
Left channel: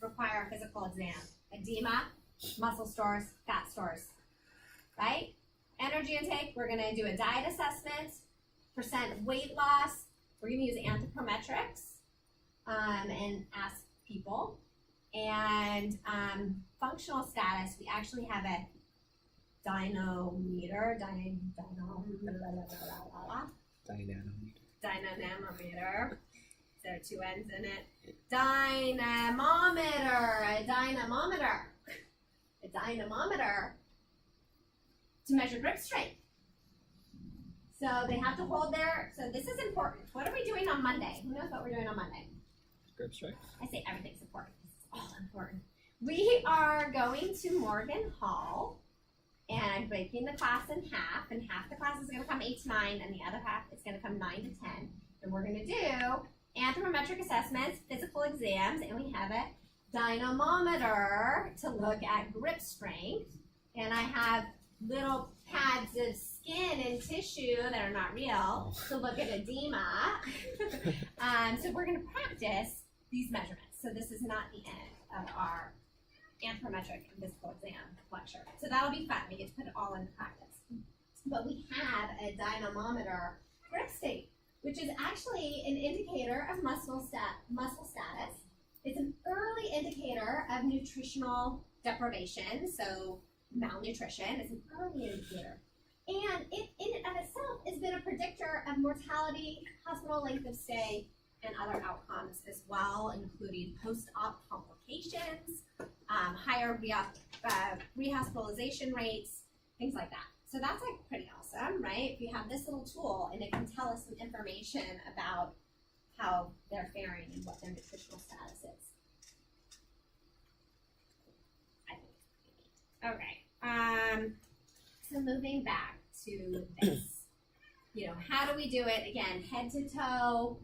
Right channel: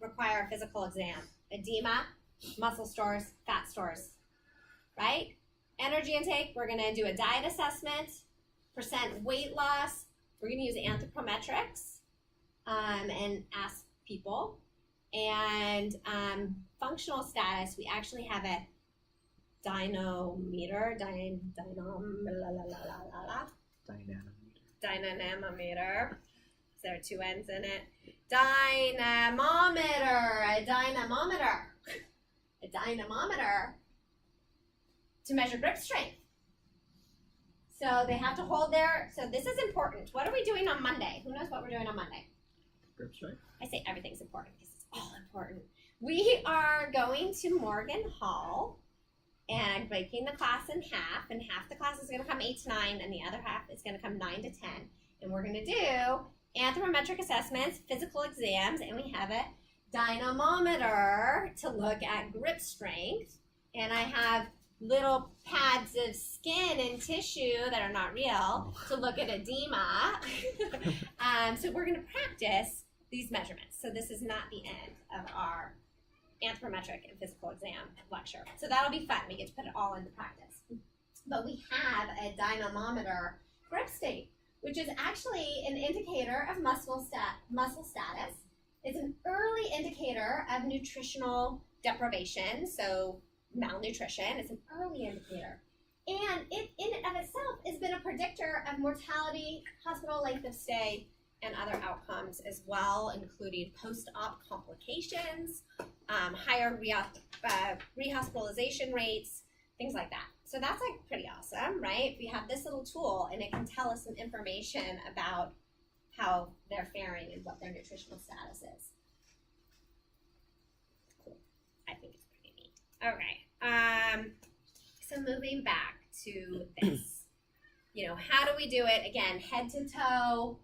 require a physical exam. Edema, muscle stores, fat stores, right? Energy intake, we're gonna do a diet assessment, percent weight loss, we're gonna use anthropometrics and ask people. And functional status, we actually have a dynamometer. Dynamometer. There are 2 N's in it. A dynamometer to measure grip strength. So they have to hold so this is important. What are we doing on Monday? Who knows what we're doing on Monday? Grip strength. I say everything's important because it's all important. We are going to Morgan Hall and breaking the class in half, and half the class is going to come 8 to 9, and the other half is going to come 9 to 10. And we're going to do anthropometric assessments, physical exams, and we have a dynamometer to look at grip strength. And I have little pads of skin and tissue that are not real to look at edema. So we're going to practice these measurements. So this is not the end of our anthropometric and physical exam lecture. So that'll be fun. We get to put it all into practice. But we have a dynamometer grip state, which is actually an indicator of muscle status. It's an early indicator of nutritional deprivation, so malnutrition. It's an early indicator. And it in and of itself has been a predictor of mortality, hospital length of stay, and other outcomes as well, including post-op complications, higher rehospitalization rates, things like that. So that's like pretty awesome, right? We have this little tool and it can tell us some information about how they're faring and what their nutritional status is. Cool. I think it's pretty neat. Okay. So moving back to this. You know, how do we do it? Again, head to toe.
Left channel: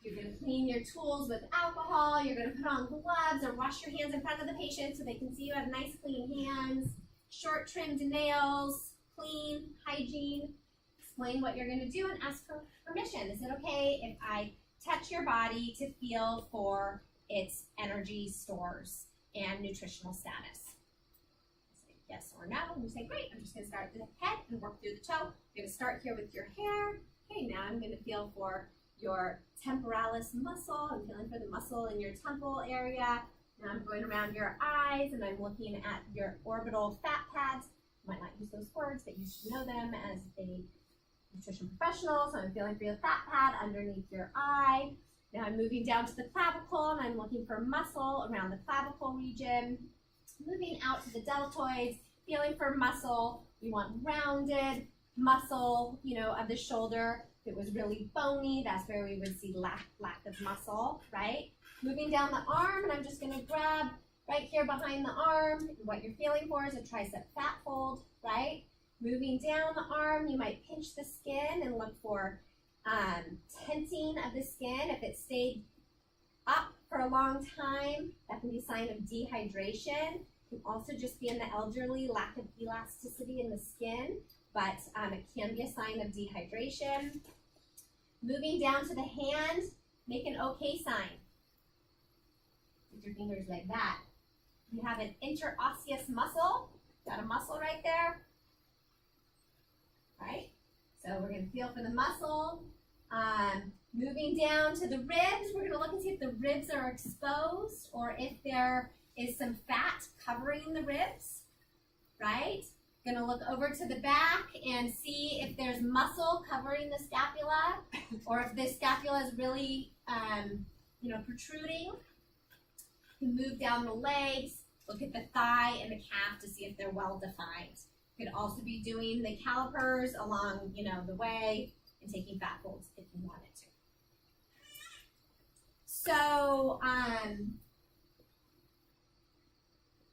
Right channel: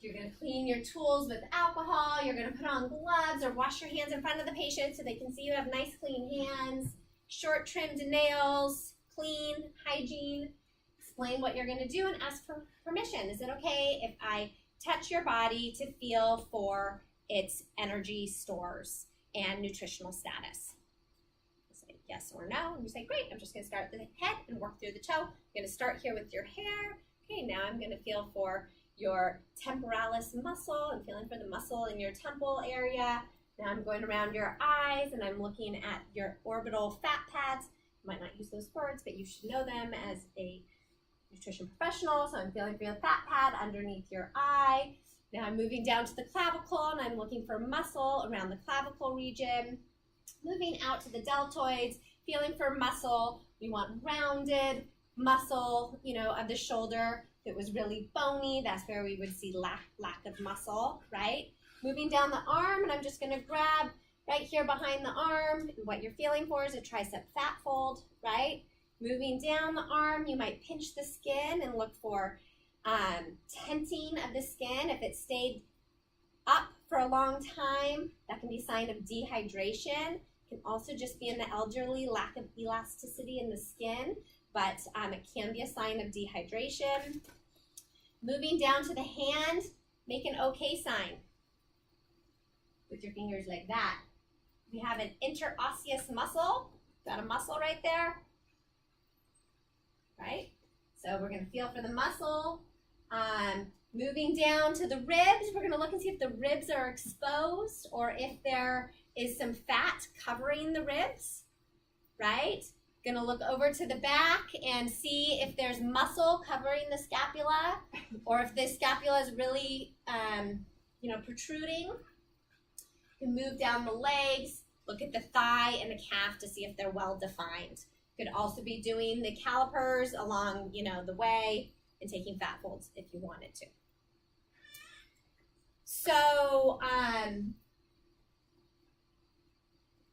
You're going to clean your tools with alcohol. You're going to put on gloves or wash your hands in front of the patient so they can see you have nice, clean hands. Short trimmed nails, clean, hygiene. Explain what you're going to do and ask for permission. Is it okay if I touch your body to feel for its energy stores and nutritional status? Say yes or no. And you say, great, I'm just going to start with the head and work through the toe. I'm going to start here with your hair. Okay, now I'm going to feel for your temporalis muscle. I'm feeling for the muscle in your temple area. Now I'm going around your eyes and I'm looking at your orbital fat pads. You might not use those words, but you should know them as a nutrition professional. So I'm feeling for your fat pad underneath your eye. Now I'm moving down to the clavicle and I'm looking for muscle around the clavicle region. Moving out to the deltoids, feeling for muscle. We want rounded muscle, you know, of the shoulder. If it was really bony, that's where we would see lack of muscle, right? Moving down the arm, and I'm just going to grab right here behind the arm. And what you're feeling for is a tricep fat fold, right? Moving down the arm, you might pinch the skin and look for tenting of the skin. If it stayed up for a long time, that can be a sign of dehydration. It can also just be in the elderly, lack of elasticity in the skin, but it can be a sign of dehydration. Moving down to the hand, make an okay sign with your fingers like that. We have an interosseous muscle. Got a muscle right there, right? So we're going to feel for the muscle. Moving down to the ribs, we're going to look and see if the ribs are exposed or if there is some fat covering the ribs, right? Going to look over to the back and see if there's muscle covering the scapula or if the scapula is really, protruding. You can move down the legs, look at the thigh and the calf to see if they're well defined. You could also be doing the calipers along, the way and taking fat folds if you wanted to. So,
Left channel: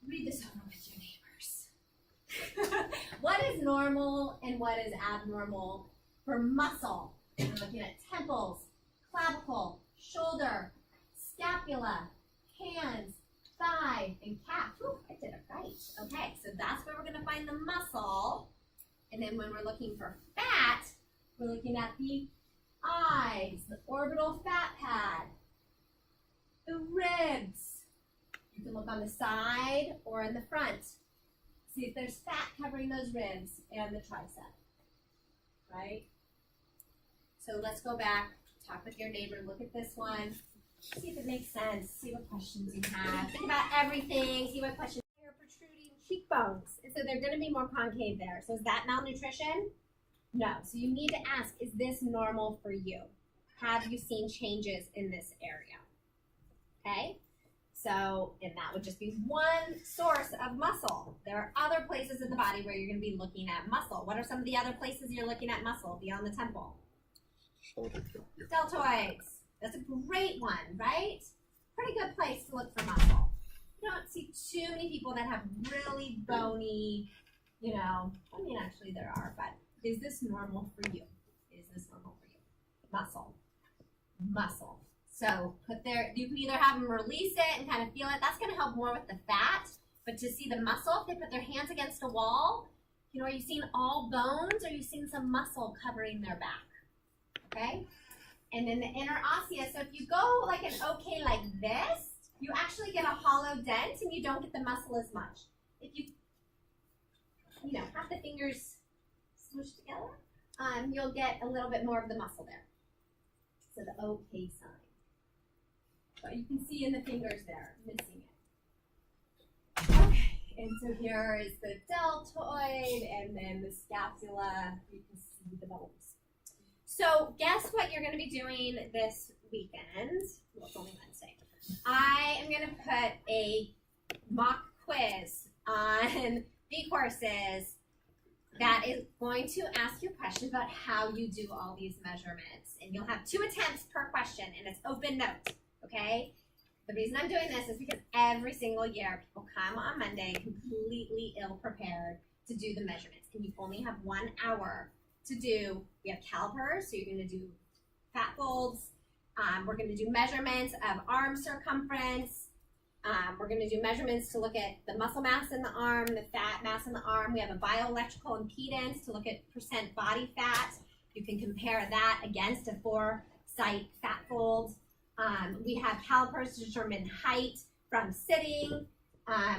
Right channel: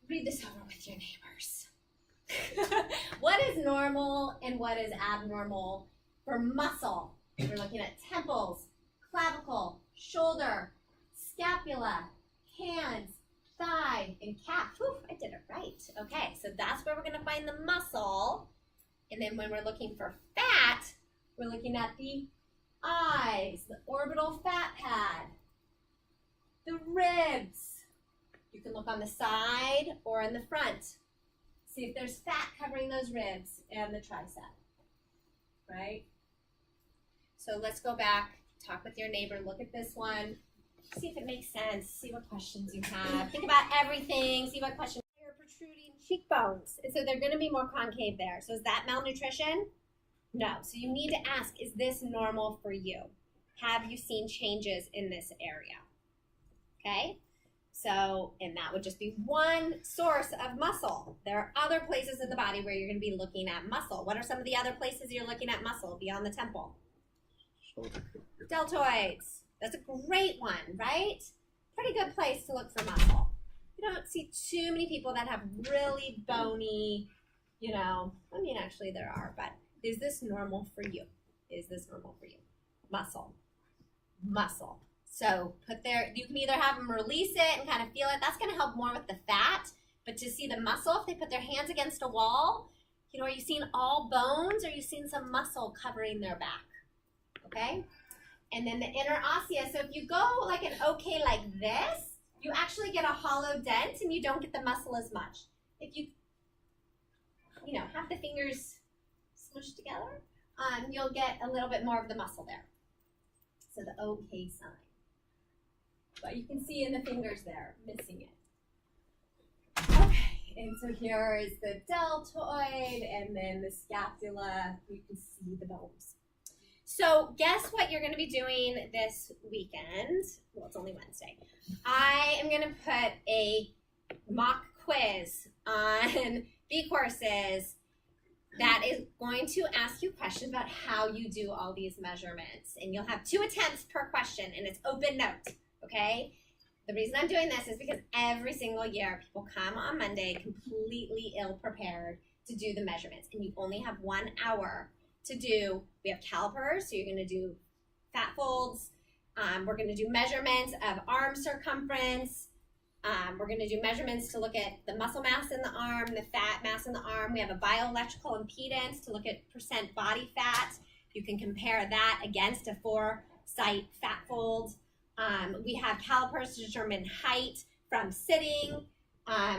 read this over with your neighbors. What is normal and what is abnormal for muscle? We're looking at temples, clavicle, shoulder, scapula, hands, thigh, and calf. Whew, I did it right. Okay, so that's where we're going to find the muscle. And then when we're looking for fat, we're looking at the eyes, the orbital fat pad, the ribs. You can look on the side or in the front. See if there's fat covering those ribs and the tricep, right? So let's go back, talk with your neighbor, look at this one, see if it makes sense, see what questions you have. Think about everything, see what questions. They're protruding cheekbones, and so they're going to be more concave there. So is that malnutrition? No. So you need to ask, is this normal for you? Have you seen changes in this area? Okay? So, and that would just be one source of muscle. There are other places in the body where you're going to be looking at muscle. What are some of the other places you're looking at muscle beyond the temple? Shoulder. Deltoids. That's a great one, right? Pretty good place to look for muscle. You don't see too many people that have really bony, actually there are, but is this normal for you? Is this normal for you? Muscle. Muscle. So you can either have them release it and kind of feel it. That's going to help more with the fat. But to see the muscle, if they put their hands against a wall, are you seeing all bones or are you seeing some muscle covering their back? Okay? And then the interosseous. So if you go like an okay like this, you actually get a hollow dent and you don't get the muscle as much. If you, have the fingers smushed together, you'll get a little bit more of the muscle there. So the okay sign. But you can see in the fingers there, missing it. Okay, and so here is the deltoid and then the scapula. You can see the bones. So guess what you're going to be doing this weekend? Well, it's only Wednesday. I am going to put a mock quiz on B courses that is going to ask you questions about how you do all these measurements. And you'll have 2 attempts per question, and it's open note, okay? The reason I'm doing this is because every single year people come on Monday completely ill-prepared to do the measurements, and you only have 1 hour to do. We have calipers, so you're gonna do fat folds. We're gonna do measurements of arm circumference. We're going to do measurements to look at the muscle mass in the arm, the fat mass in the arm. We have a bioelectrical impedance to look at % body fat. You can compare that against a 4-site fat fold. We have calipers to determine height from sitting.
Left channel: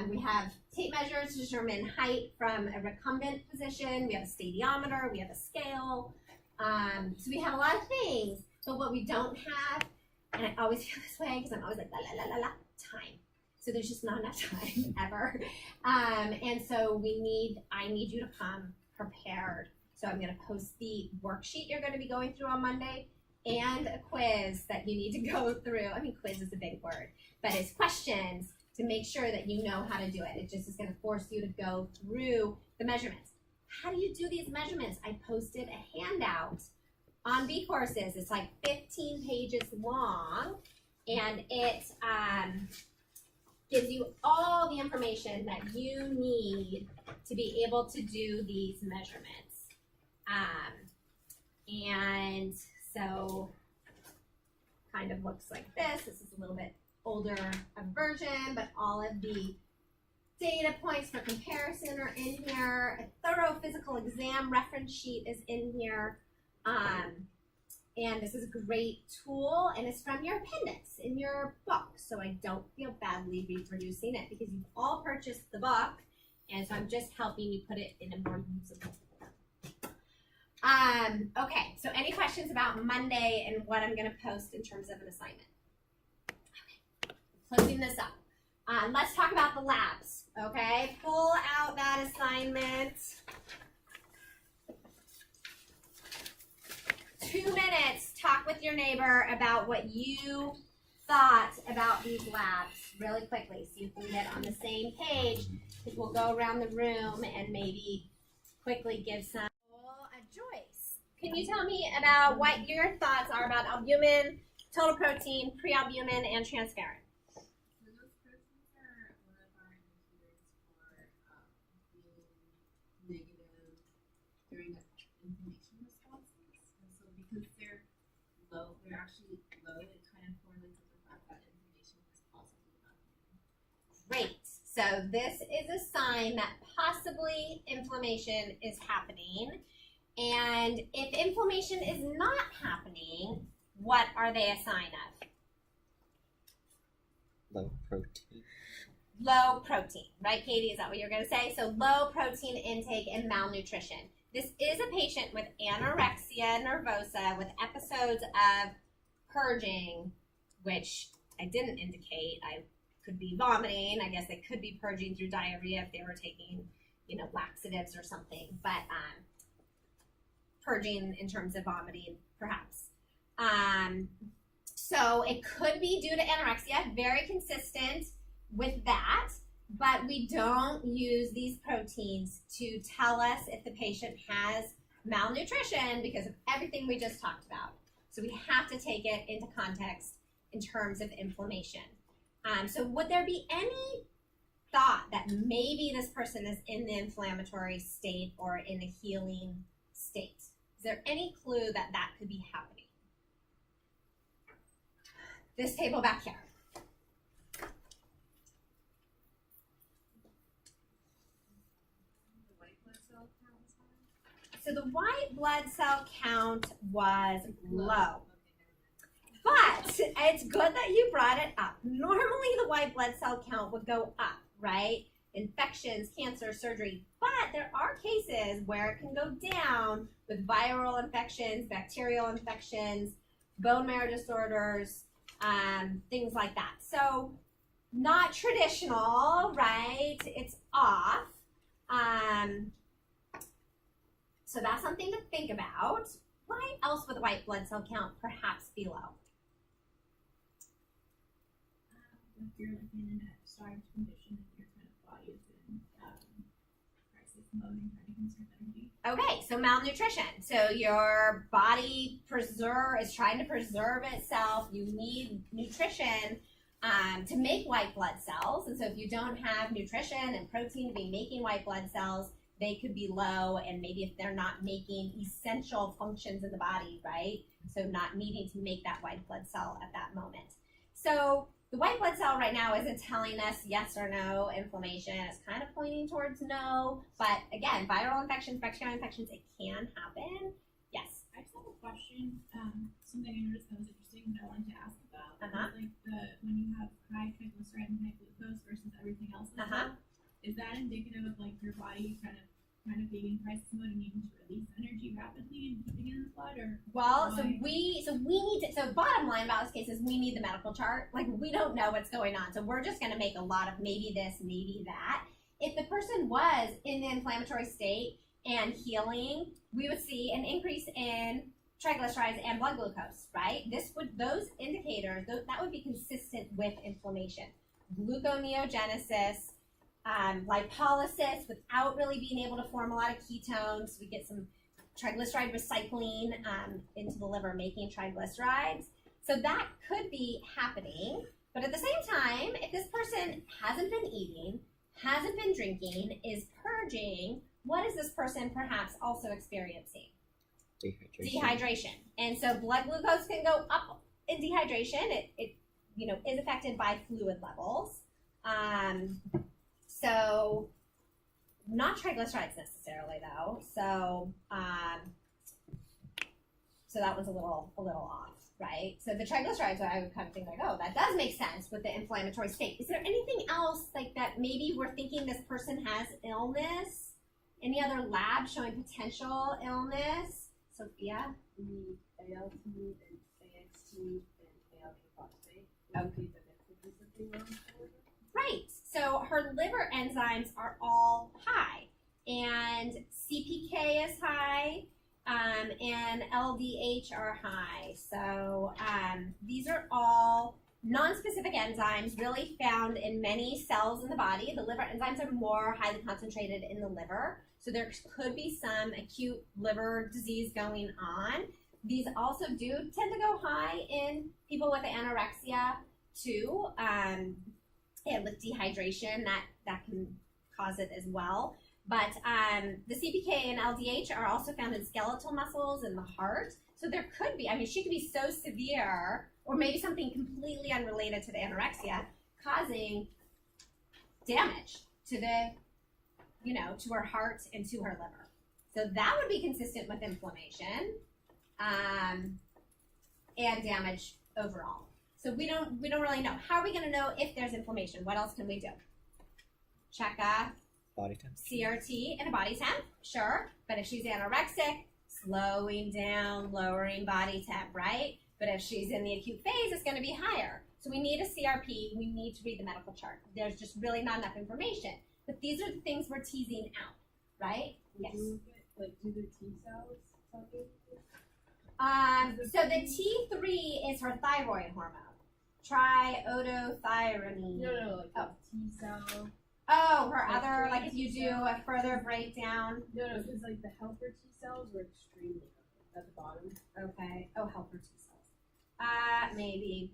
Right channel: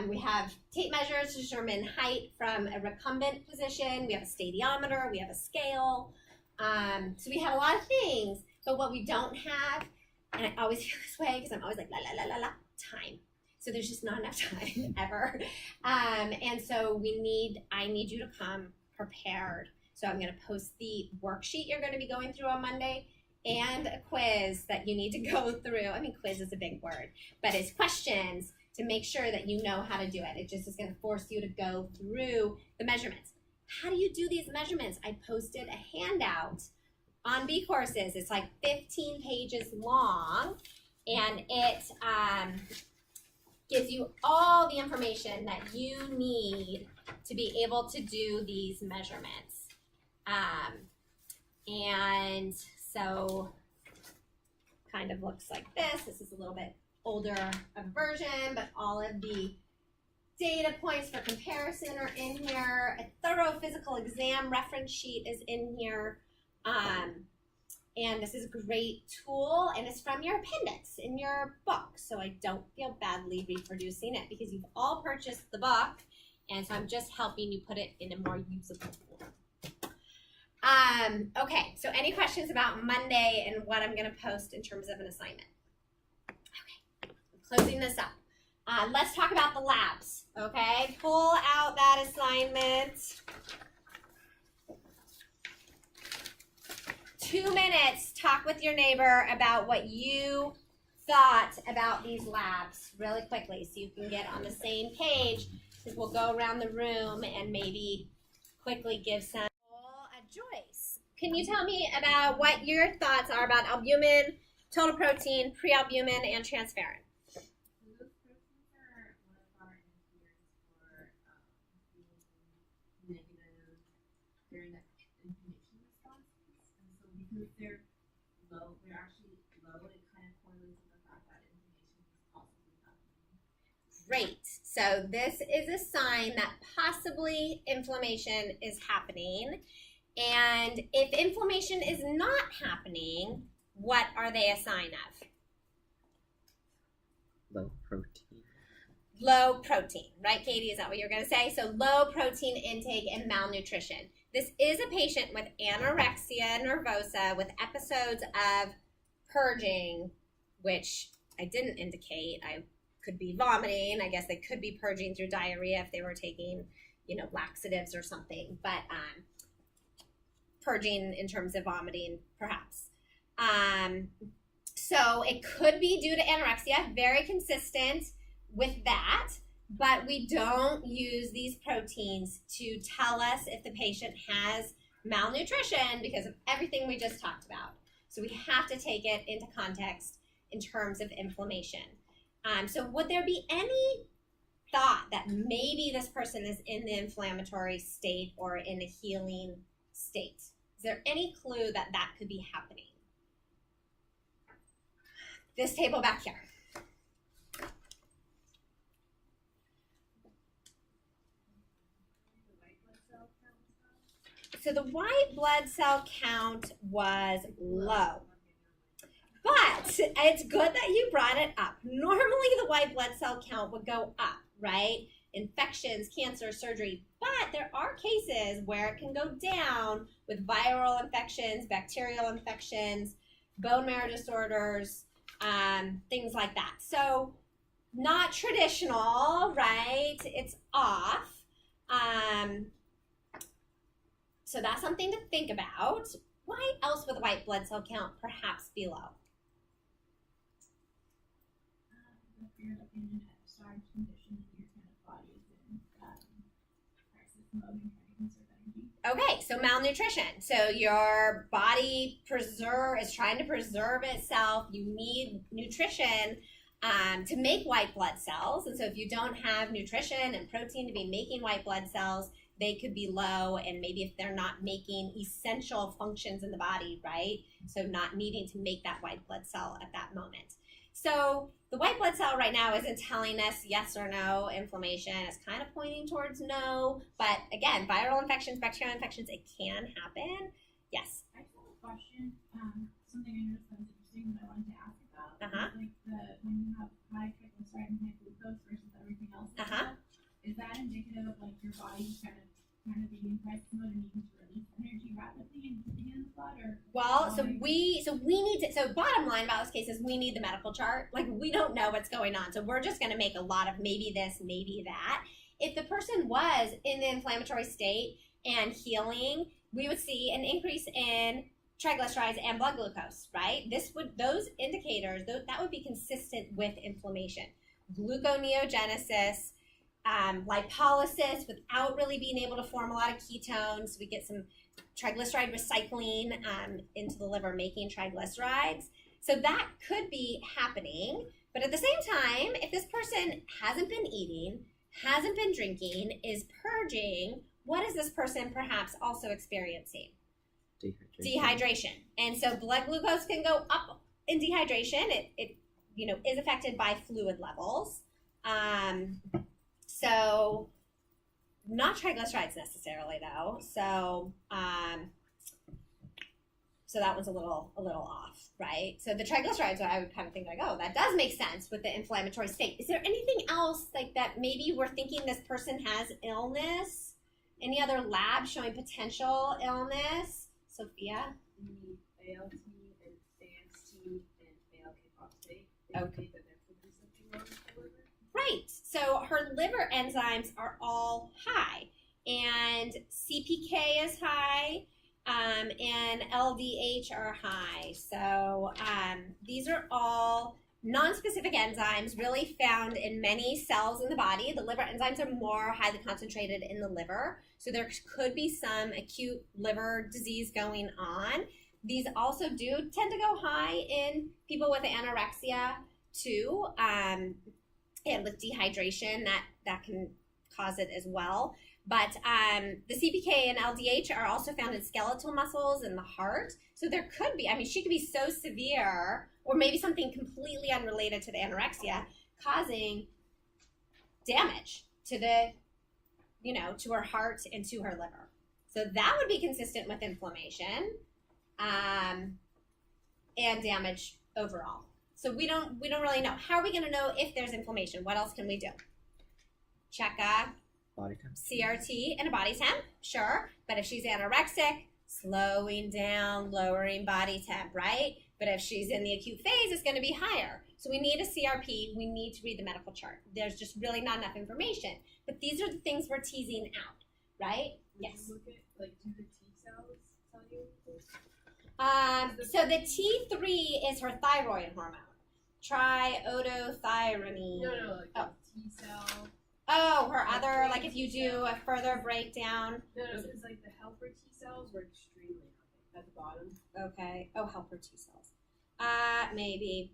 We have tape measures to determine height from a recumbent position. We have a stadiometer. We have a scale. So we have a lot of things. But what we don't have, and I always feel this way because I'm always like, la, la, la, la, la, time. So there's just not enough time ever. And so I need you to come prepared. So I'm gonna post the worksheet you're gonna be going through on Monday and a quiz that you need to go through. I mean, quiz is a big word, but it's questions to make sure that you know how to do it. It just is gonna force you to go through the measurements. How do you do these measurements? I posted a handout on B Courses. It's like 15 pages long, and it gives you all the information that you need to be able to do these measurements. And so kind of looks like this. This is a little bit older of a version, but all of the data points for comparison are in here. A thorough physical exam reference sheet is in here. And this is a great tool, and it's from your appendix in your book. So I don't feel badly reproducing it because you've all purchased the book, and so I'm just helping you put it in a more usable form. Okay, so any questions about Monday and what I'm gonna post in terms of an assignment? Okay, closing this up. Let's talk about the labs, okay? Pull out that assignment. 2 minutes, talk with your neighbor about what you thought about these labs really quickly so you can get on the same page, because we'll go around the room and maybe quickly give some. Joyce, can you tell me about what your thoughts are about albumin, total protein, prealbumin, and transferrin? So those proteins are one of our indicators for being negative during the inflammation responses. And so because they're low, they're actually low, it kind of correlates with the fact that inflammation is possibly happening. Great. So this is a sign that possibly inflammation is happening. And if inflammation is not happening, what are they a sign of? Low protein. Low protein, right, Katie? Is that what you're going to say? So low protein intake and malnutrition. This is a patient with anorexia nervosa with episodes of purging, which I didn't indicate. I could be vomiting. I guess they could be purging through diarrhea if they were taking, laxatives or something. But purging in terms of vomiting, perhaps. So it could be due to anorexia, very consistent with that, but we don't use these proteins to tell us if the patient has malnutrition because of everything we just talked about. So we have to take it into context in terms of inflammation. So would there be any thought that maybe this person is in the inflammatory state or in a healing state? Is there any clue that that could be happening? This table back here. So the white blood cell count was low. But it's good that you brought it up. Normally the white blood cell count would go up, right? Infections, cancer, surgery. But there are cases where it can go down with viral infections, bacterial infections, bone marrow disorders, things like that. So not traditional, right? It's off. So that's something to think about. Why else would the white blood cell count perhaps be low? If you're like in a starved condition and your kind of body is in crisis mode and trying to conserve energy. Okay, so malnutrition. So your body is trying to preserve itself. You need nutrition to make white blood cells. And so if you don't have nutrition and protein to be making white blood cells, they could be low. And maybe if they're not making essential functions in the body, right? So not needing to make that white blood cell at that moment. So the white blood cell right now isn't telling us yes or no inflammation. It's kind of pointing towards no. But again, viral infections, bacterial infections, it can happen. Yes. I just have a question. Something I noticed that was interesting that I wanted to ask about. Like when you have high triglyceride and high glucose versus everything else as well, is that indicative of like your body kind of being in crisis mode and needing to release energy rapidly and keeping it in the blood, or so we need to, so bottom line about this case is we need the medical chart. Like we don't know what's going on, so we're just going to make a lot of maybe this, maybe that. If the person was in the inflammatory state and healing, we would see an increase in triglycerides and blood glucose, right? Those indicators, that would be consistent with inflammation. Gluconeogenesis, lipolysis without really being able to form a lot of ketones. We get some triglyceride recycling into the liver, making triglycerides. So that could be happening. But at the same time, if this person hasn't been eating, hasn't been drinking, is purging, what is this person perhaps also experiencing? Dehydration. And so blood glucose can go up in dehydration. It is affected by fluid levels. So not triglycerides necessarily though. So that was a little off, right? So the triglycerides, I would kind of think like, oh, that does make sense with the inflammatory state. Is there anything else like that maybe we're thinking this person has illness? Any other lab showing potential illness? Sophia? The ALT and AST and ALK phosphate. Okay. That could be something wrong with the liver. Right. So her liver enzymes are all high, and CPK is high, and LDH are high. So these are all non-specific enzymes really found in many cells in the body. The liver enzymes are more highly concentrated in the liver. So there could be some acute liver disease going on. These also do tend to go high in people with anorexia too, and with dehydration that can cause it as well. But the CPK and LDH are also found in skeletal muscles in the heart. So there could be, she could be so severe, or maybe something completely unrelated to the anorexia, causing damage to to her heart and to her liver. So that would be consistent with inflammation and damage overall. So we don't really know. How are we going to know if there's inflammation? What else can we do? Check a body temp, CRT and a body temp, sure. But if she's anorexic, slowing down, lowering body temp, right? But if she's in the acute phase, it's going to be higher. So we need a CRP. We need to read the medical chart. There's just really not enough information. But these are the things we're teasing out, right? Yes. You look at, do the T cells tell you? So the T3 is her thyroid hormone. Triiodothyronine. No, T cell. Oh, her other, if you do a further breakdown. No, because the helper T cells were extremely high at the bottom. Okay. Oh, helper T cells. Maybe.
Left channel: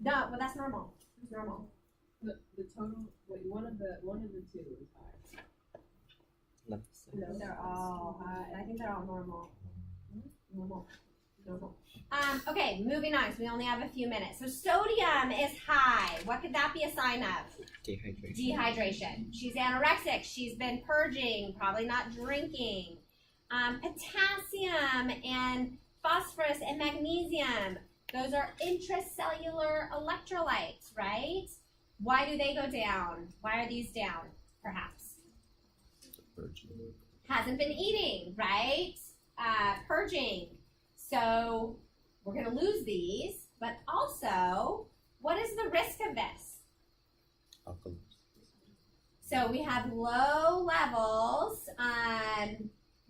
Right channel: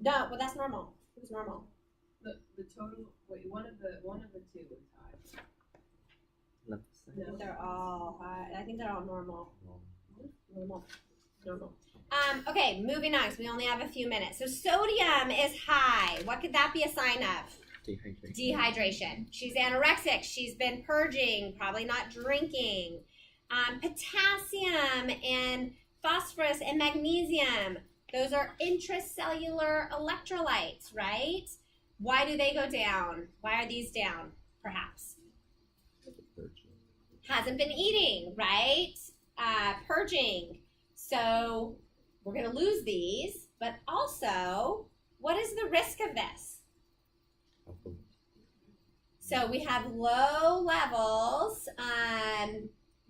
No, well that's normal. It was normal. The total. Wait, one of the two was high. No. No, they're all high. I think they're all normal. Normal. Okay, moving on, because we only have a few minutes. So sodium is high. What could that be a sign of? Dehydration. She's anorexic. She's been purging, probably not drinking. Potassium and phosphorus and magnesium. Those are intracellular electrolytes, right? Why do they go down? Why are these down, perhaps? Hasn't been eating, right? Purging. So we're going to lose these, but also, what is the risk of this? Alcohol. So we have low levels.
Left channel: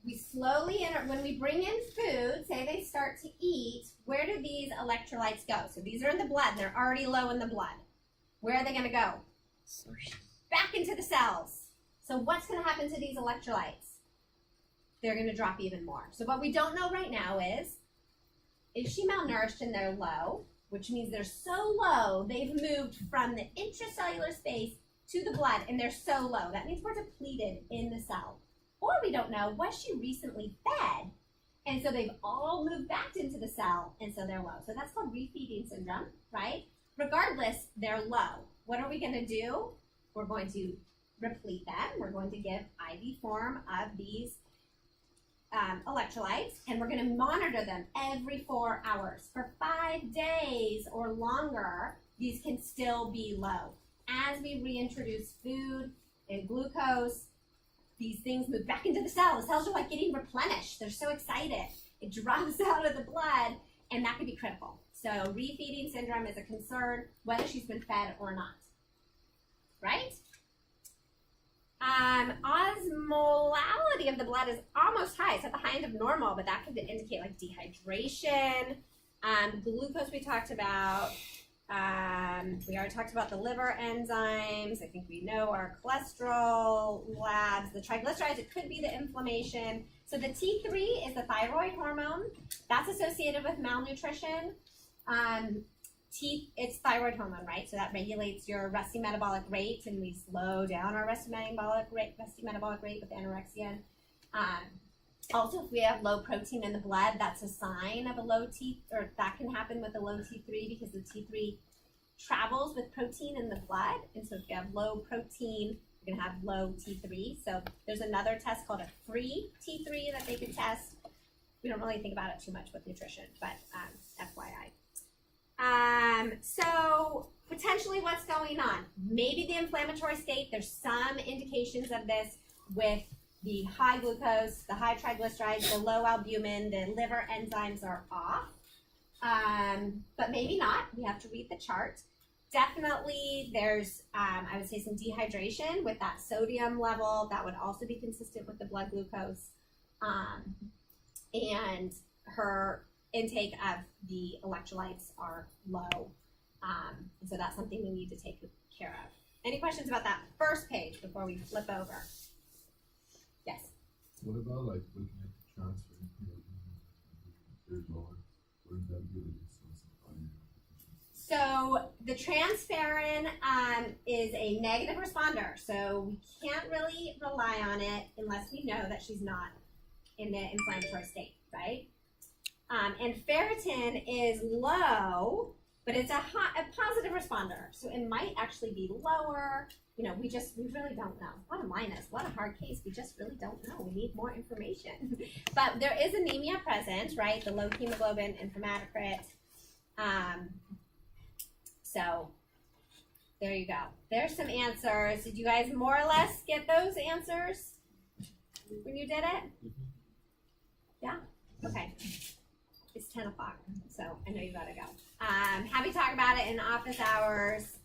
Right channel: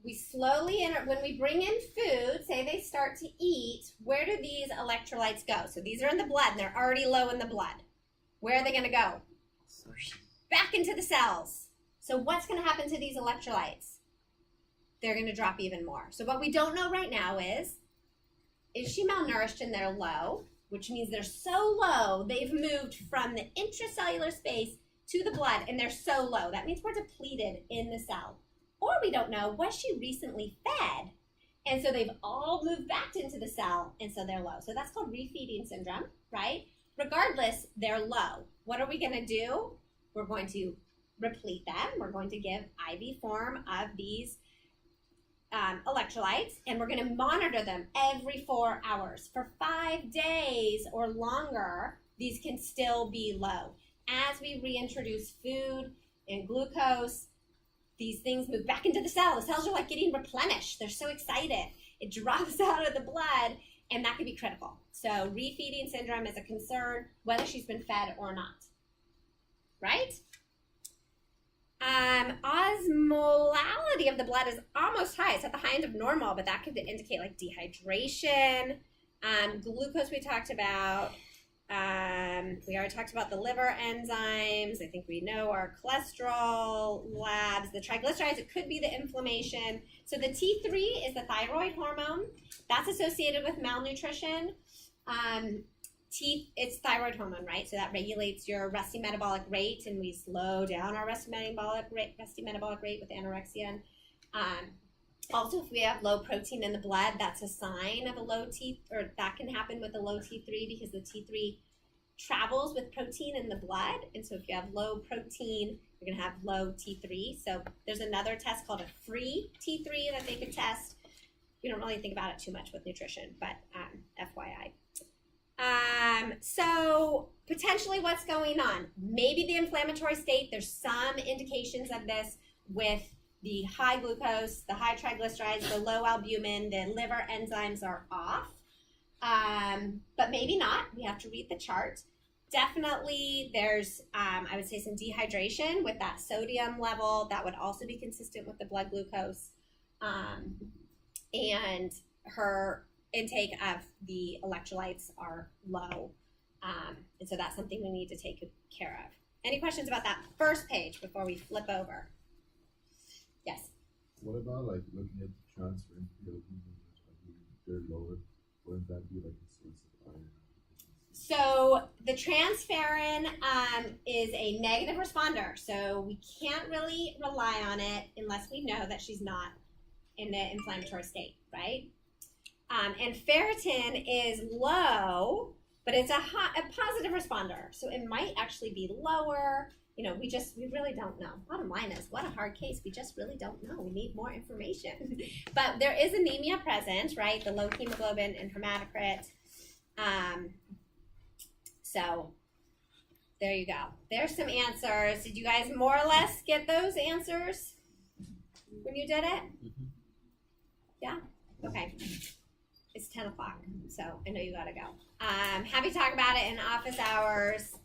We slowly enter, when we bring in food, say they start to eat, where do these electrolytes go? So these are in the blood, and they're already low in the blood. Where are they going to go? Back into the cells. So what's going to happen to these electrolytes? they're going to drop even more. So what we don't know right now is she malnourished and they're low, which means they're so low, they've moved from the intracellular space to the blood, and they're so low. That means we're depleted in the cell. Or we don't know, was she recently fed? And so they've all moved back into the cell, and so they're low. So that's called refeeding syndrome, right? Regardless, they're low. What are we going to do? We're going to replete them. We're going to give IV form of these electrolytes, and we're going to monitor them every 4 hours. For 5 days or longer, these can still be low. As we reintroduce food and glucose, these things move back into the cell. The cells are like getting replenished. They're so excited. It drops out of the blood, and that could be critical. So refeeding syndrome is a concern whether she's been fed or not, right? Osmolality of the blood is almost high. It's at the high end of normal, but that could indicate like dehydration. Glucose we talked about. We already talked about the liver enzymes. I think we know our cholesterol labs. The triglycerides, it could be the inflammation. So the T3 is the thyroid hormone. That's associated with malnutrition. It's thyroid hormone, right? So that regulates your resting metabolic rate, and we slow down our resting metabolic rate with anorexia. Also, if we have low protein in the blood, that's a sign of a low or that can happen with a low T3 because the T3 travels with protein in the blood. And so if you have low protein, you're going to have low T3. So there's another test called a free T3 that they could test. We don't really think about it too much with nutrition, but FYI. So potentially what's going on? Maybe the inflammatory state. There's some indications of this with the high glucose, the high triglycerides, the low albumin, the liver enzymes are off. But maybe not. We have to read the chart. Definitely there's, I would say, some dehydration with that sodium level. That would also be consistent with the blood glucose. And her intake of the electrolytes are low. And so that's something we need to take care of. Any questions about that first page before we flip over? Yes. What about like looking at the transfer in they're lower? Wouldn't that be like a source of iron? So the transferrin is a negative responder. So we can't really rely on it unless we know that she's not in the inflammatory state, right? And ferritin is low, but it's a positive responder. So it might actually be lower. You know, we really don't know. Bottom line is, what a hard case. We just really don't know. We need more information. But there is anemia present, right? The low hemoglobin and hematocrit. So there you go. There's some answers. Did you guys more or less get those answers when you did it? Yeah? Okay. It's 10 o'clock, so I know you gotta go. Happy to talk about it in office hours.